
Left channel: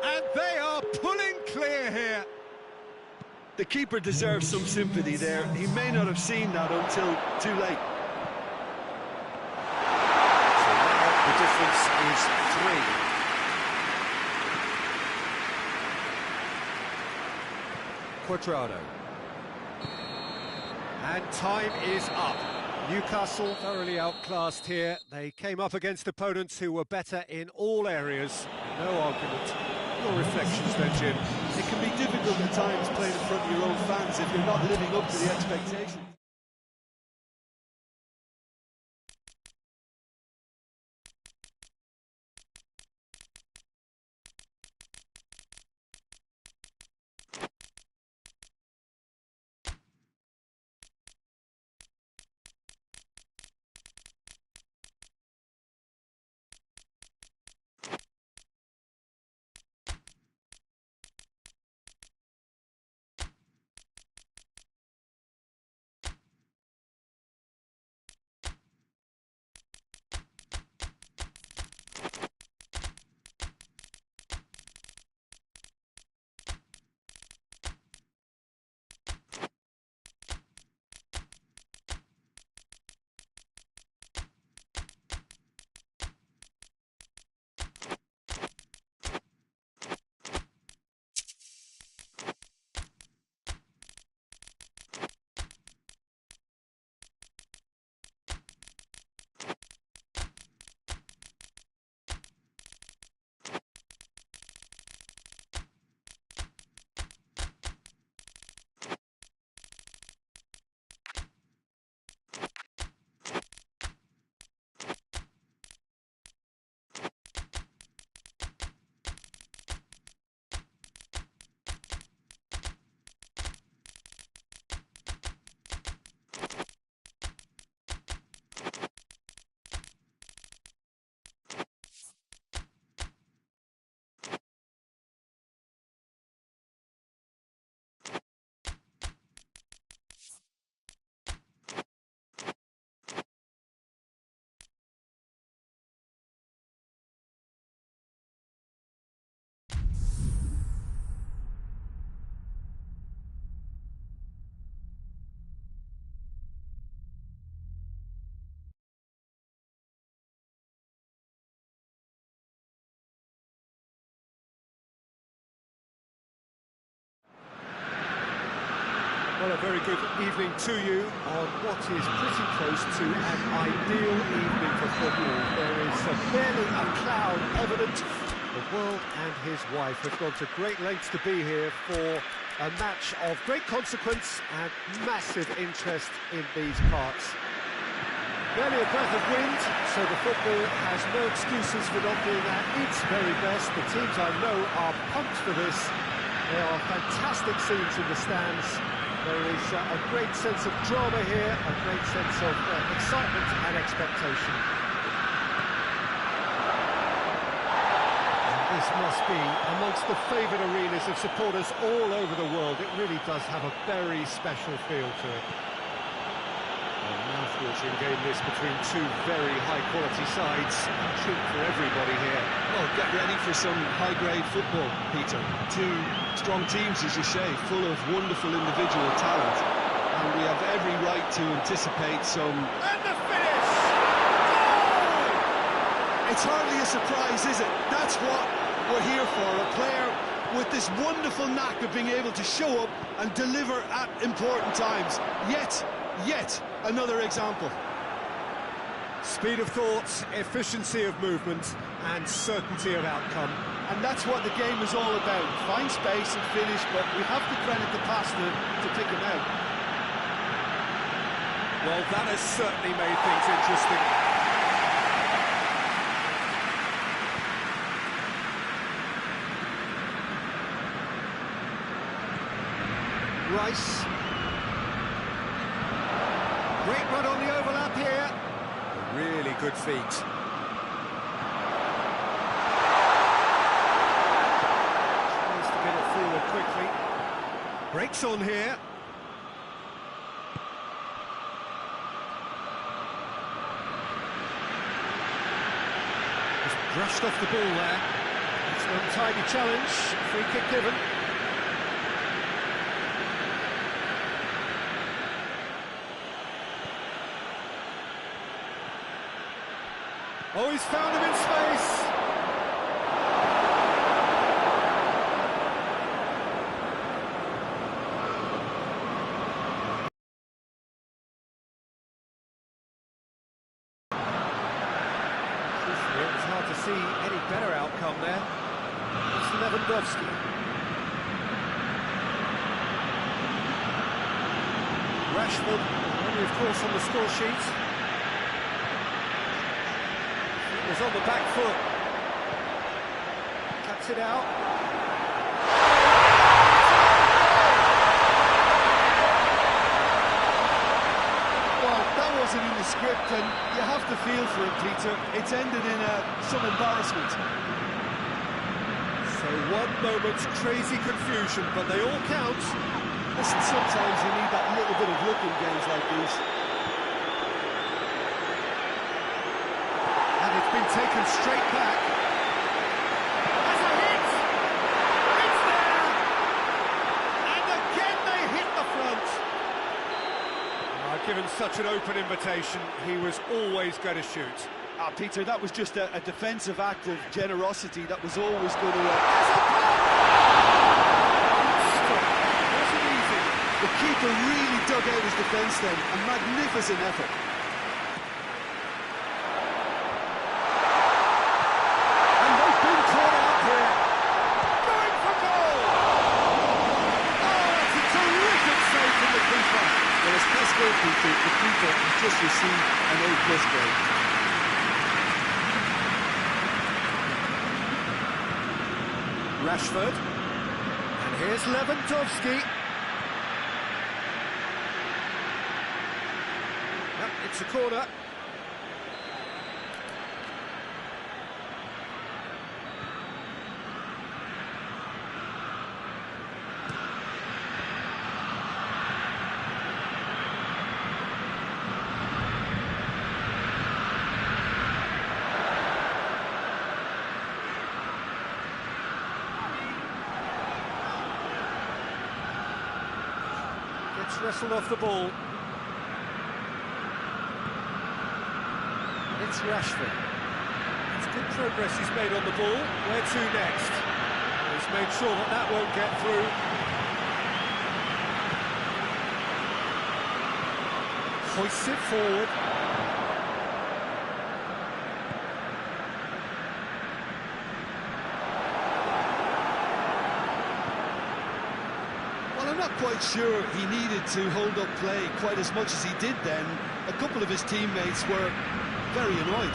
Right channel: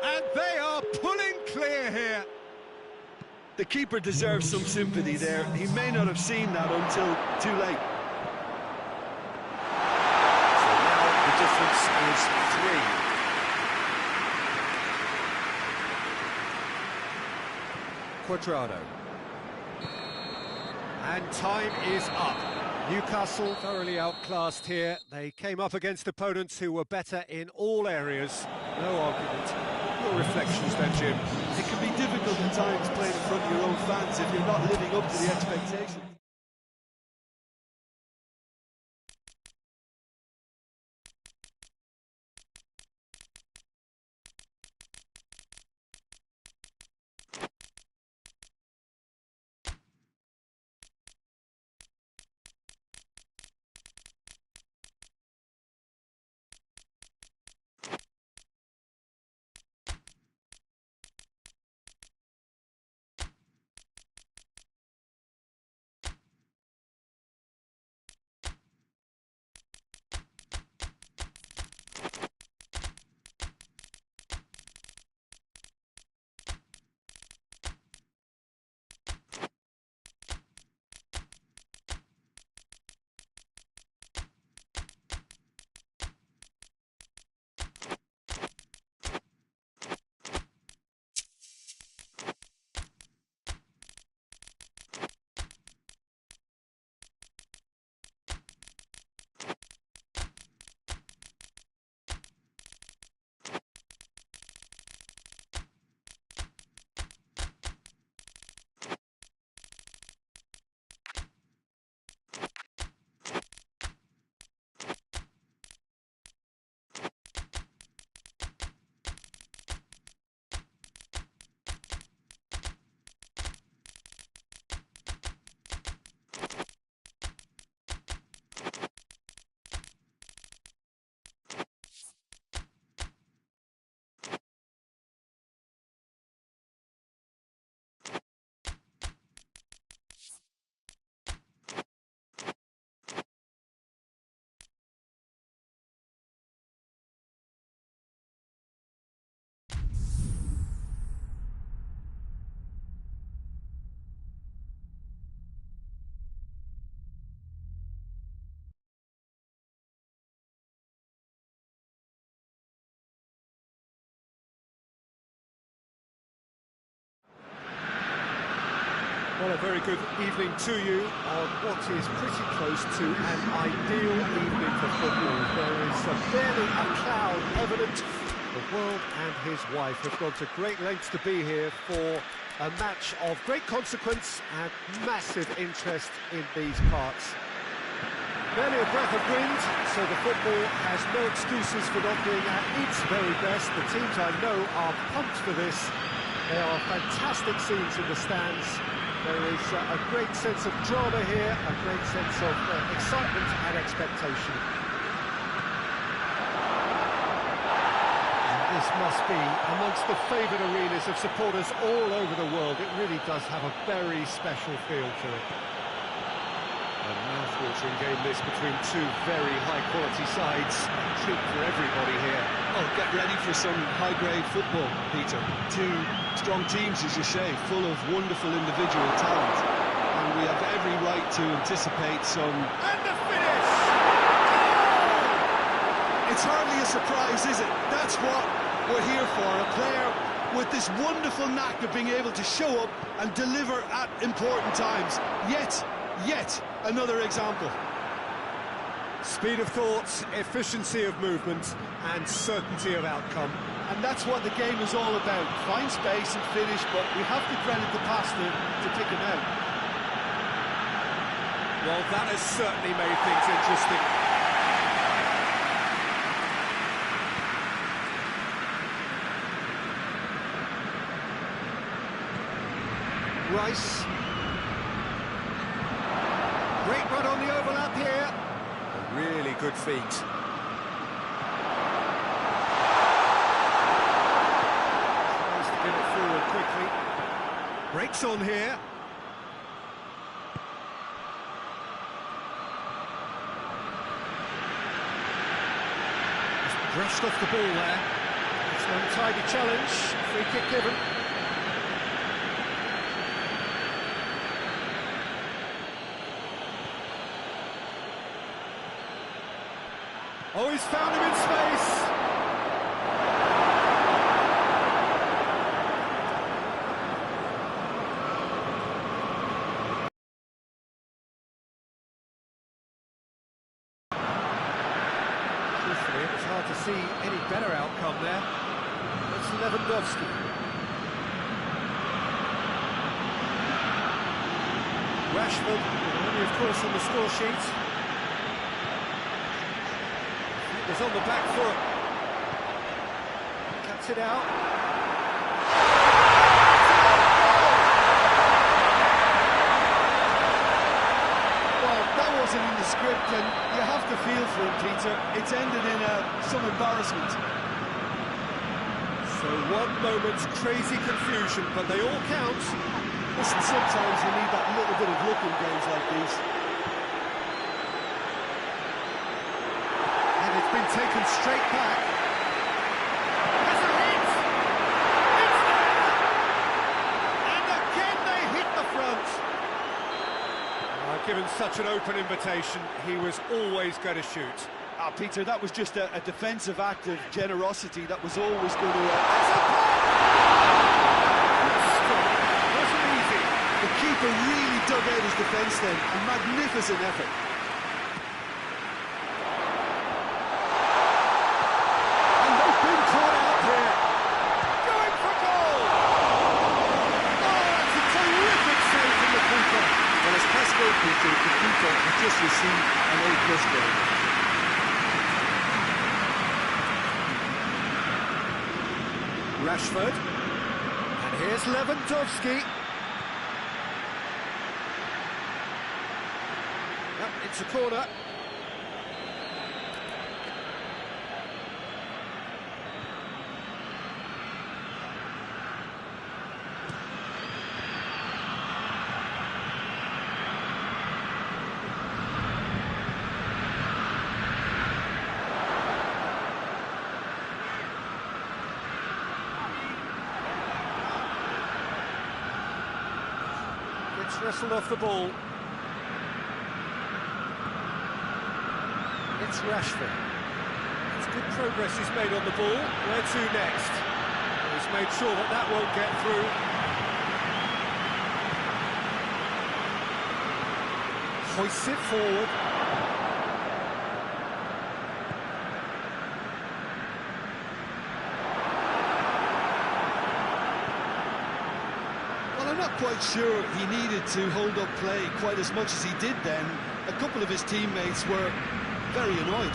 And they are pulling clear here. The keeper deserves some sympathy there. He may not have seen that until too late. So now the difference is 3. Cuadrado. And time is up. Newcastle thoroughly outclassed here. They came up against opponents who were better in all areas. No argument. Your reflections then, Jim? It can be difficult at times playing in front of your own fans if you're not living up to the expectations. Well, a very good evening to you on what is pretty close to an ideal evening for football. There is barely a cloud evident. The world and his wife have gone to great lengths to be here for a match of great consequence and massive interest in these parts. Barely a breath of wind, so the football has no excuses for not being at its very best. The teams I know are pumped for this. There are fantastic scenes in the stands. There is a great sense of drama here, a great sense of excitement and expectation. And this must be amongst the favoured arenas of supporters all over the world. It really does have a very special feel to it. A mouth-watering game this between two very high-quality sides. A treat for everybody here. Well, get ready for some high-grade football, Peter. Two strong teams, as you say, full of wonderful individual talent. And we have every right to anticipate some... And the finish! Goal! It's hardly a surprise, is it? That's what we're here for. A player with this wonderful knack of being able to show up and deliver at important times. Yet another example. Speed of thought, efficiency of movement, and certainty of outcome. And that's what the game is all about. Find space and finish, but we have to credit the passer to pick him out. Well, that has certainly made things interesting. Rice. Great run on the overlap here. A really good feat. Tries to get it forward quickly. Breaks on here. Just brushed off the ball there. It's an untidy challenge. Free kick given. Oh, he's found him in space. Truthfully, it was hard to see any better outcome there. It's Lewandowski. Rashford, only of course on the score sheet. Was on the back foot. Cuts it out. Well, that wasn't in the script, and you have to feel for him, Peter. It's ended in some embarrassment. So one moment's crazy confusion, but they all count. Listen, sometimes you need that little bit of luck in games like these. It's been taken straight back. Has a hit! It's there! And again they hit the front. Given such an open invitation, he was always going to shoot. Peter, that was just a defensive act of generosity that was always going to... There's a pop! Good stop. Wasn't easy. The keeper really dug out his defence then. A magnificent effort. Well, as Pest Peter, the keeper has just received an A+ grade. Rashford. And here's Lewandowski. Yep, it's a corner. Gets wrestled off the ball. It's Rashford. It's good progress he's made on the ball. Where to next? He's made sure that that won't get through. Hoists it forward. Well, I'm not quite sure he needed to hold up play quite as much as he did then. A couple of his teammates were very annoyed.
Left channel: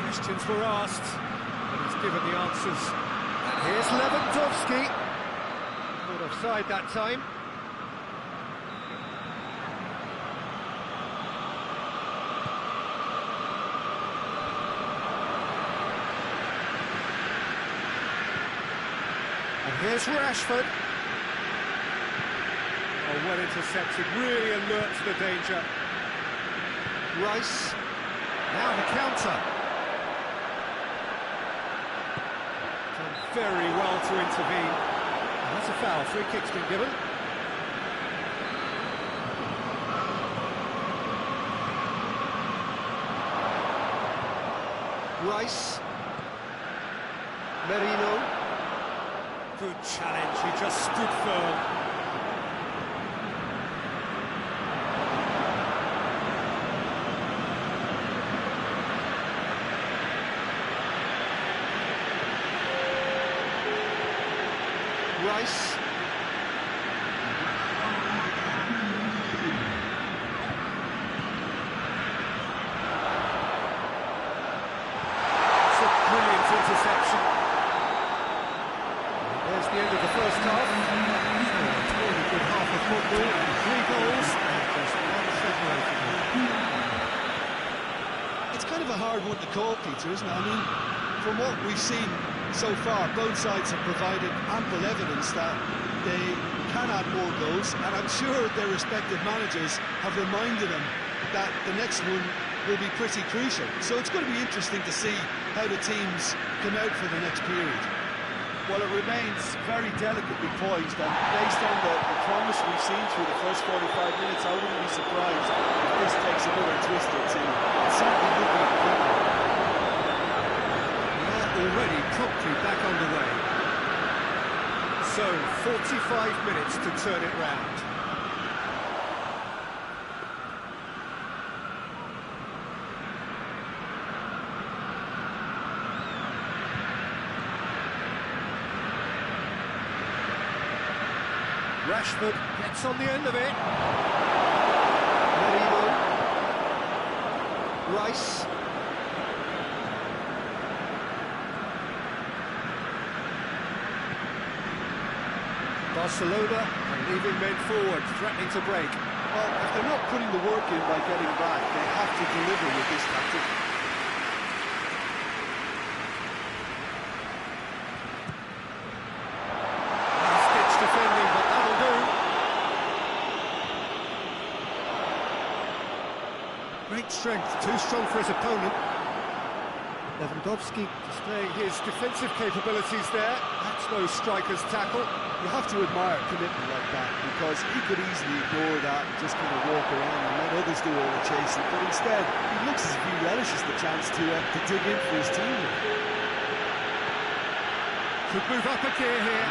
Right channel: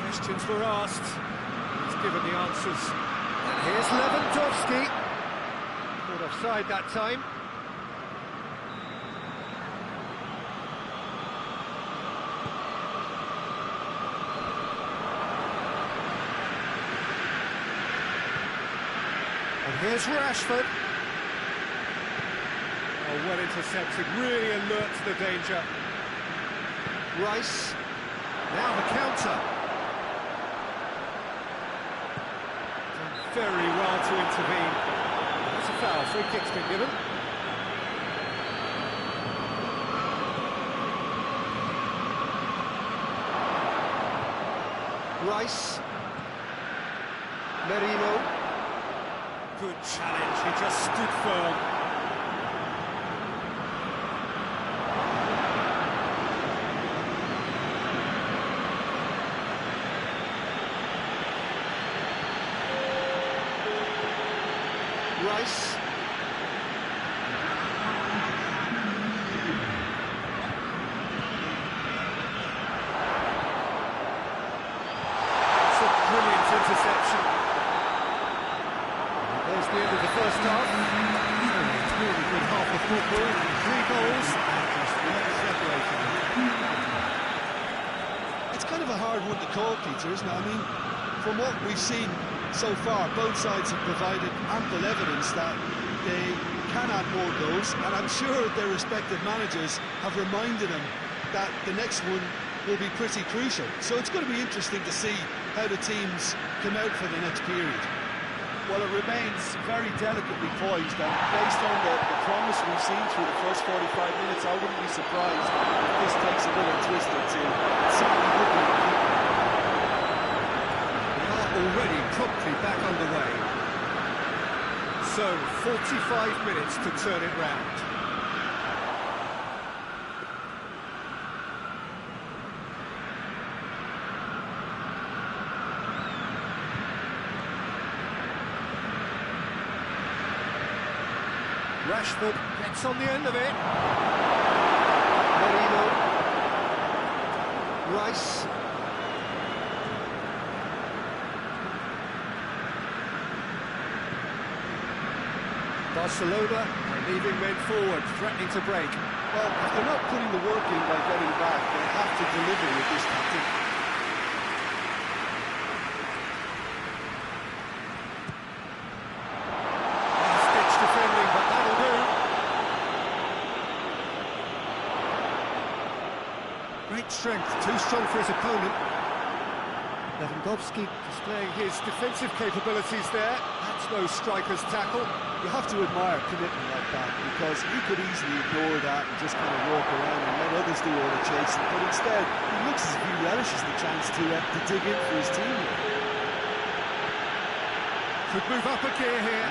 Questions were asked, and he's given the answers. And here's Lewandowski. Caught offside that time. And here's Rashford. Oh, well intercepted, really alert to the danger. Rice. Now the counter. Done very well to intervene. And that's a foul. Free kick's been given. Rice. Merino. Good challenge, he just stood firm. Rice. It's a brilliant interception. There's the end of the first half. So it's a really good half of football. 3 goals and just one separating them. It's kind of a hard one to call, Peter, isn't it? I mean, from what we've seen so far, both sides have provided ample evidence that they can add more goals, and I'm sure their respective managers have reminded them that the next one will be pretty crucial. So it's going to be interesting to see how the teams come out for the next period. Well, it remains very delicately poised, and based on the promise we've seen through the first 45 minutes, I wouldn't be surprised if this takes another twist or two. It certainly would be indeed. We are already promptly back underway. So, 45 minutes to turn it round. Rashford gets on the end of it. Merino. Rice. Barcelona are leaving men forward, threatening to break. Well, if they're not putting the work in by getting back, they have to deliver with this tactic. Last-ditch defending, but that'll do. Great strength, too strong for his opponent. Lewandowski displaying his defensive capabilities there. That's no striker's tackle. You have to admire commitment like that, because he could easily ignore that and just kind of walk around and let others do all the chasing, but instead he looks as if he relishes the chance to dig in for his team here. Could move up a gear here.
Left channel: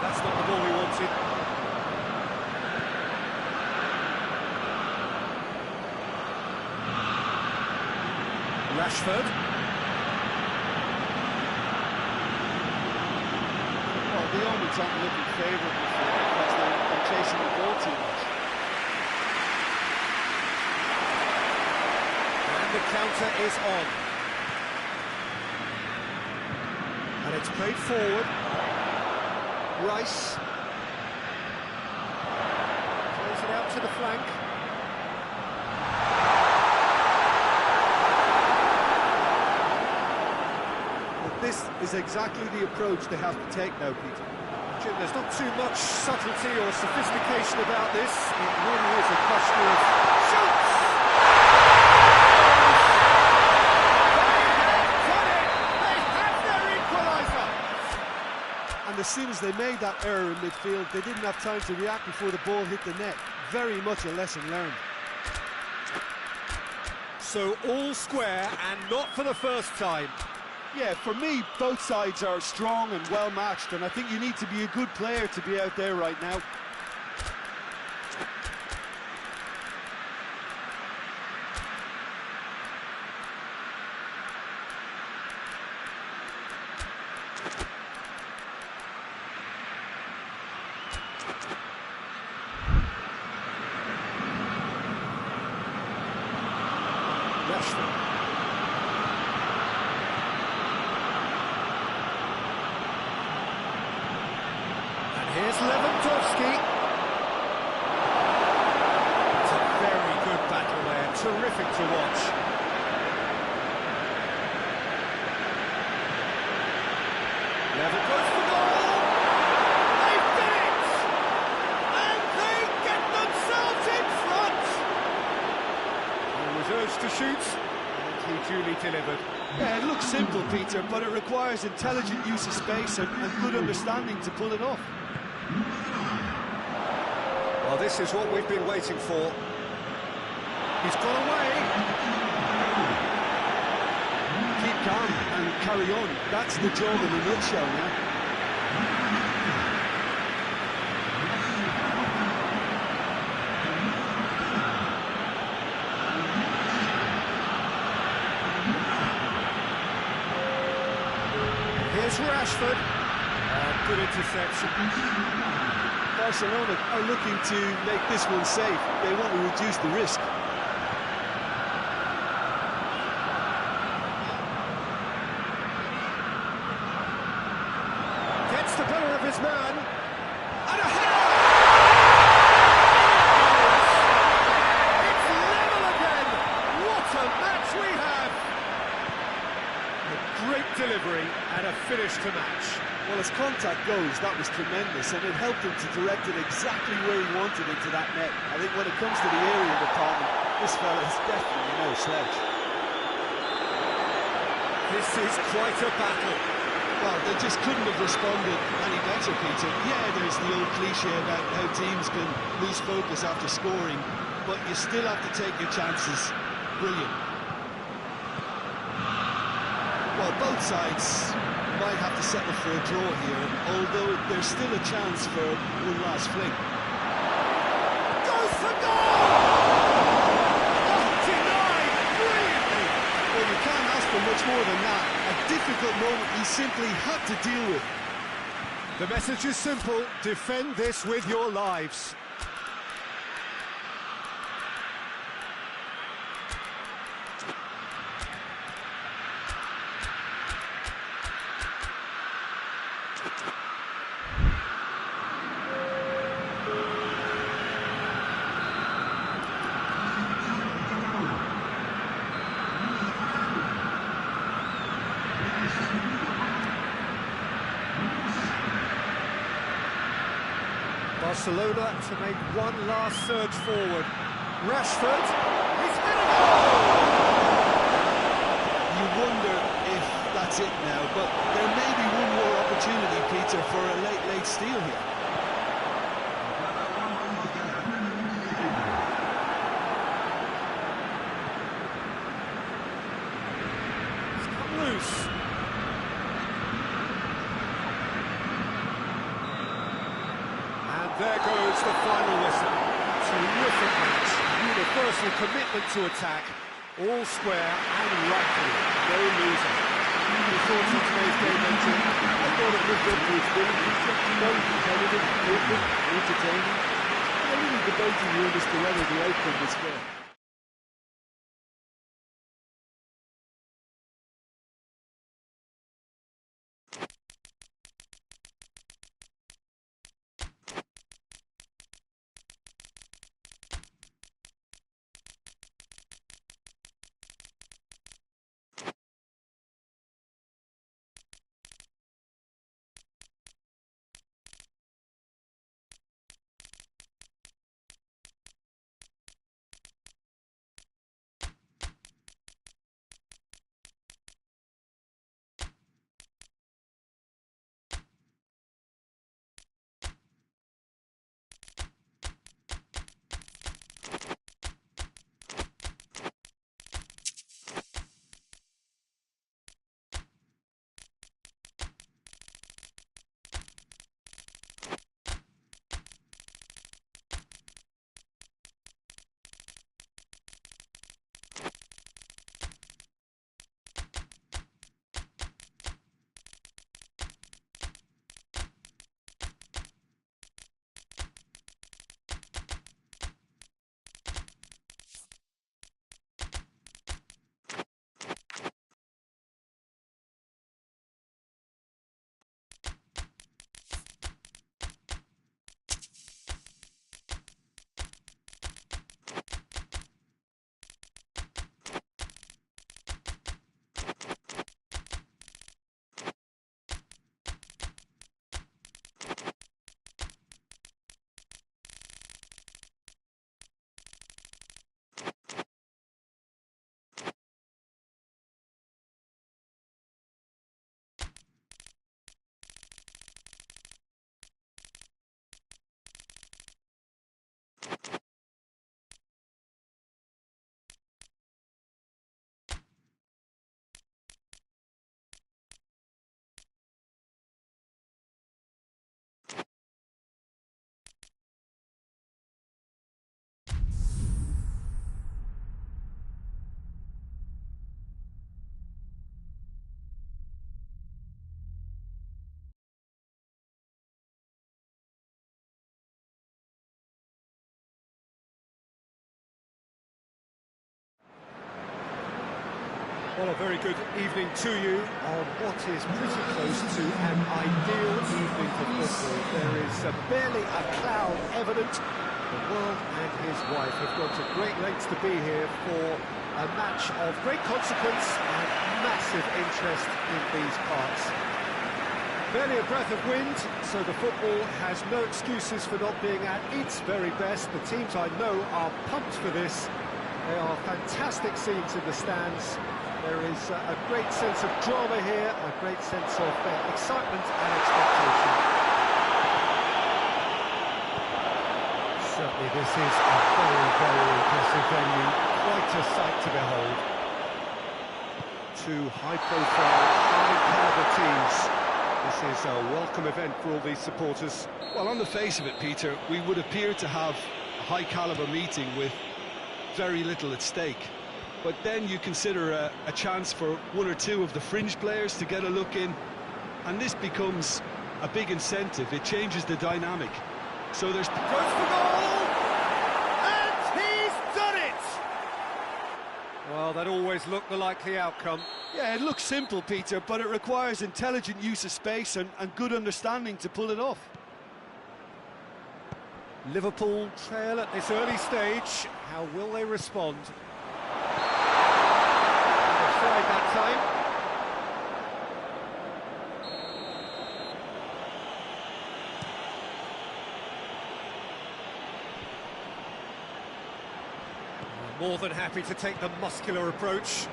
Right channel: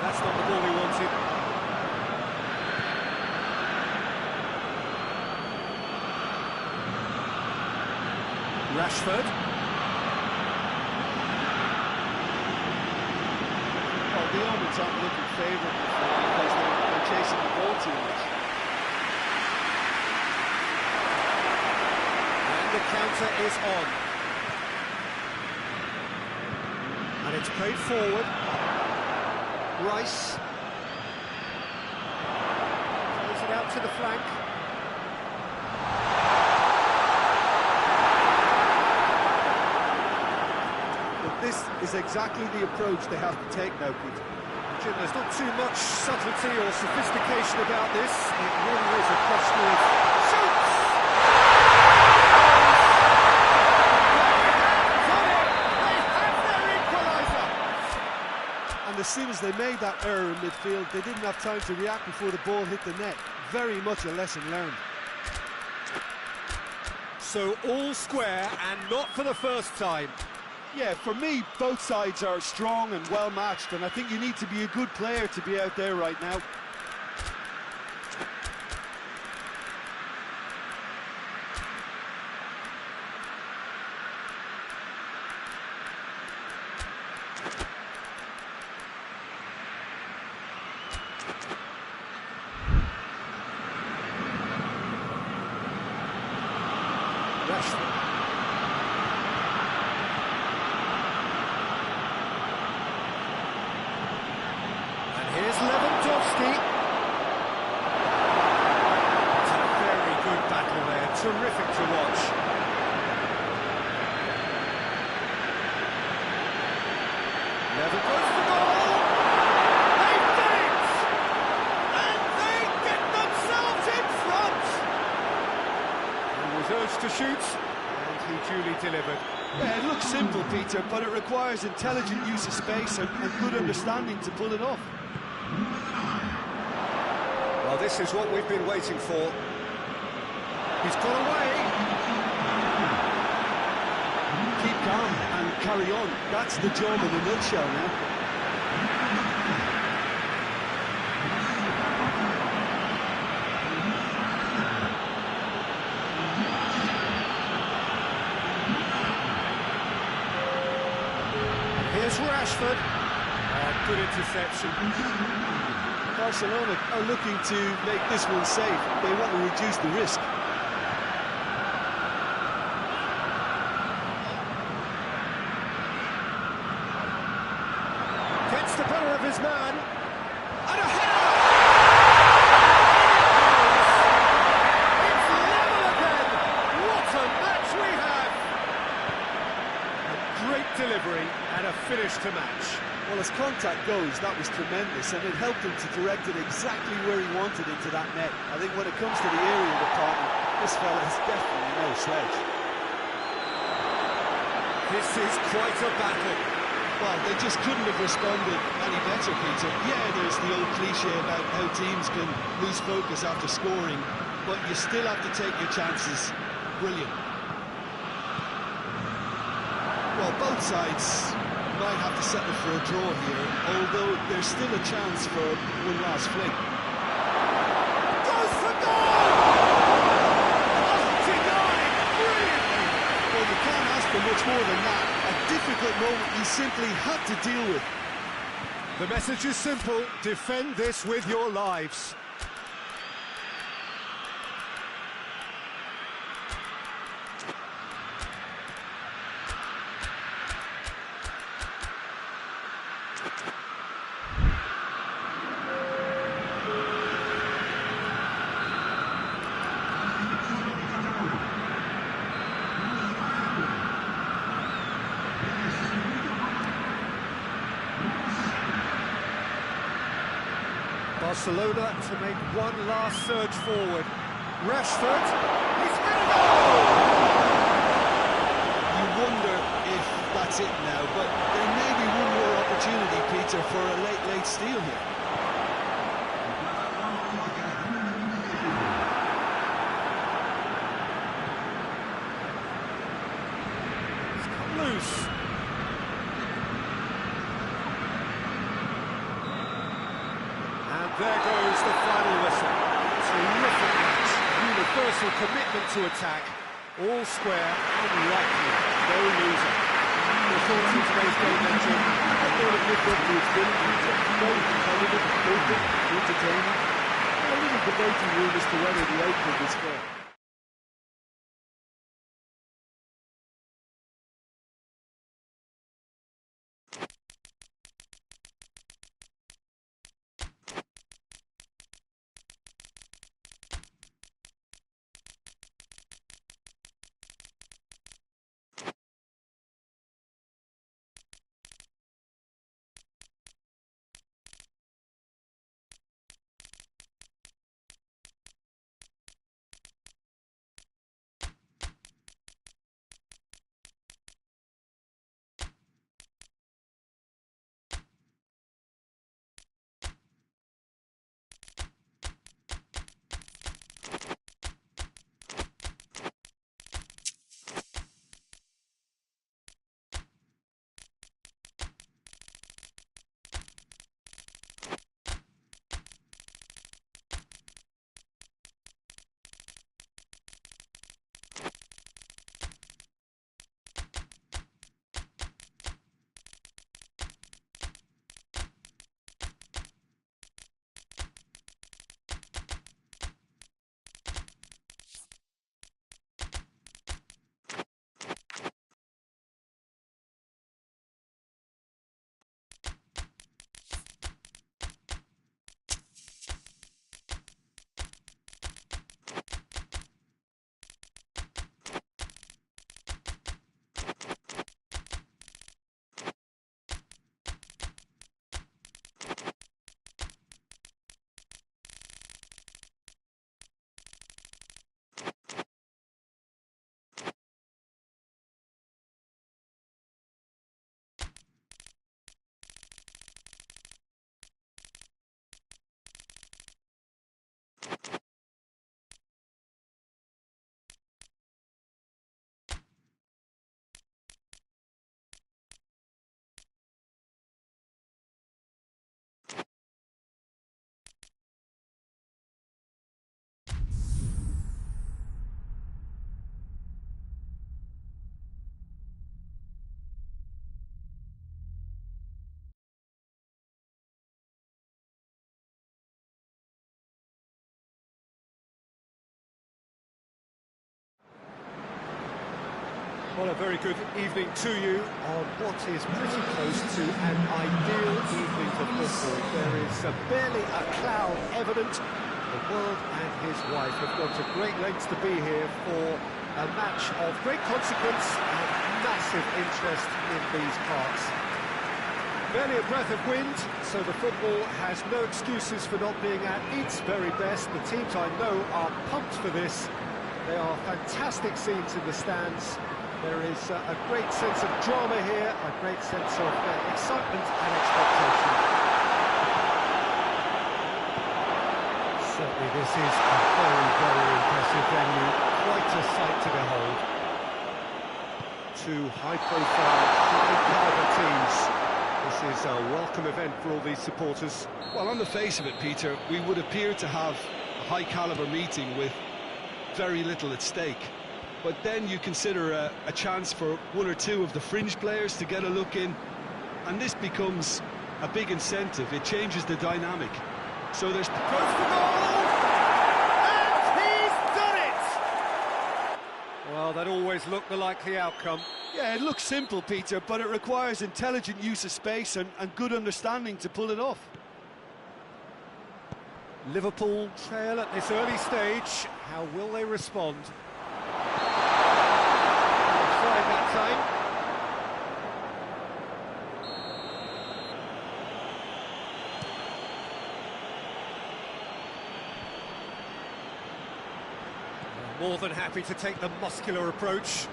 That's not the ball he wanted. Rashford. Well, the omens aren't looking favourable for him because they're chasing the ball too much. And the counter is on. And it's played forward. Rice plays it out to the flank. But this is exactly the approach they have to take now, Peter. Jim, there's not too much subtlety or sophistication about this. It really is a question of shoots! And as soon as they made that error in midfield, they didn't have time to react before the ball hit the net. Very much a lesson learned. So all square, and not for the first time. Yeah, for me, both sides are strong and well matched, and I think you need to be a good player to be out there right now. Rashford. Here's Lewandowski. It's a very good battle there, terrific to watch. Lever goes for goal! They did it! And they get themselves in front! He was urged to shoot, and he duly delivered. Yeah, it looks simple, Peter, but it requires intelligent use of space and good understanding to pull it off. Well, this is what we've been waiting for. He's got away. Keep calm and carry on. That's the job in a nutshell now. Here's Rashford. Oh, good interception. Barcelona are looking to make this one safe. They want to reduce the risk. Gets the better of his man. And a header! In it goes! It's level again! What a match we have! A great delivery and a finish to match. Well, as contact goes, that was tremendous, and it helped him to direct it exactly where he wanted into that net. I think when it comes to the area department, this fella is definitely no slouch. This is quite a battle. Well, they just couldn't have responded any better, Peter. Yeah, there's the old cliche about how teams can lose focus after scoring, but you still have to take your chances. Brilliant. Well, both sides might have to settle for a draw here, although there's still a chance for one last fling. Goes for goal! Oh, denied brilliantly! Well, you can't ask for much more than that. A difficult moment he simply had to deal with. The message is simple: defend this with your lives. Barcelona to make one last surge forward. Rashford, he's had a goal! You wonder if that's it now, but there may be one more opportunity, Peter, for a late steal here. It's come loose. And there goes the final whistle. Terrific match, universal commitment to attack, all square and likely, no loser. Your thoughts on today's game, then, Jim? I thought it lived up to its billing, Peter. Very competitive, open, entertaining, and a little debating room as to whether the outcome was fair. Well, a very good evening to you on what is pretty close to an ideal evening for football. There is barely a cloud evident. The world and his wife have gone to great lengths to be here for a match of great consequence and massive interest in these parts. Barely a breath of wind, so the football has no excuses for not being at its very best. The teams I know are pumped for this. They are fantastic scenes in the stands. There is a great sense of drama here, a great sense of excitement and expectation. Certainly this is a very, very impressive venue. Quite a sight to behold. Two high-profile, high-caliber teams. This is a welcome event for all these supporters. Well, on the face of it, Peter, we would appear to have a high-caliber meeting with very little at stake. But then you consider a chance for one or two of the fringe players to get a look in, and this becomes a big incentive. It changes the dynamic. So there's... Goes for goal! And he's done it! Well, that always looked the likely outcome. Yeah, it looks simple, Peter, but it requires intelligent use of space and good understanding to pull it off. Liverpool trail at this early stage. How will they respond? Offside that time. More than happy to take the muscular approach.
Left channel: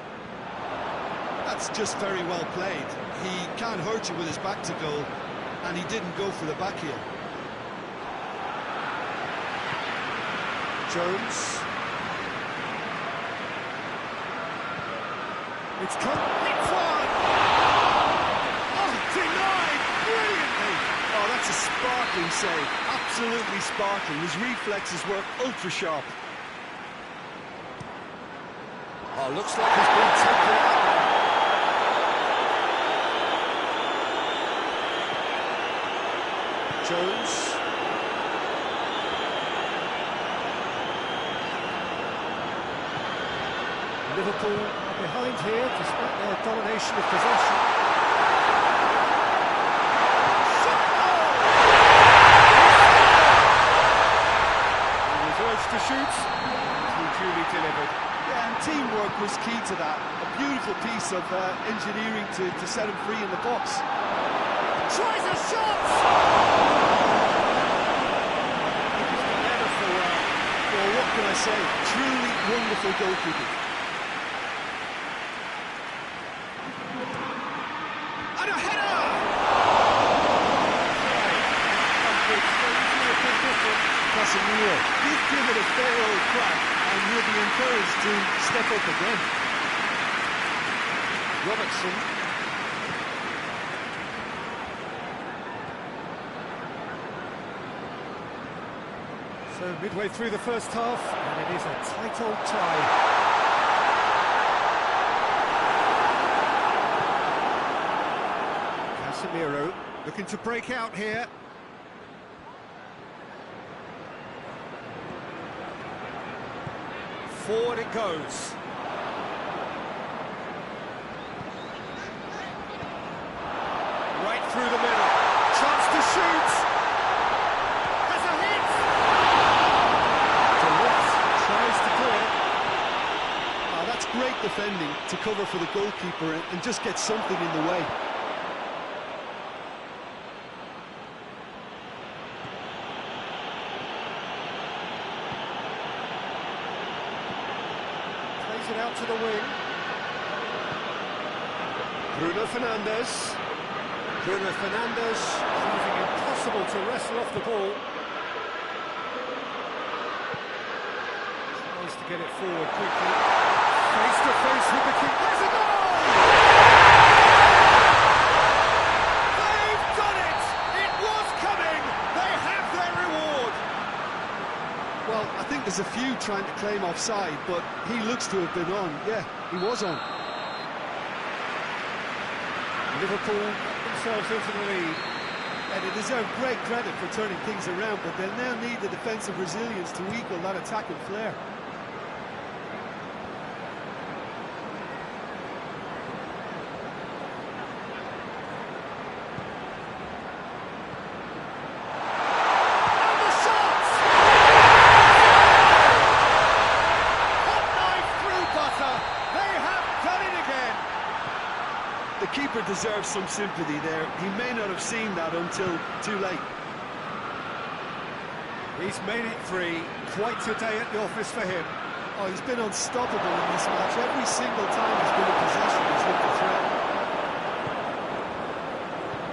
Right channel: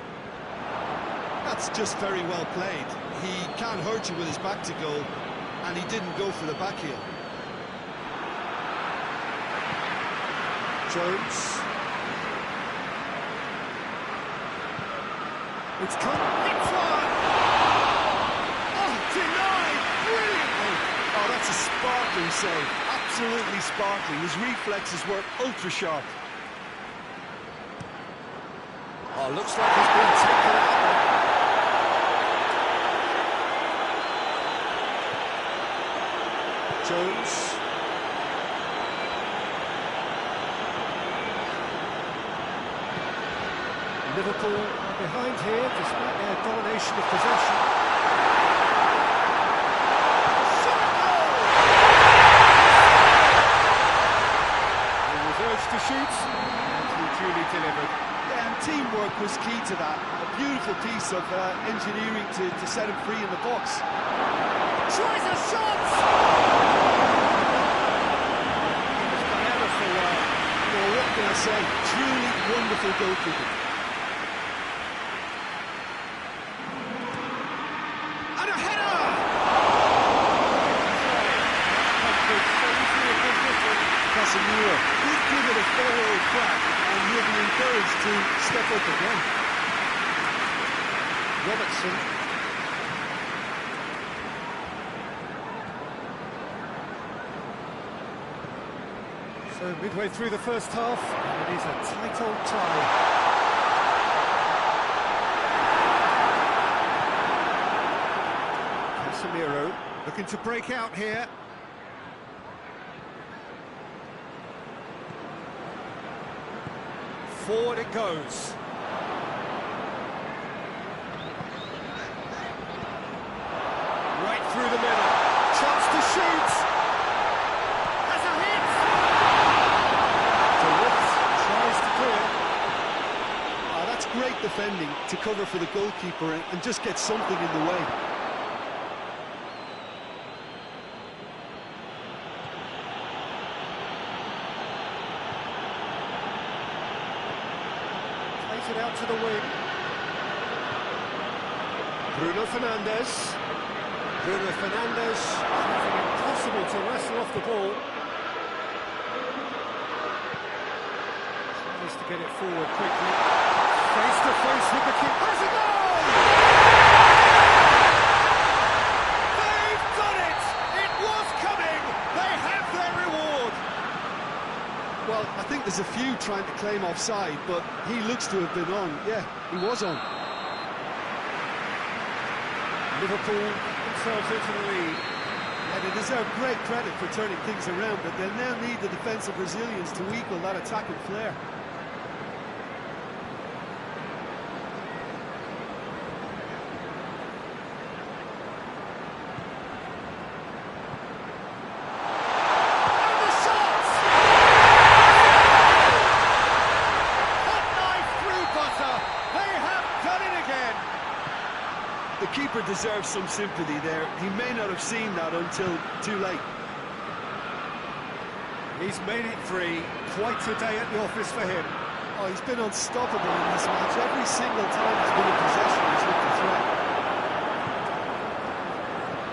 That's just very well played. He can't hurt you with his back to goal, and he didn't go for the back heel. Jones. It's come. It's one! Oh, denied brilliantly! Oh, that's a sparkling save. Absolutely sparkling. His reflexes were ultra sharp. Oh, looks like he's been taken out there. Jones. Liverpool are behind here, despite their domination of possession. Shot goal! He was urged to shoot, and he duly delivered. Yeah, and teamwork was key to that. A beautiful piece of engineering to set him free in the box. Tries a shot! He's done ever so well. Well, what can I say? Truly wonderful goalkeeping. And a header! Right, comfort, so usually a bit different. Casemiro did give it a fair old crack, and he'll be encouraged to step up again. Robertson. So midway through the first half, and it is a tight old tie. Casemiro looking to break out here. Forward it goes. Right through the middle. Chance to shoot. Has a hit. Tries to clear. Oh, that's great defending to cover for the goalkeeper and just get something in the way. Plays it out to the wing. Bruno Fernandes. Bruno Fernandes proving impossible to wrestle off the ball. Tries to get it forward quickly. Face to face with the keeper. Has a goal! They've done it! It was coming! They have their reward! Well, I think there's a few trying to claim offside, but he looks to have been on. Yeah, he was on. Liverpool got themselves into the lead. Yeah, they deserve great credit for turning things around, but they'll now need the defensive resilience to equal that attacking flair. deserves some sympathy there. He may not have seen that until too late. He's made it three. Quite a day at the office for him. Oh, he's been unstoppable in this match. Every single time he's been in possession, he's looked a threat.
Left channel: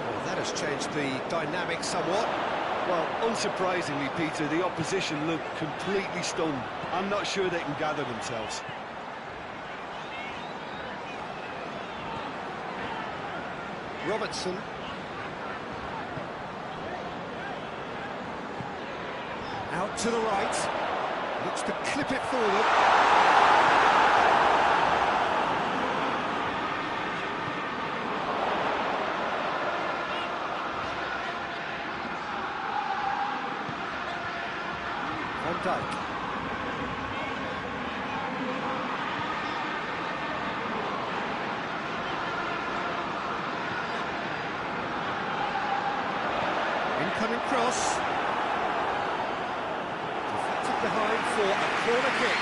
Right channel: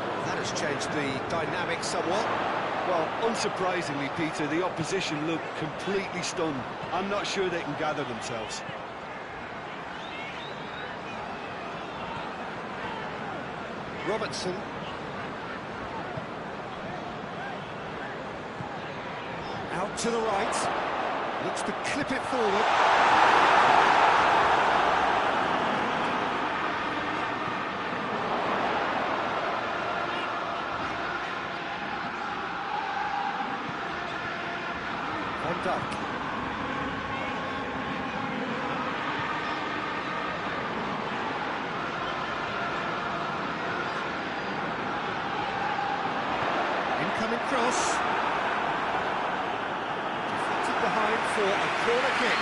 Well, that has changed the dynamic somewhat. Well, unsurprisingly, Peter, the opposition look completely stunned. I'm not sure they can gather themselves. Robertson. Out to the right. Looks to clip it forward. Van Dijk. Incoming cross. Deflected behind for a corner kick.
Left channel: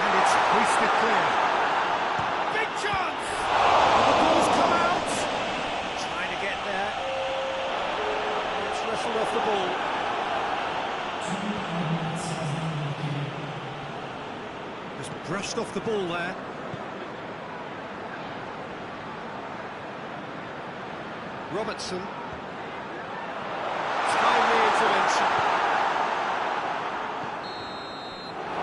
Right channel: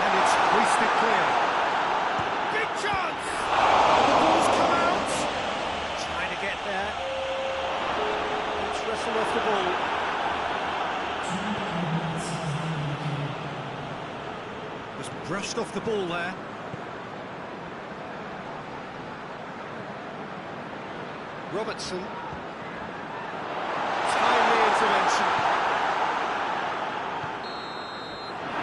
And it's hoisted clear. Big chance! Oh, the ball's come out. Trying to get there. It's wrestled off the ball. Just brushed off the ball there. Robertson. Timely intervention.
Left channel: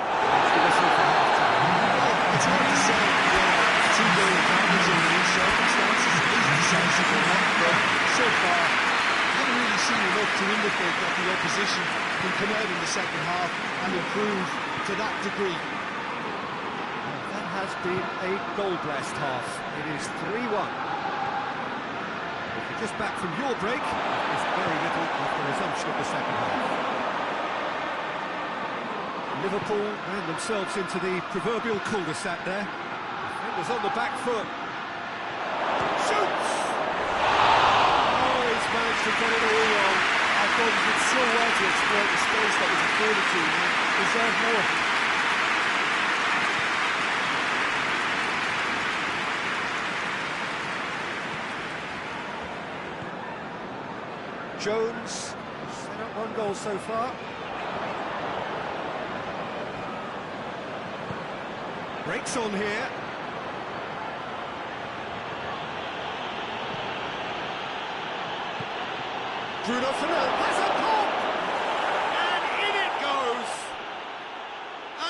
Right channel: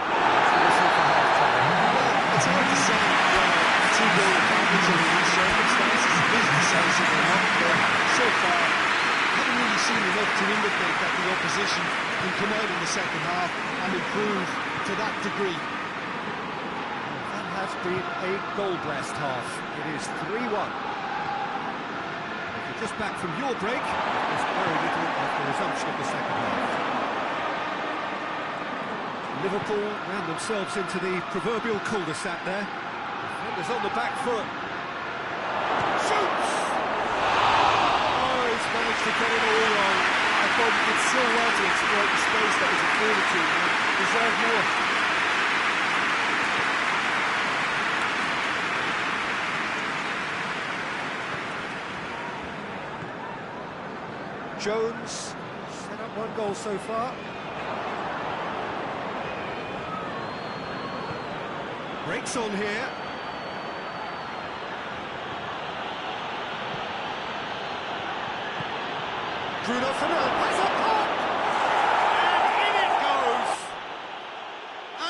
That's the whistle for half-time. Well, it's hard to say whether a two-goal advantage in these circumstances is decisive or not, but so far, I haven't really seen enough to indicate that the opposition can come out in the second half and improve to that degree. Has been a goal-blessed half. It is 3-1. If you're just back from your break, there's very little of the resumption of the second half. Liverpool ran themselves into the proverbial cul-de-sac there. Defenders on the back foot. Shoots! Oh, he's managed to get it all wrong. I thought he did so well to exploit the space that was afforded to him and deserved more. Jones set up one goal so far. Breaks on here. Bruno Fernandes has a pop! And in it goes!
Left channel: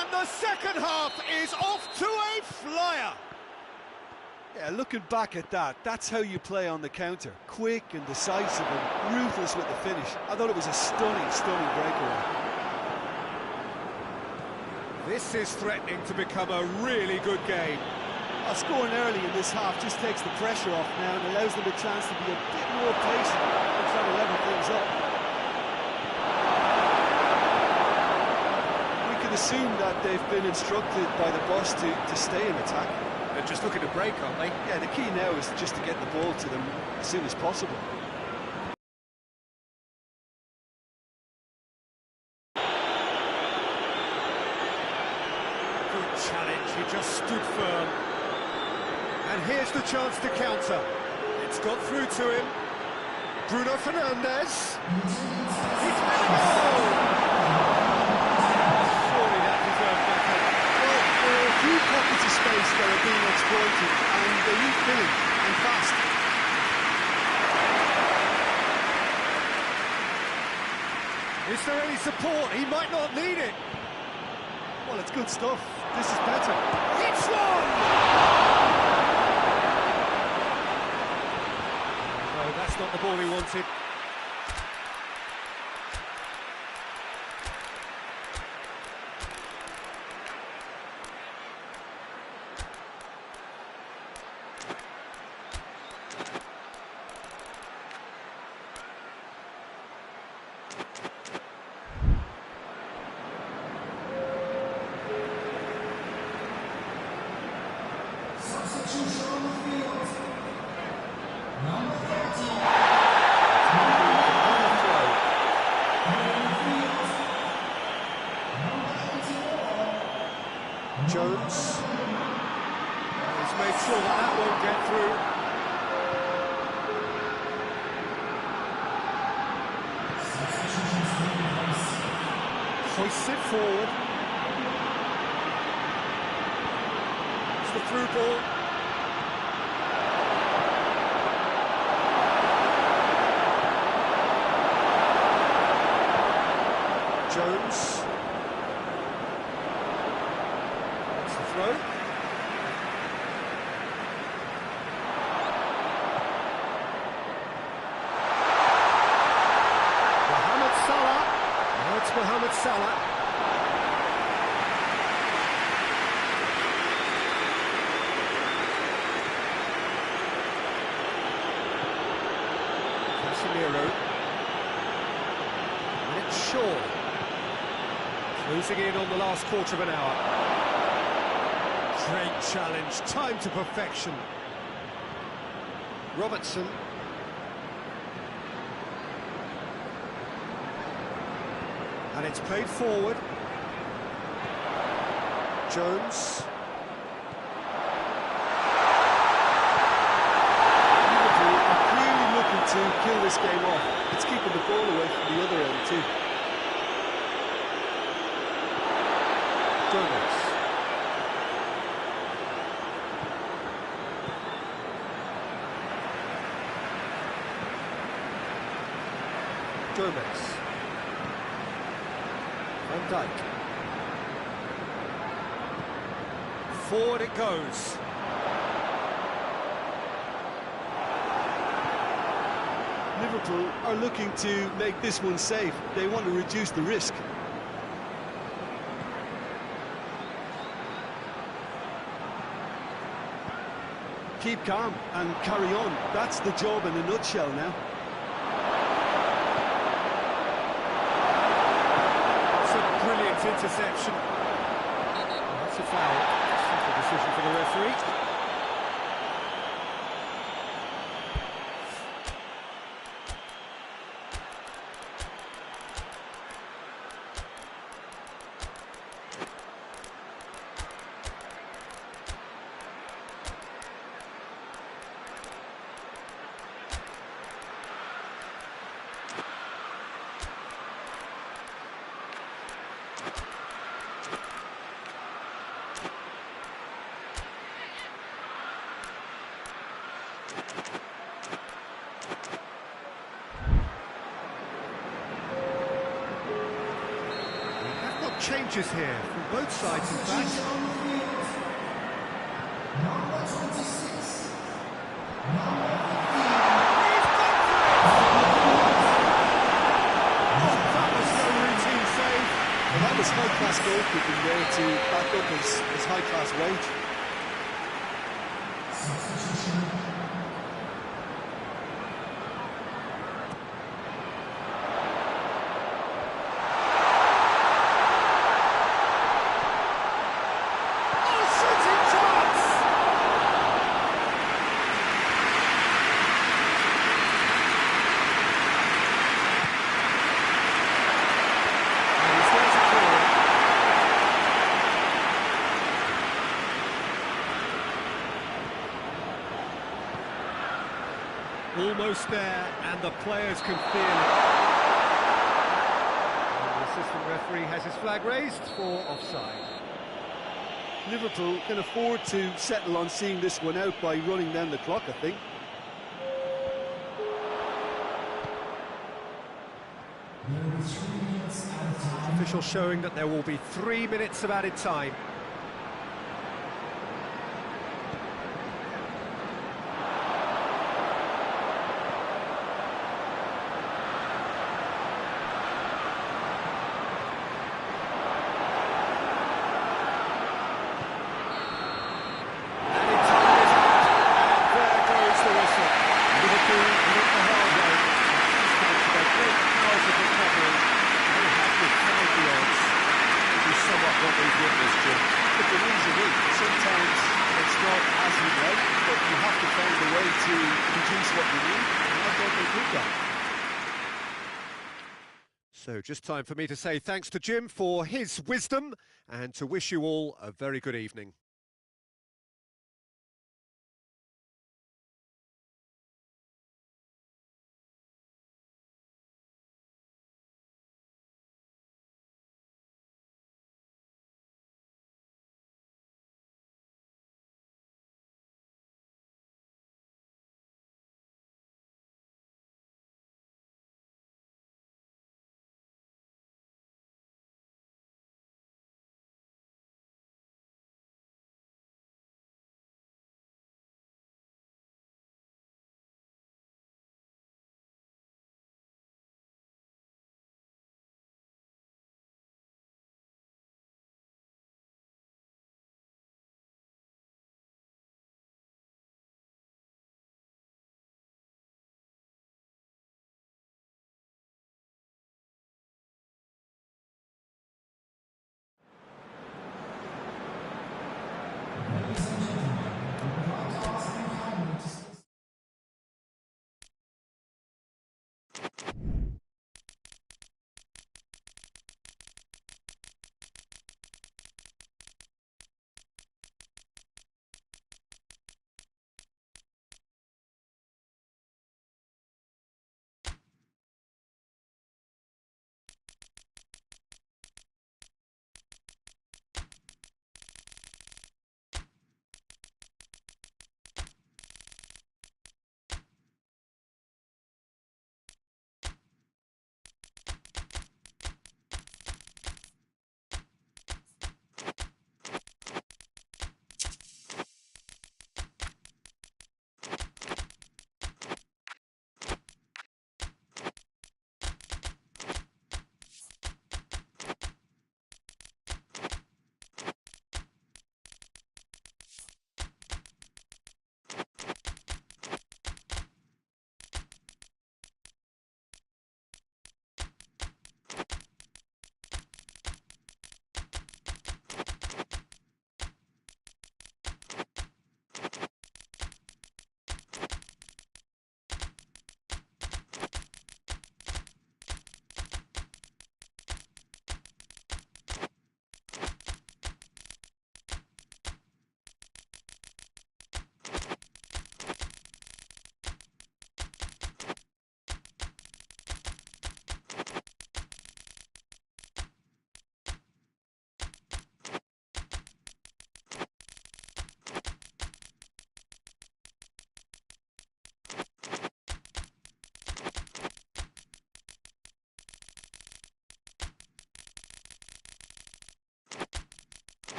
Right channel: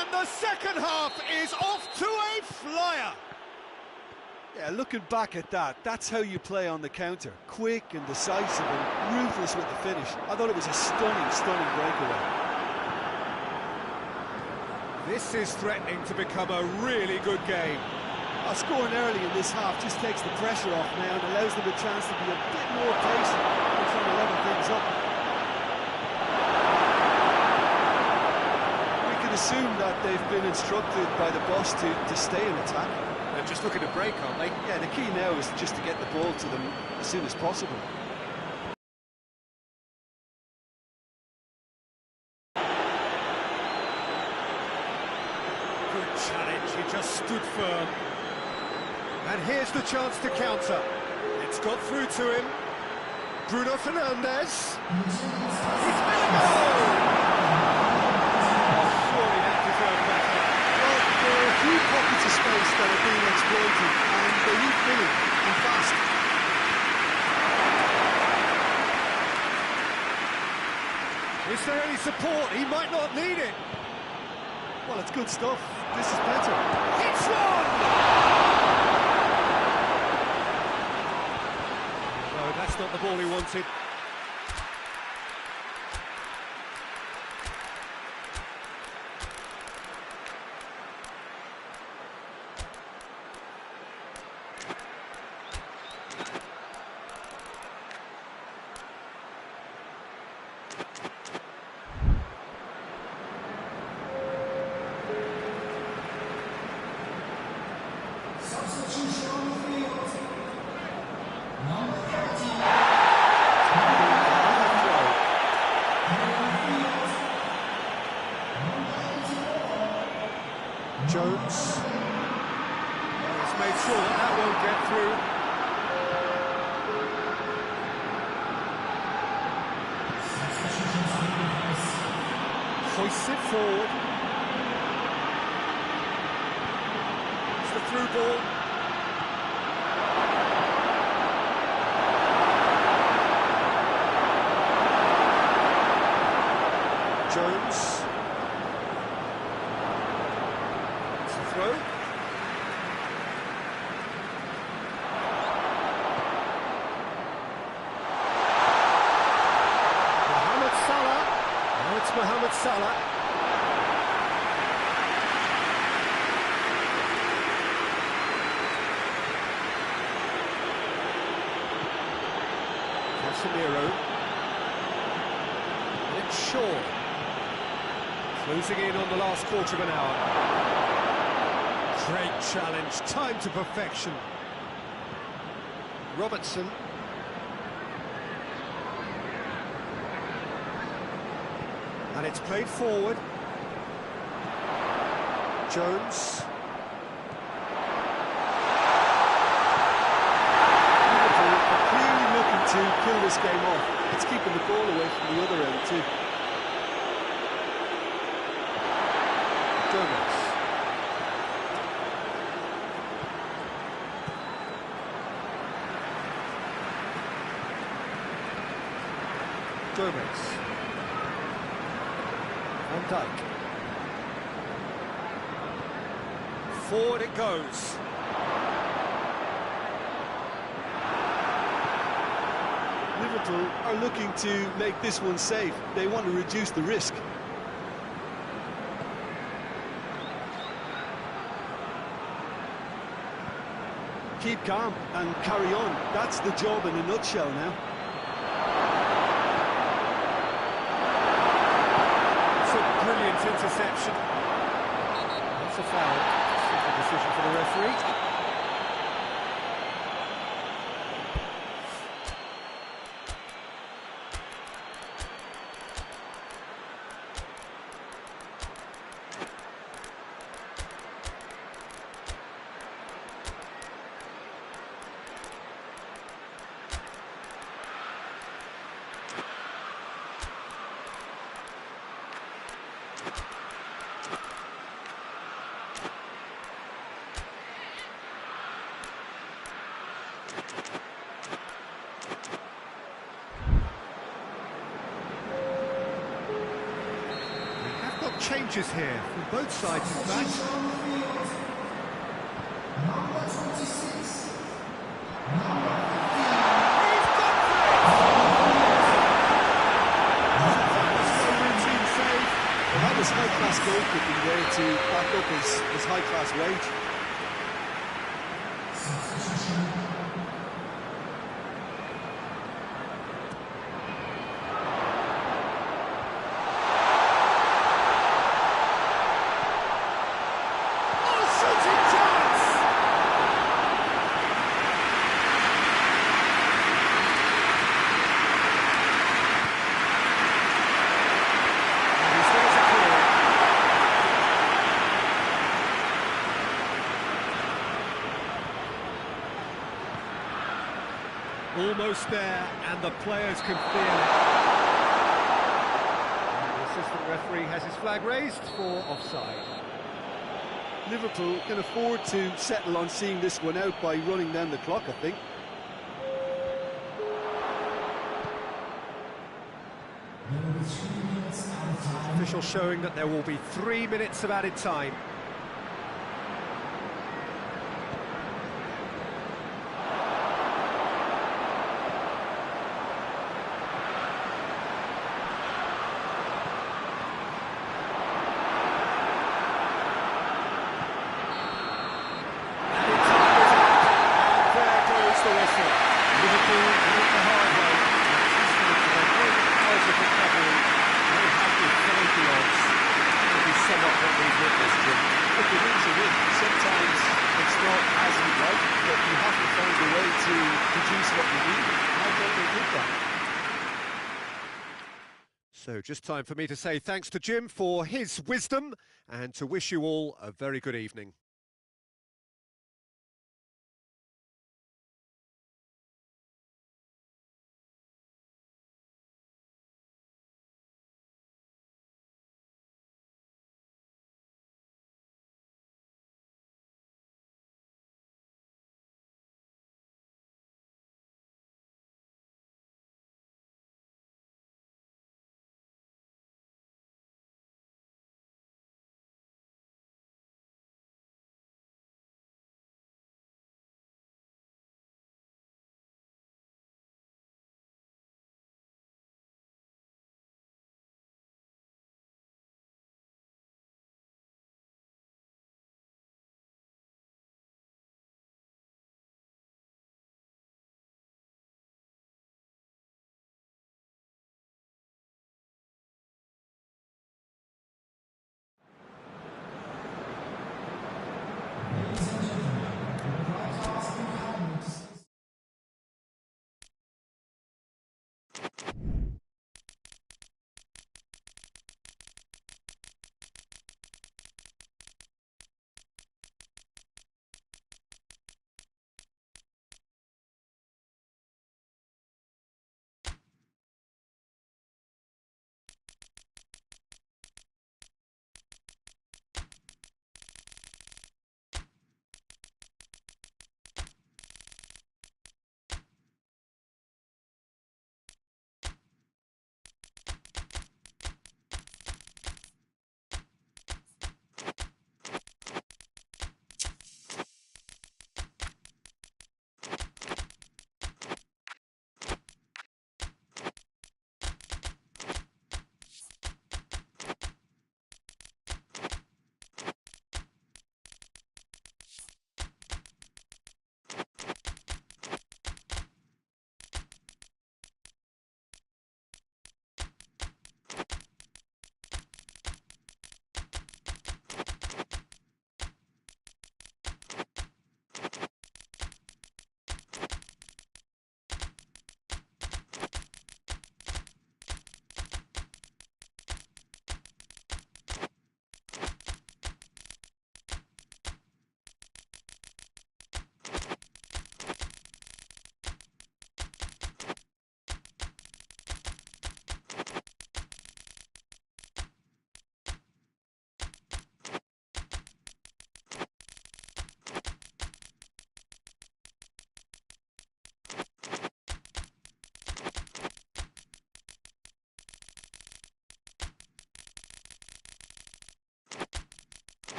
And the second half is off to a flyer! Yeah, looking back at that, that's how you play on the counter. Quick and decisive and ruthless with the finish. I thought it was a stunning, stunning breakaway. This is threatening to become a really good game. Scoring early in this half just takes the pressure off now and allows them a chance to be a bit more patient and trying to level things up. We can assume that they've been instructed by the boss to stay in attack. They're just looking to break, aren't they? Yeah, the key now is just to get the ball to them as soon as possible. Good challenge, he just stood firm. And here's the chance to counter. It's got through to him. Bruno Fernandes. He's had a goal! Oh, surely that deserved better. Well, there are a few pockets of space that are being exploited, and they need filling, and fast. Is there any support? He might not need it. Well, it's good stuff. This is better. Hits one! Oh, no, that's not the ball he wanted. Jones. And he's made sure that that won't get through. Hoists it forward. It's the through ball. Jones. It's the throw. Mohamed Salah. Now it's Mohamed Salah. Casemiro. And it's Shaw. Closing in on the last quarter of an hour. Great challenge, time to perfection. Robertson. And it's played forward. Jones. Liverpool are clearly looking to kill this game off. It's keeping the ball away from the other end too. Gomez. Gomez. Van Dijk. Forward it goes. Liverpool are looking to make this one safe. They want to reduce the risk. Keep calm and carry on. That's the job in a nutshell now. It's a brilliant interception. That's a foul. Simple decision for the referee. Changes here from both sides, in fact. He's gone for it! Oh, that was no routine save. Well, that was high-class goalkeeping there to back up his high-class wage. Almost there, and the players can feel it. And the assistant referee has his flag raised for offside. Liverpool can afford to settle on seeing this one out by running down the clock, I think. It's official showing that there will be 3 minutes of added time. Liverpool did it the hard way. Testament to their great powers of recovery. They have defied the odds. Will be somewhat what we've witnessed, Jim. But the win's a win. Sometimes it's not as you'd like, but you have to find a way to produce what you need, and I thought they did that. So just time for me to say thanks to Jim for his wisdom and to wish you all a very good evening.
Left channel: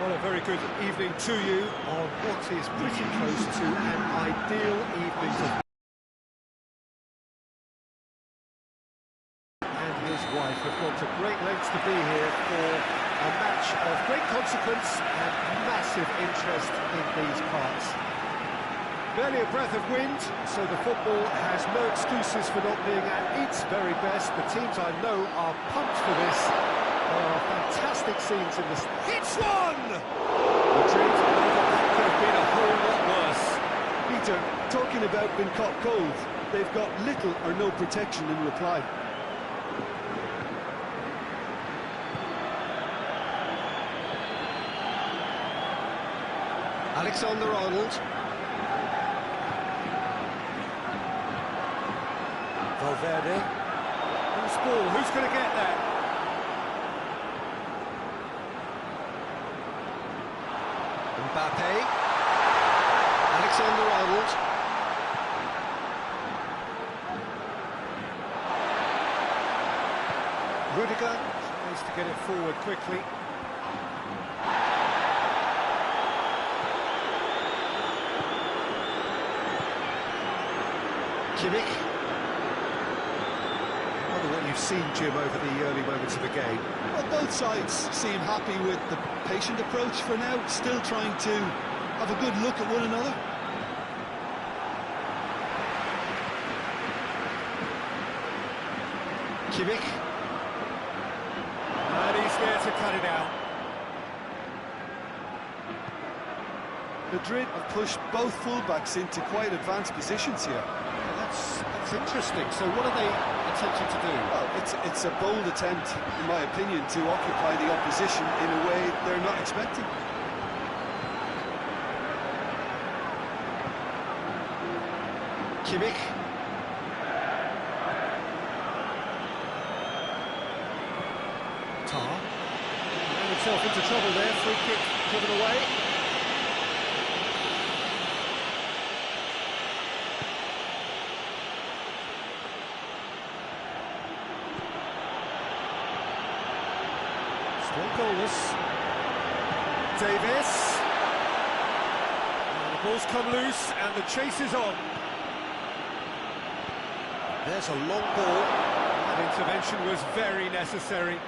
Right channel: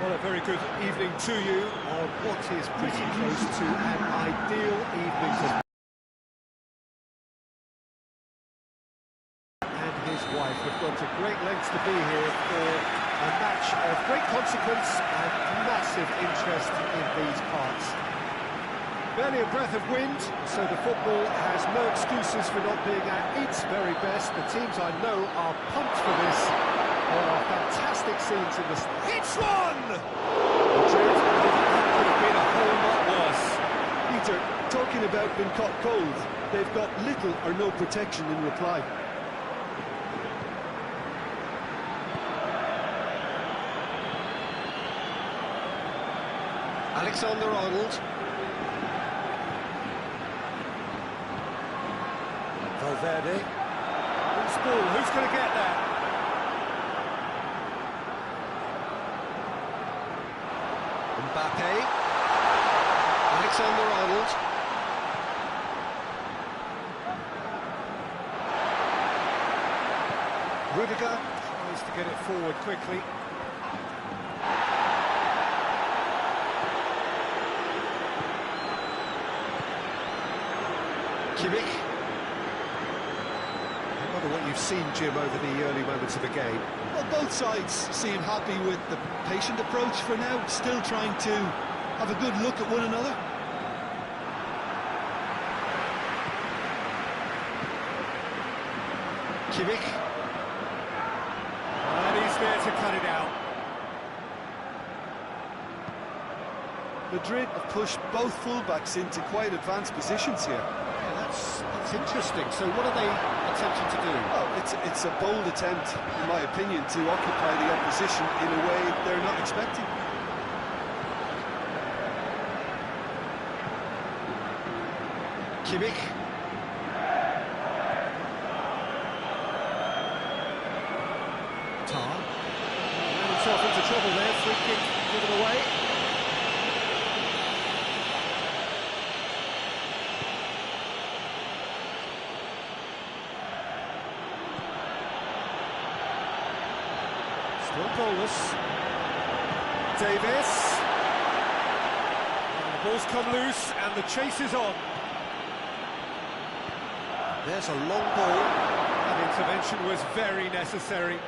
Well, a very good evening to you on what is pretty close to an ideal evening for and his wife have gone to great lengths to be here for a match of great consequence and massive interest in these parts. Barely a breath of wind, so the football has no excuses for not being at its very best. The teams I know are pumped for this. There are fantastic scenes in this. Hits one! Madrid, that could have been a whole lot worse. Peter, talking about being caught cold, they've got little or no protection in reply. Alexander-Arnold. Valverde. Who's ball? Who's going to get that? Mbappe. Alexander-Arnold. Rudiger tries to get it forward quickly. Kimmich. I wonder what you've seen, Jim, over the early moments of the game. Well, both sides seem happy with the patient approach for now, still trying to have a good look at one another. Kimmich. And he's there to cut it out. Madrid have pushed both fullbacks into quite advanced positions here. Yeah, that's interesting. So what are they attempting to do? Well, it's a bold attempt, in my opinion, to occupy the opposition in a way they're not expecting. Kimmich. Tar. Ran himself into trouble there. Free kick given away. Still goalless. Davis. And the ball's come loose and the chase is on. There's a long ball. That intervention was very necessary.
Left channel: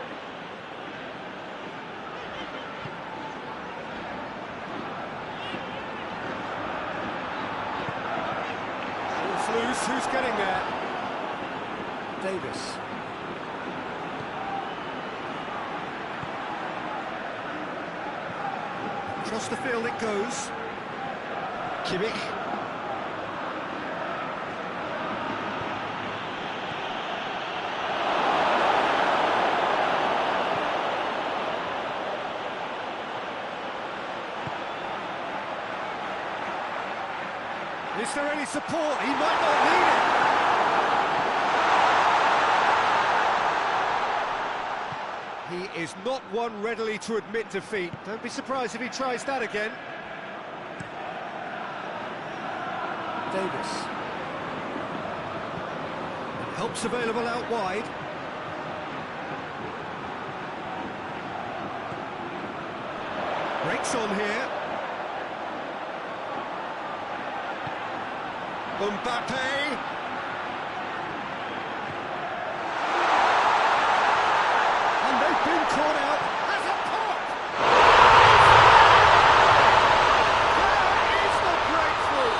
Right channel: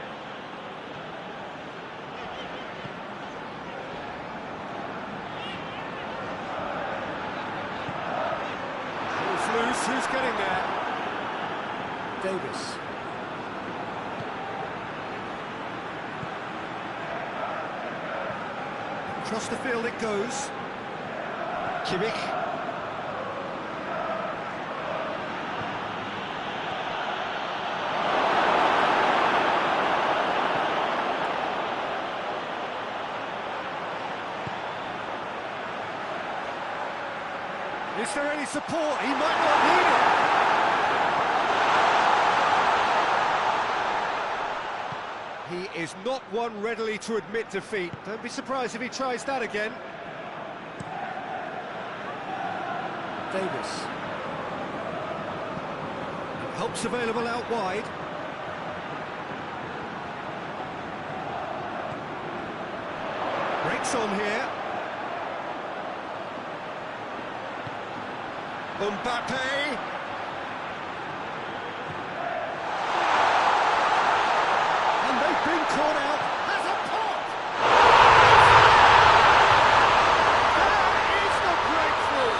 Ball's loose, who's getting there? Davis. Across the field it goes. Kimmich. Is there any support? He might not need it. He is not one readily to admit defeat. Don't be surprised if he tries that again. Davis. And help's available out wide. Breaks on here. Mbappe. And they've been caught out. Has a pop. There is the breakthrough.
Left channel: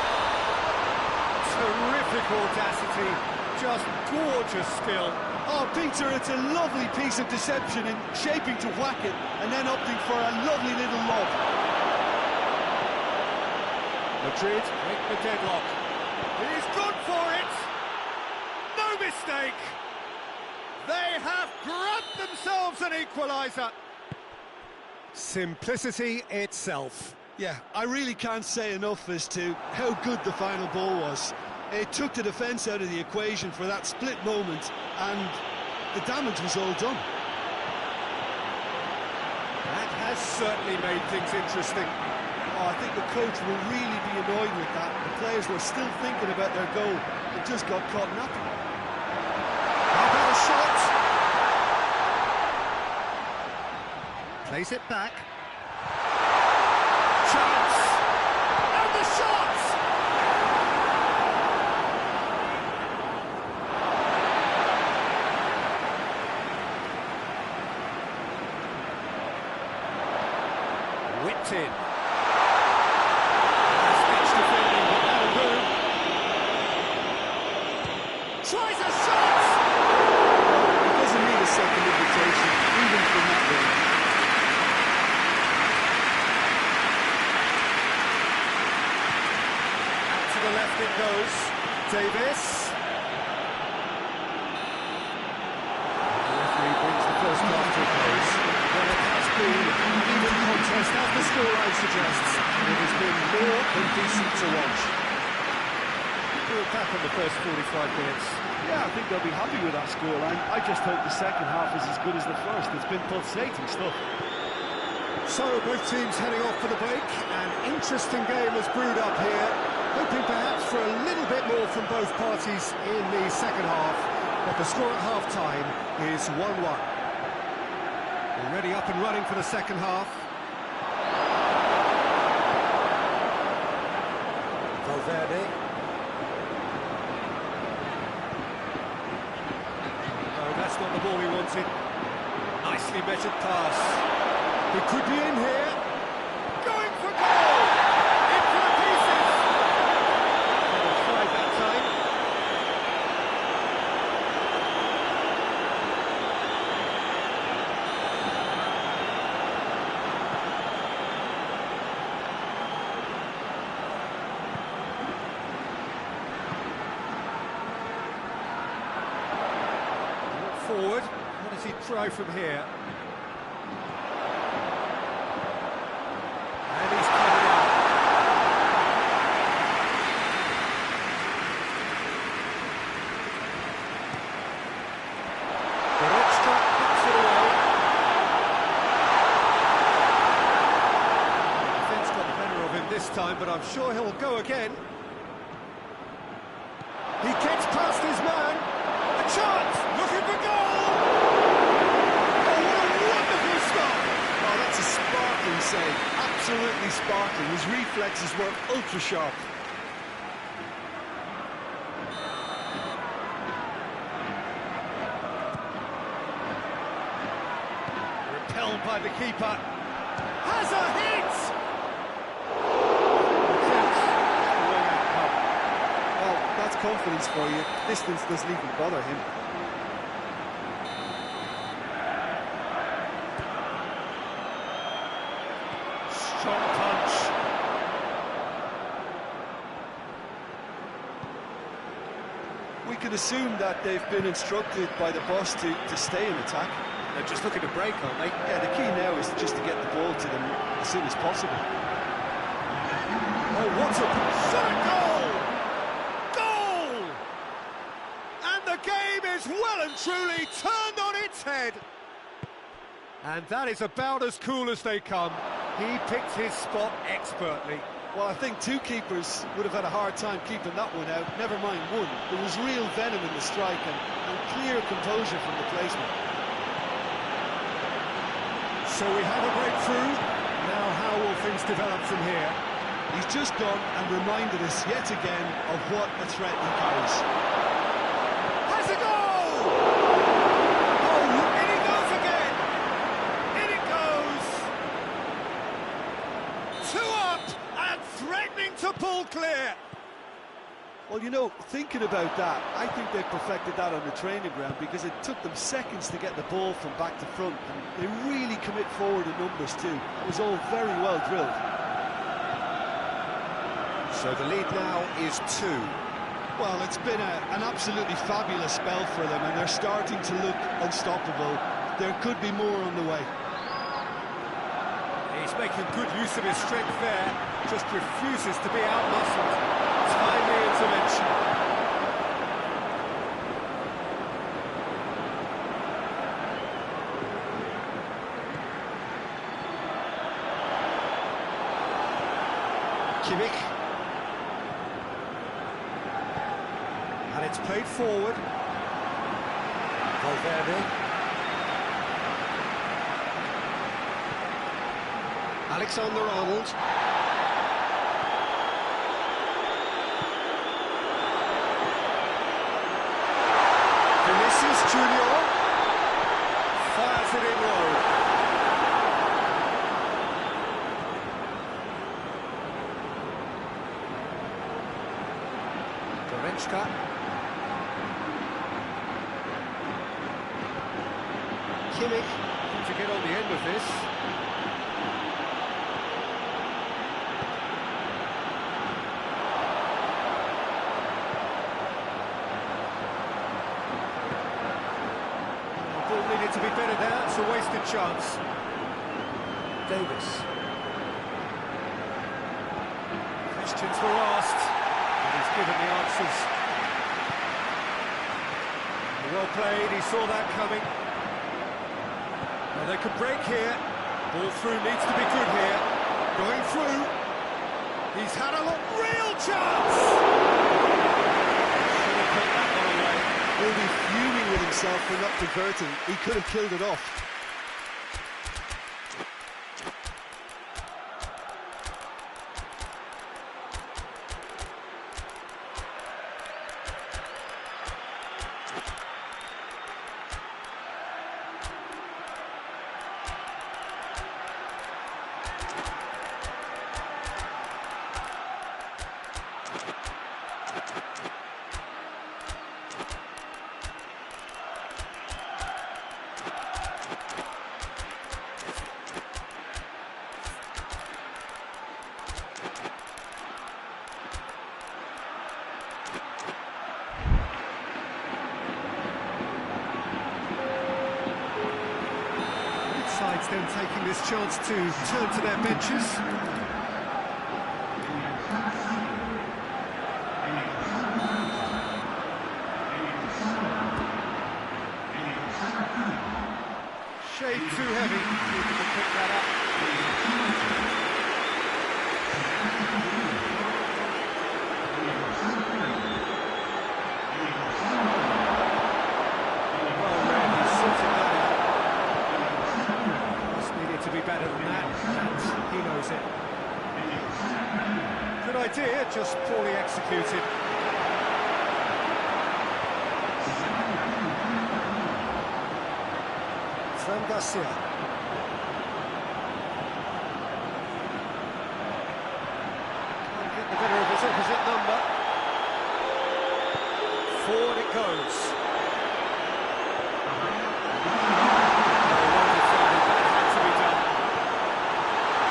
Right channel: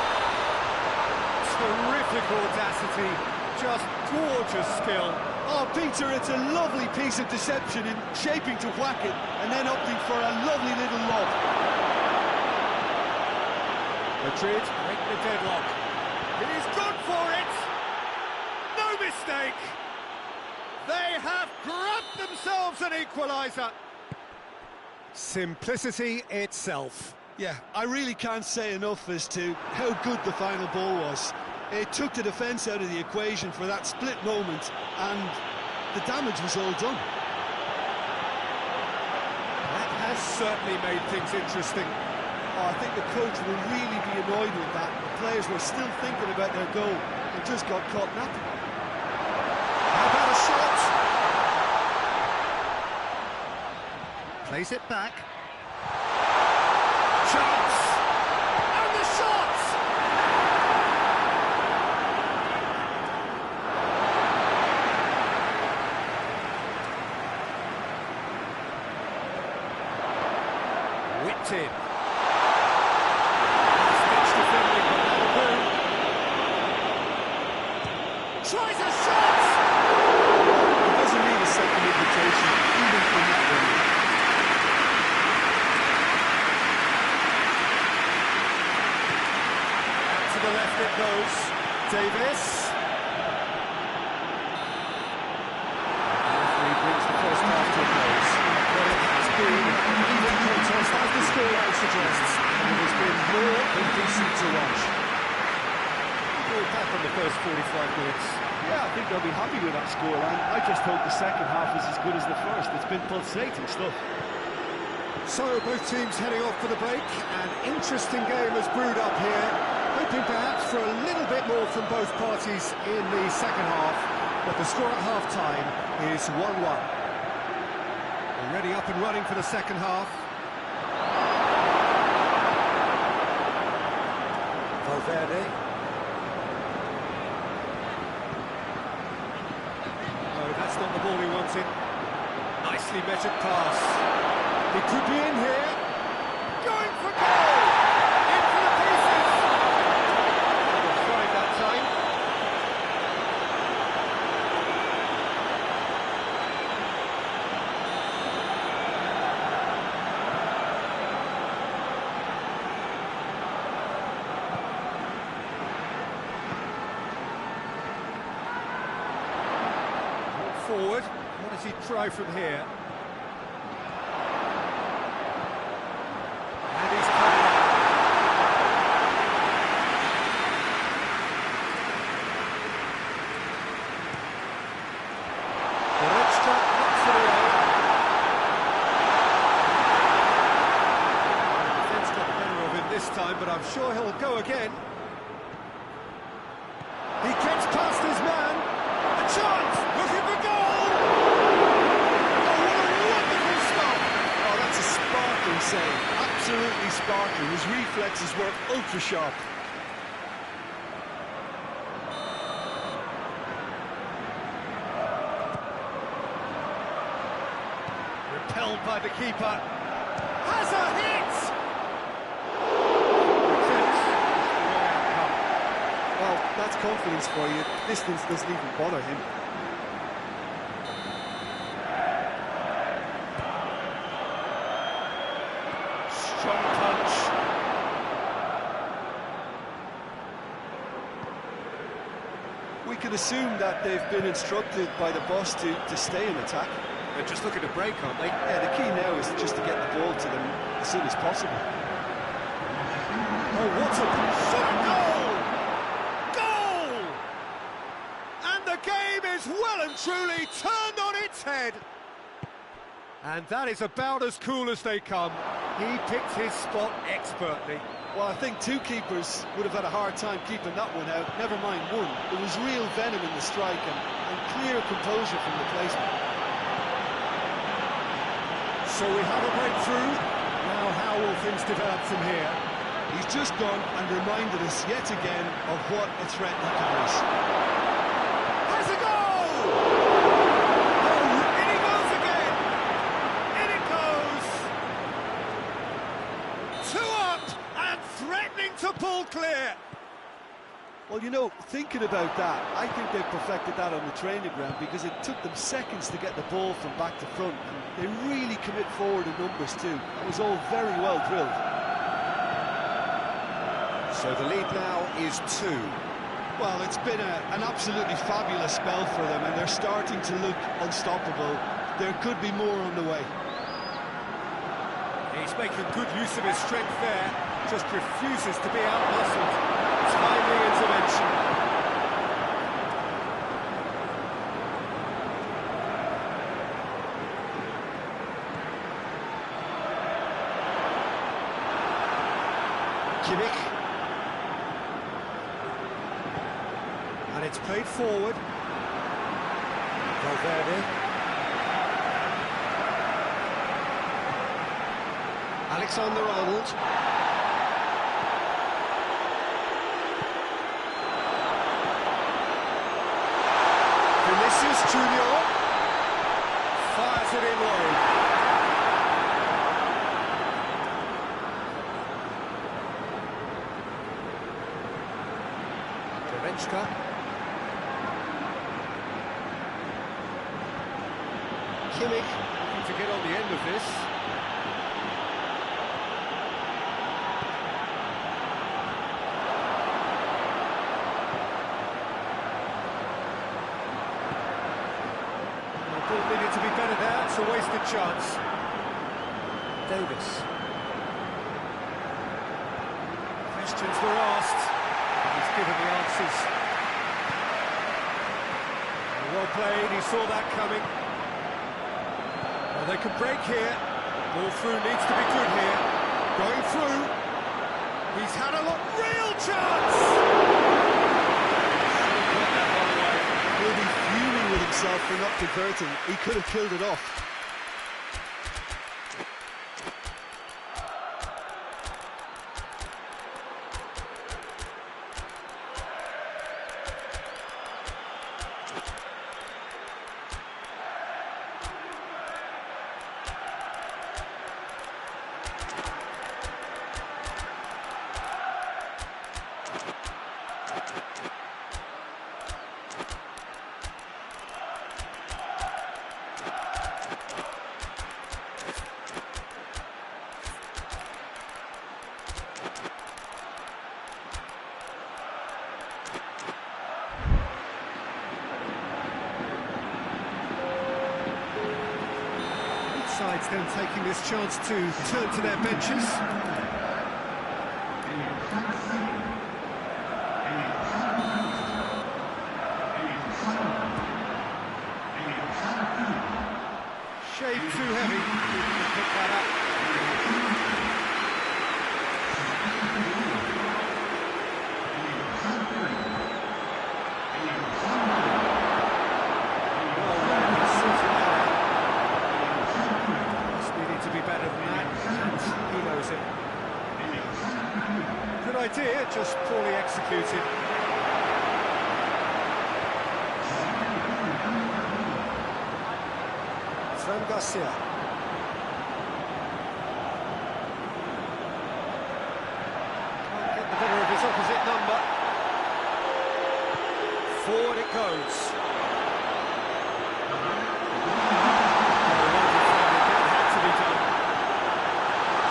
Terrific audacity. Just gorgeous skill. Oh, Peter, it's a lovely piece of deception in shaping to whack it and then opting for a lovely little lob. Madrid break the deadlock. He's gone for it! No mistake! They have grabbed themselves an equaliser. Simplicity itself. Yeah, I really can't say enough as to how good the final ball was. It took the defence out of the equation for that split moment, and the damage was all done. That has certainly made things interesting. Oh, I think the coach will really be annoyed with that. The players were still thinking about their goal and just got caught napping. How about a shot? Plays it back. Chance! And the shot! Whipped in. Defending, but that'll do. Tries a shot! Well, he doesn't need a second invitation, even from that range. Out to the left it goes. Davis. The referee brings the first half to a close. Well, it has been an even contest, as the scoreline suggests, and it has been more than decent to watch. We'll back on the first 45 minutes. Yeah, I think they'll be happy with that scoreline. I just hope the second half is as good as the first. It's been pulsating stuff. So, both teams heading off for the break. An interesting game has brewed up here, hoping perhaps for a little bit more from both parties in the second half, but the score at half-time is 1-1. Already up and running for the second half. Valverde. got the ball he wanted. Nicely measured pass. He could be in here. Going for goal! Into the pieces! Well, tried that time. Forward. What does he try from here? And he's cut it out. Goretzka knocks it away. Well, the defence got the better of him this time, but I'm sure he'll go again. He gets past his man. A chance! Looking for goal! Oh, what a wonderful stop! Oh, that's a sparkling save. Absolutely sparkling. His reflexes were ultra-sharp. Repelled by the keeper. Has a hit! Attempts. It's the wrong outcome. Well, that's confidence for you. Distance doesn't even bother him. Strong punch. We can assume that they've been instructed by the boss to stay in attack. They're just looking to break, aren't they? Yeah, the key now is just to get the ball to them as soon as possible. Oh, what a shot! Goal! Goal! And the game is well and truly turned on its head. And that is about as cool as they come. He picked his spot expertly. Well, I think two keepers would have had a hard time keeping that one out, never mind one. There was real venom in the strike and clear composure from the placement. So we have a breakthrough. Now how will things develop from here? He's just gone and reminded us yet again of what a threat he carries. Has a goal! Oh, in he goes again! In it goes! 2 up and threatening to pull clear. Well, you know, thinking about that, I think they perfected that on the training ground because it took them seconds to get the ball from back to front, and they really commit forward in numbers too. That was all very well drilled. So the lead now is 2. Well, it's been an absolutely fabulous spell for them, and they're starting to look unstoppable. There could be more on the way. He's making good use of his strength there, just refuses to be outmuscled. Timely intervention. Kimmich. And it's played forward. Valverde. Alexander-Arnold. Vinicius Junior fires it in low. Goretzka. Kimmich looking to get on the end of this. Ball needed to be better there, it's a wasted chance. Davis. Questions were asked, and he's given the answers. Well played, he saw that coming. Well, they can break here. Ball through needs to be good here. Going through. He's had a real chance! Should have put that one away. He'll be fuming with himself for not converting. He could have killed it off. sides then taking this chance to turn to their benches. Shade too heavy, people can pick that up. Well read, he's sorting that out. Pass needed to be better than that, and he knows it. Good idea, just poorly executed. Garcia. Can't get the better of his opposite number. Forward it goes. Oh, well defended, that had to be done.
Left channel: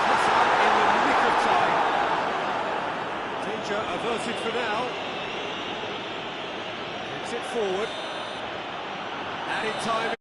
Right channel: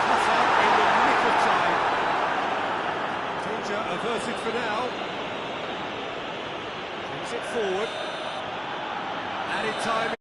Cut out in the nick of time. Danger averted for now. Brings it forward. Added time.